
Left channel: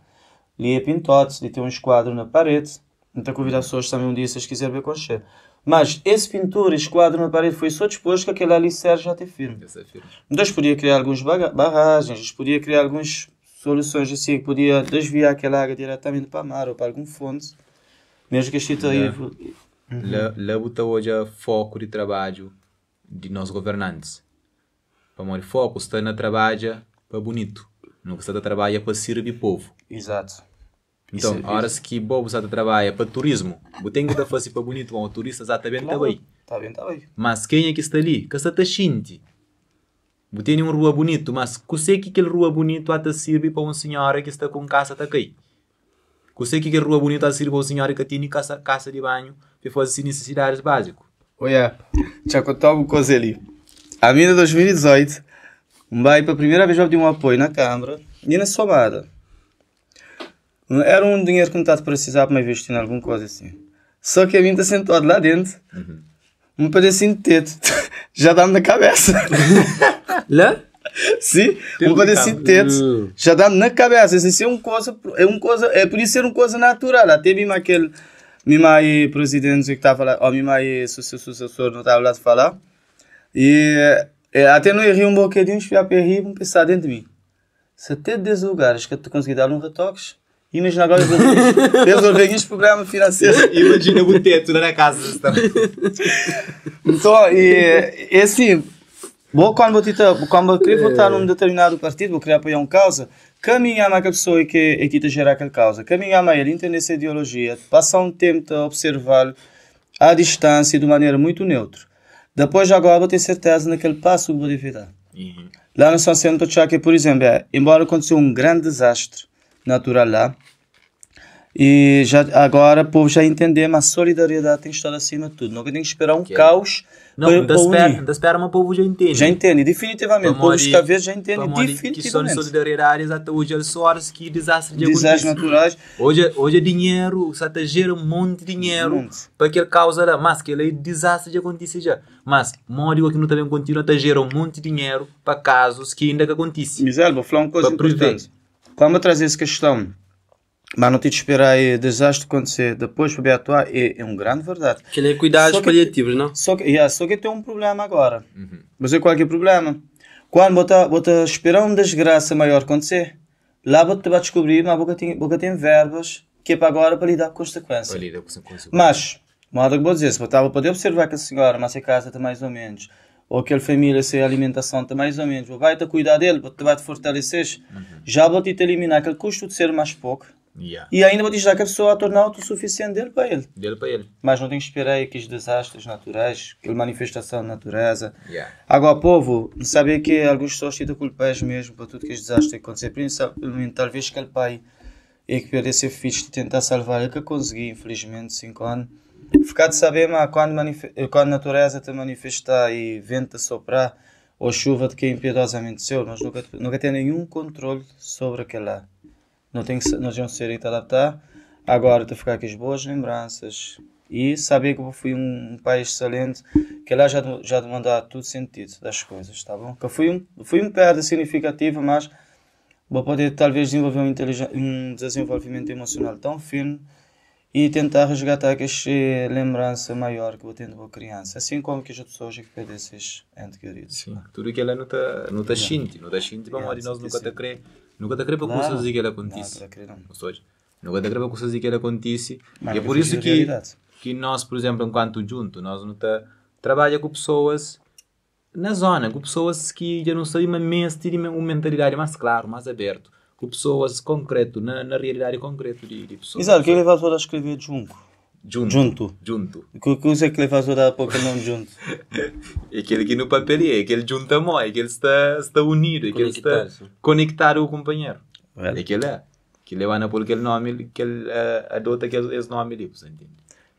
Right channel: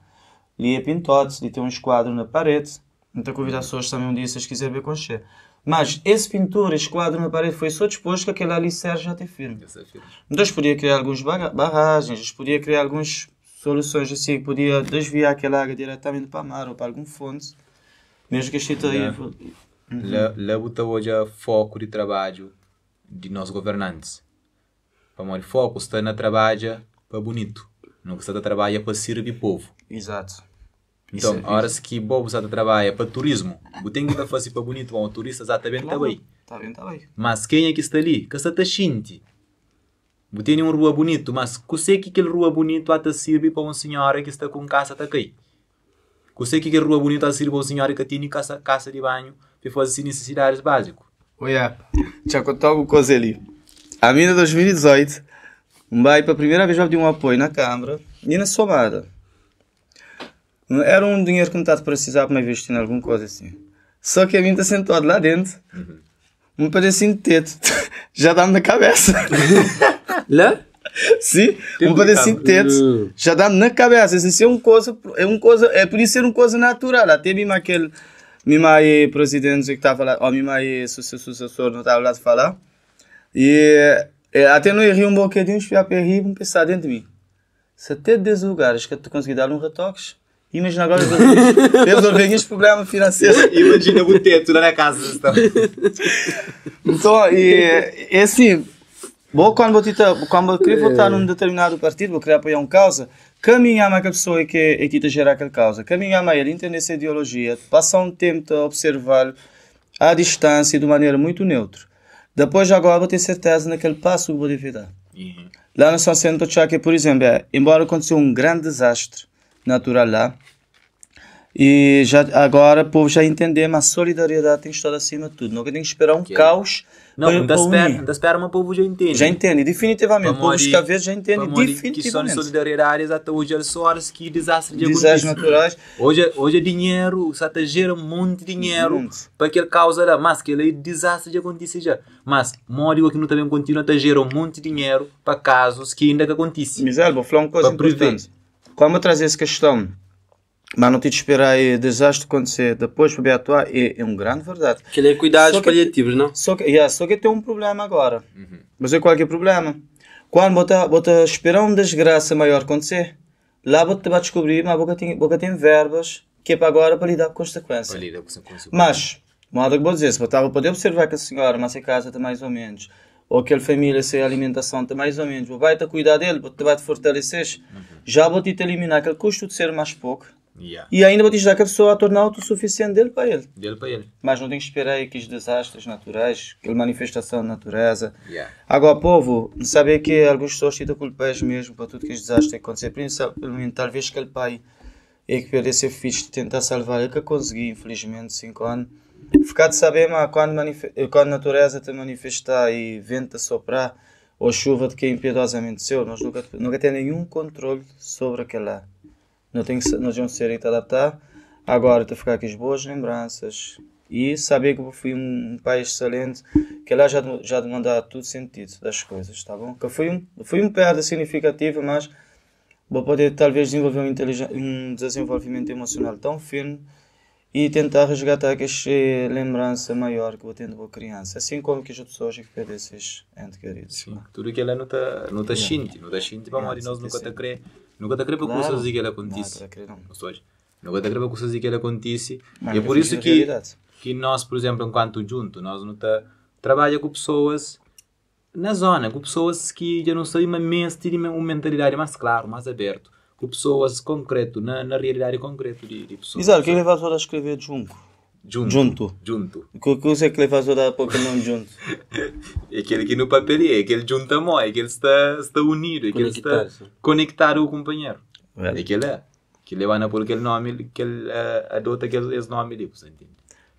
Ali é pintado, ali tem um esquadro na parede. Então, convidar as pessoas também um dia, se vocês quiserem ver com cheiro. Mas esse pintor, esse quadro na parede, foi só disposto que aquele alicerce já tem firme. Então, podia criar algumas barragens, podia criar algumas soluções assim, podia desviar aquela água diretamente para a mar ou para algum fonte. Mesmo que a gente... Lá botar hoje o foco de trabalho de nós governantes. Para o foco está na trabalho para bonito. Não está a trabalhar para servir o povo. Exato. Então, a hora que o povo está a trabalhar para turismo, o tem que fazer para bonito, o turista exatamente está bem. Está bem. Mas quem é que está ali? Que está a xinte. Você tem uma rua bonita, mas você que aquela rua bonita até serve para uma senhora que está com casa está aqui. Você que aquela rua bonita serve para uma senhora que tem casa de banho para fazer necessidades básicas. Olha, já contou uma coisa ali. A minha 2018, para a primeira vez eu dei um apoio na Câmara e na Somada. Era um dinheiro que não estava a precisar para investir em alguma coisa assim. Só que a mim está sentado lá dentro. Um pedacinho de teto. Já dá-me na cabeça. Lá? Sim, um pedacinho de teto. Já dá-me na cabeça. Isso é uma coisa, é por isso ser uma coisa natural. Até mesmo aquele presidente que estava lá, ou mesmo sucessor não estava lá a falar. E até não ri um bocadinho, espiar para rir e pensar dentro de mim. Se até 10 lugares que eu consegui dar um retoque, imagina agora resolver este programa financeiro. Imagina o teto na casa. Então, é assim, quando eu votar num determinado partido, vou querer apoiar uma causa, caminhar a pessoa que está a gerar aquela causa, caminhar a ele, entender essa ideologia, passar um tempo a observar à distância de maneira muito neutra. Depois, agora, vou ter certeza naquele passo que vou dever dar. Lá no São Centro, que, por exemplo, embora aconteceu um grande desastre natural lá, e já, agora o povo já entendeu, mas a solidariedade tem que estar acima de tudo. Não tem que esperar um caos Não, ainda espera, mas o povo já entende. Já entende, definitivamente. Para morrer, já entende para morrer questão de solidariedade, até hoje é só horas que desastre de desastres acontecer. naturais. Hoje é dinheiro, só te gera um monte de dinheiro para aquela causa lá, mas que ele desastre de acontecer já. Mas morre aqui não também continua a gerar um monte de dinheiro para casos que ainda que acontecem. Para prever. Como eu trazer essa questão, mas não tem de esperar aí desastre acontecer depois para atuar, é uma grande verdade. Que ele é cuidados paliativos, não? Só que tem um problema agora. Mas qual é o problema? Quando você esperar uma desgraça maior acontecer, lá você vai descobrir, mas você tem verbas que é para agora para lidar com consequências. Para lidar com consequências. Mas, modo que vou dizer, se você pode observar que a senhora, mas a casa está mais ou menos, ou aquela família, se a alimentação está mais ou menos, vai te cuidar dele, você vai te fortalecer, já vou te eliminar aquele custo de ser mais pouco. Yeah. E ainda vou te dizer que a pessoa a tornar autossuficiente dele para ele. Mas não tem que esperar aí aqueles desastres naturais, aquela manifestação da natureza. Yeah. Agora, povo, sabe que algumas pessoas ficam culpadas mesmo para tudo que estes desastres acontecer. Principalmente, talvez aquele pai é que perdeu ser fixe de tentar salvar, ele que conseguiu, infelizmente, 5 anos. Ficar de saber, mas quando a natureza te manifestar e vento a soprar, ou chuva de que é impiedosamente seu, nós nunca temos nenhum controle sobre aquele lá. Nós vamos ser te adaptar. Agora, estou a ficar com as boas lembranças e saber que eu fui um pai excelente, que lá já demandar todo sentido das coisas, tá bom? Que fui um perda significativa, mas vou poder talvez desenvolver um desenvolvimento emocional tão fino e tentar resgatar essa lembrança maior que eu tenho de boa criança, assim como que as pessoas que perdem esses entes queridos. Sim, tudo que ela não está sente, para morrer, nós nunca te crê. Nunca te crê para coisas que ela acontece. Nunca te crê para coisas que ela acontece. E é por isso que nós, por exemplo, enquanto junto, nós não trabalhamos com pessoas na zona, com pessoas que já não sabem, mas têm uma mentalidade mais clara, mais aberta, com pessoas concreto, na realidade concreta de pessoas. Exato, que ele vai a escrever junto. Que usa que ele faz a pouco não junto. É aquele que no papel é aquele junta é aquele está unido, é aquele está conectar o companheiro. É aquele é. Que leva na por aquele nome, que ele adota aquele nome ali, você entende?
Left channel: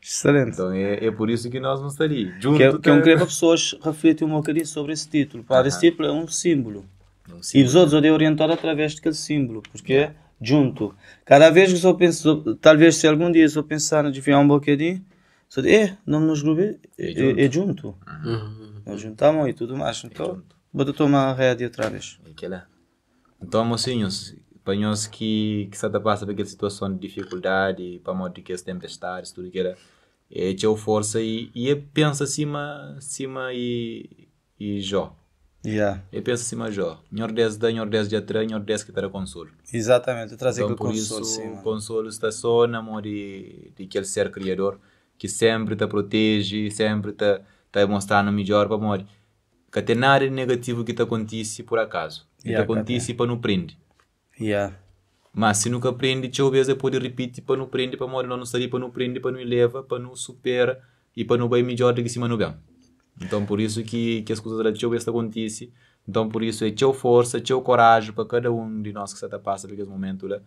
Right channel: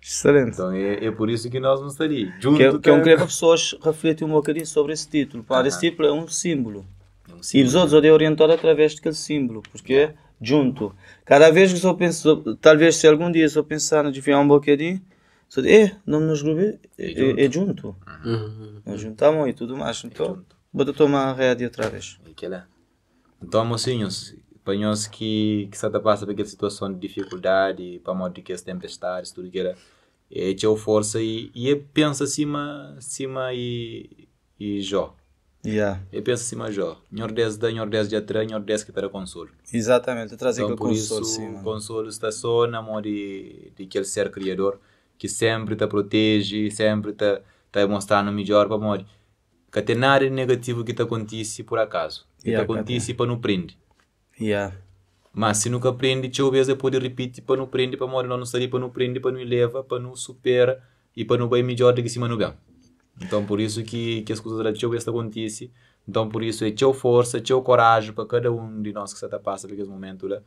Excelente. Então é por isso que nós não estaríamos junto. Eu quero que as pessoas refletam um bocadinho sobre esse título. Para esse título é um símbolo. E os outros podem orientar através daquele símbolo, porque é junto. Cada vez que eu penso, talvez se algum dia eu pensar no desviar um bocadinho, não nos grupo é junto. Nós juntamos e tudo mais. Então, vou tomar a rédea atrás. É que é. Então, mocinhos, para nós que se passa por aquela situação de dificuldade, para modo que as tempestades, tudo que era, é ter força e pensa acima e Jó. Yeah. Eu penso acima Jó. Nhor 10 de atrás, nhor 10 que terá consolo. Exatamente. Então por isso o consolo está só na mão de aquele ser criador que sempre te protege, sempre te mostrando o melhor para morrer. Que tem nada de negativo que te acontece por acaso. Que te acontece para não prender. Mas se nunca prende, deixa eu ver se pode repetir para não prender, para morrer não sair, para não prender, para não leva, para não supera e para não vai melhor do que cima no bem. Então por isso que as coisas da teu vez acontecem. Então por isso é teu força, teu coragem para cada um de nós que se passa por esse momento lá,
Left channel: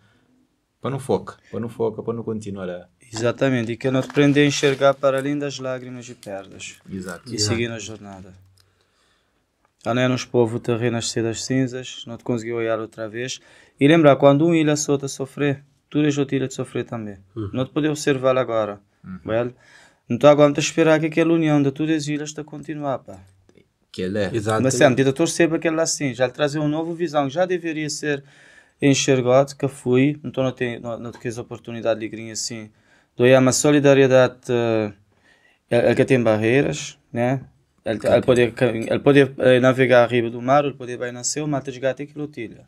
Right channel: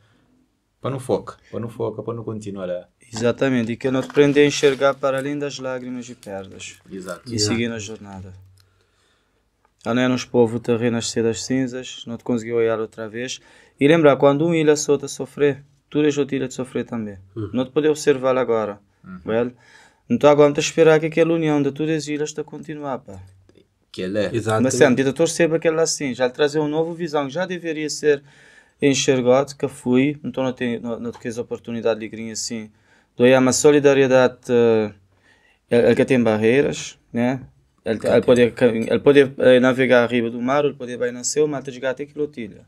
para não focar, para não continuar lá. Exatamente, e que nós aprendemos a enxergar para além das lágrimas e pedras. Exato. E seguir a jornada. Além nos povos te renascer das cinzas, não te conseguiu olhar outra vez. E lembrar, quando um ilha só te sofrer, tu és outra ilha te sofrer também. Não te pode observar agora. Então agora te esperar que aquela união de todas as ilhas te continuar, pá. Que ele é. Exatamente. Mas sempre, torcer para aquela assim, já trazer uma nova visão, já deveria ser enxergado, que fui, então não tens a oportunidade de ir assim. Então é uma solidariedade que tem barreiras, né? Ele pode navegar arriba do mar, ele pode vai nascer, mas tem que chegar até quilotilha.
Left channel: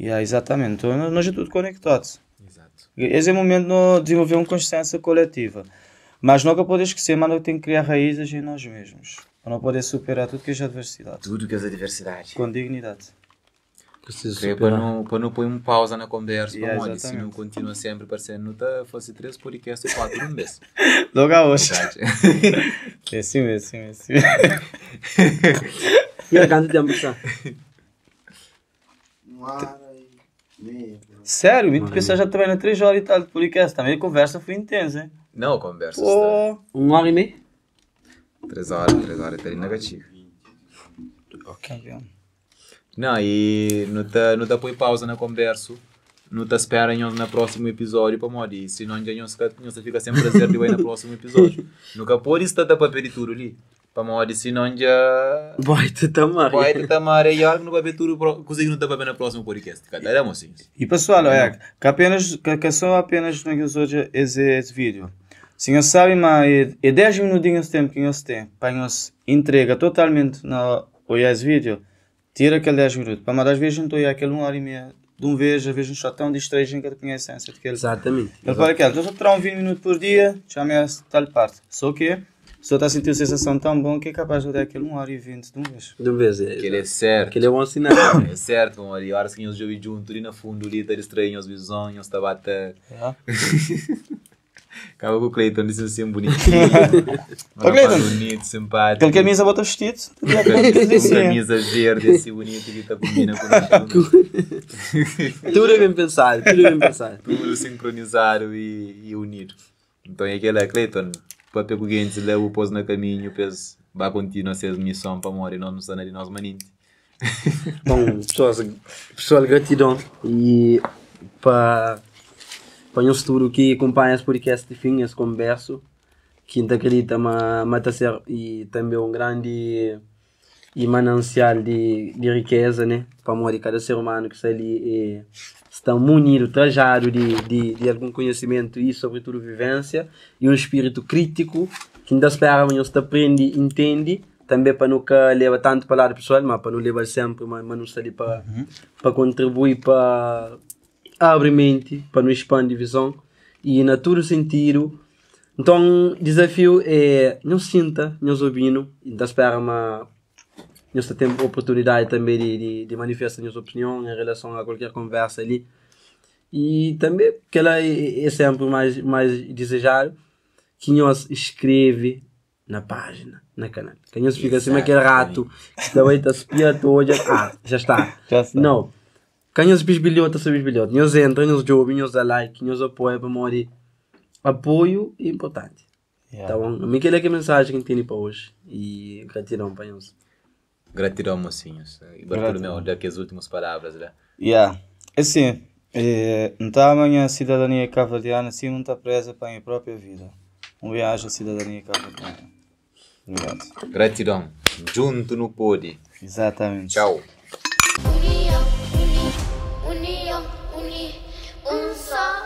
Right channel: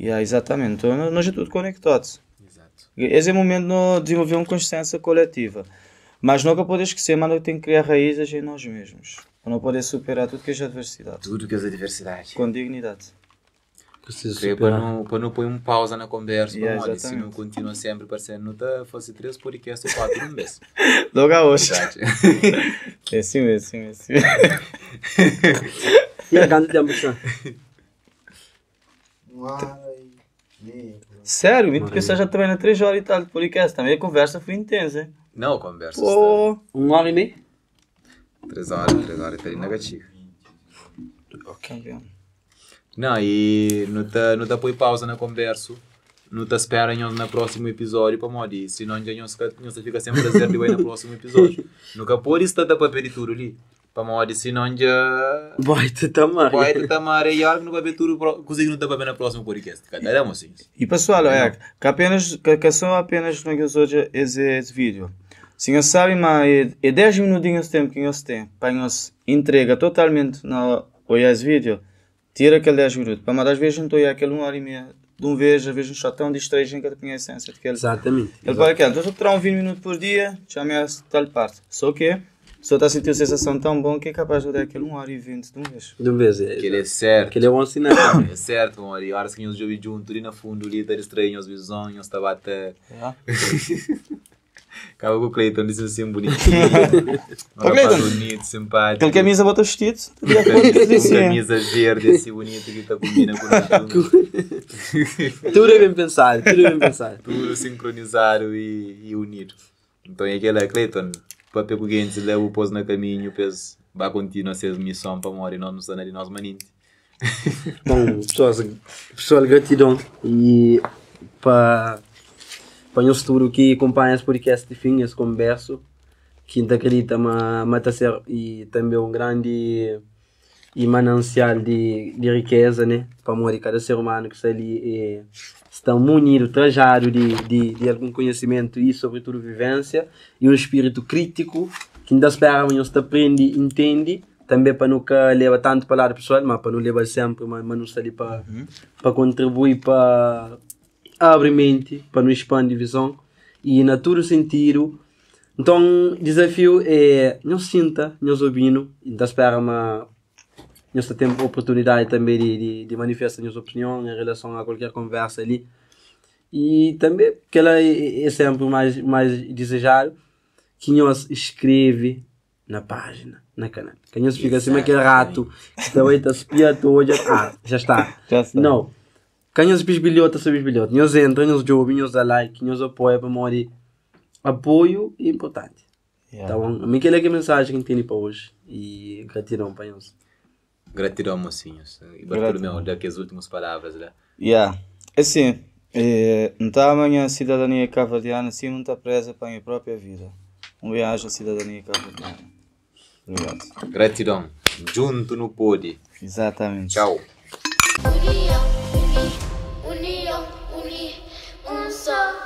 Exatamente, então nós estamos tudo conectados. Exato. Esse é o momento de desenvolver uma consciência coletiva. Mas nunca pode esquecer, mas nós temos que criar raízes em nós mesmos. Para não poder superar tudo que é adversidade. Tudo que é adversidade. Com dignidade. Para não pôr uma pausa na conversa, olha, se não continua sempre parecendo, não está fosse 3 podcasts e 4 no mês. Logo a hoje. É assim mesmo. E há quanto tempo que está? Sério, me precisa já trabalhar 3 horas e tal de podcast. Também a conversa foi intensa, hein? Não, a conversa está... 1 hora e meia? 3 horas tá ali negativo. Ok. Não, e não tá põe pausa na conversa. Não te espera no próximo episódio para morrer. Senão já não fica sem prazer de ir no próximo episódio. Nunca pode estar para pedir tudo ali. Para morrer, senão já... Vai te tamar. E algo não vai ver tudo. Consegue não estar para ver no próximo podcast. Cada assim. E pessoal, que só apenas como que hoje esse vídeo. Se nós sabem, mas é 10 minutinhos de tempo que nós temos para nós entrega totalmente na esse vídeo. Tira aquele 10 minutos. Para mais vezes não estou aquele 1h30. De um vez um chatão distraído que tem a essência daquele. Exatamente. Agora aquele, estou a tirar 20 minutos por dia, já me tal parte. Só que, só está a sentir a sensação tão bom que é capaz de dar aquele 1h20 de um vez. De um vez, é. Aquele é certo. Aquele é bom sinal também. É certo, amor. E horas que nós jogamos juntos, ali na fundo, ali, está distraído, as visões, nós estava até... Acaba com o Cleiton, disse assim bonitinho. Um rapaz bonito, simpático. Aquele camisa bota vestido. Com camisa verde, assim bonito, que está combina com nós juntos. Tudo é bem pensado, tudo é bem pensado. Tudo sincronizado e unido. Então é aquele Cleiton, para pegar o gente, leva o pôs no caminho, depois vai continuar a ser missão para morrer, não nos de nós maninhos. Bom, pessoal, gratidão. E para o futuro que acompanha esse podcast de fim, esse converso, que acredita mas ser e também um grande e manancial de riqueza, né? Para morrer cada ser humano que está ali está munido, trajado de algum conhecimento e sobretudo vivência e um espírito crítico que ainda espera que você aprende e entende também para nunca levar tanto para lado pessoal, mas para não levar sempre, mas não está ali para contribuir para abrir mente, para não expandir visão e na todo sentido. Então, o desafio é não sinta, não ouvindo, ainda espera mas nós temos oportunidade também de manifestar nossa opinião em relação a qualquer conversa ali. E também, que ela é sempre mais desejado, que nós escreve na página, na canal. Que nós fica assim, aquele rato que também está espiando hoje, já está. Não. Que nós bisbilhota, nós entra, nós ouve, nós dá like, nós apoia para morrer. Apoio é importante. Tá bom? A mim que é a mensagem que tem para hoje. E gratidão para nós. Gratidão, mocinhos. E Bartolomeu, daqui as últimas palavras, né? Assim, não está amanhã a cidadania cavadiana, assim não está presa para a minha própria vida. Uma viagem à cidadania cavadiana. Gratidão. Junto no Pode. Exatamente. Tchau. União, um só.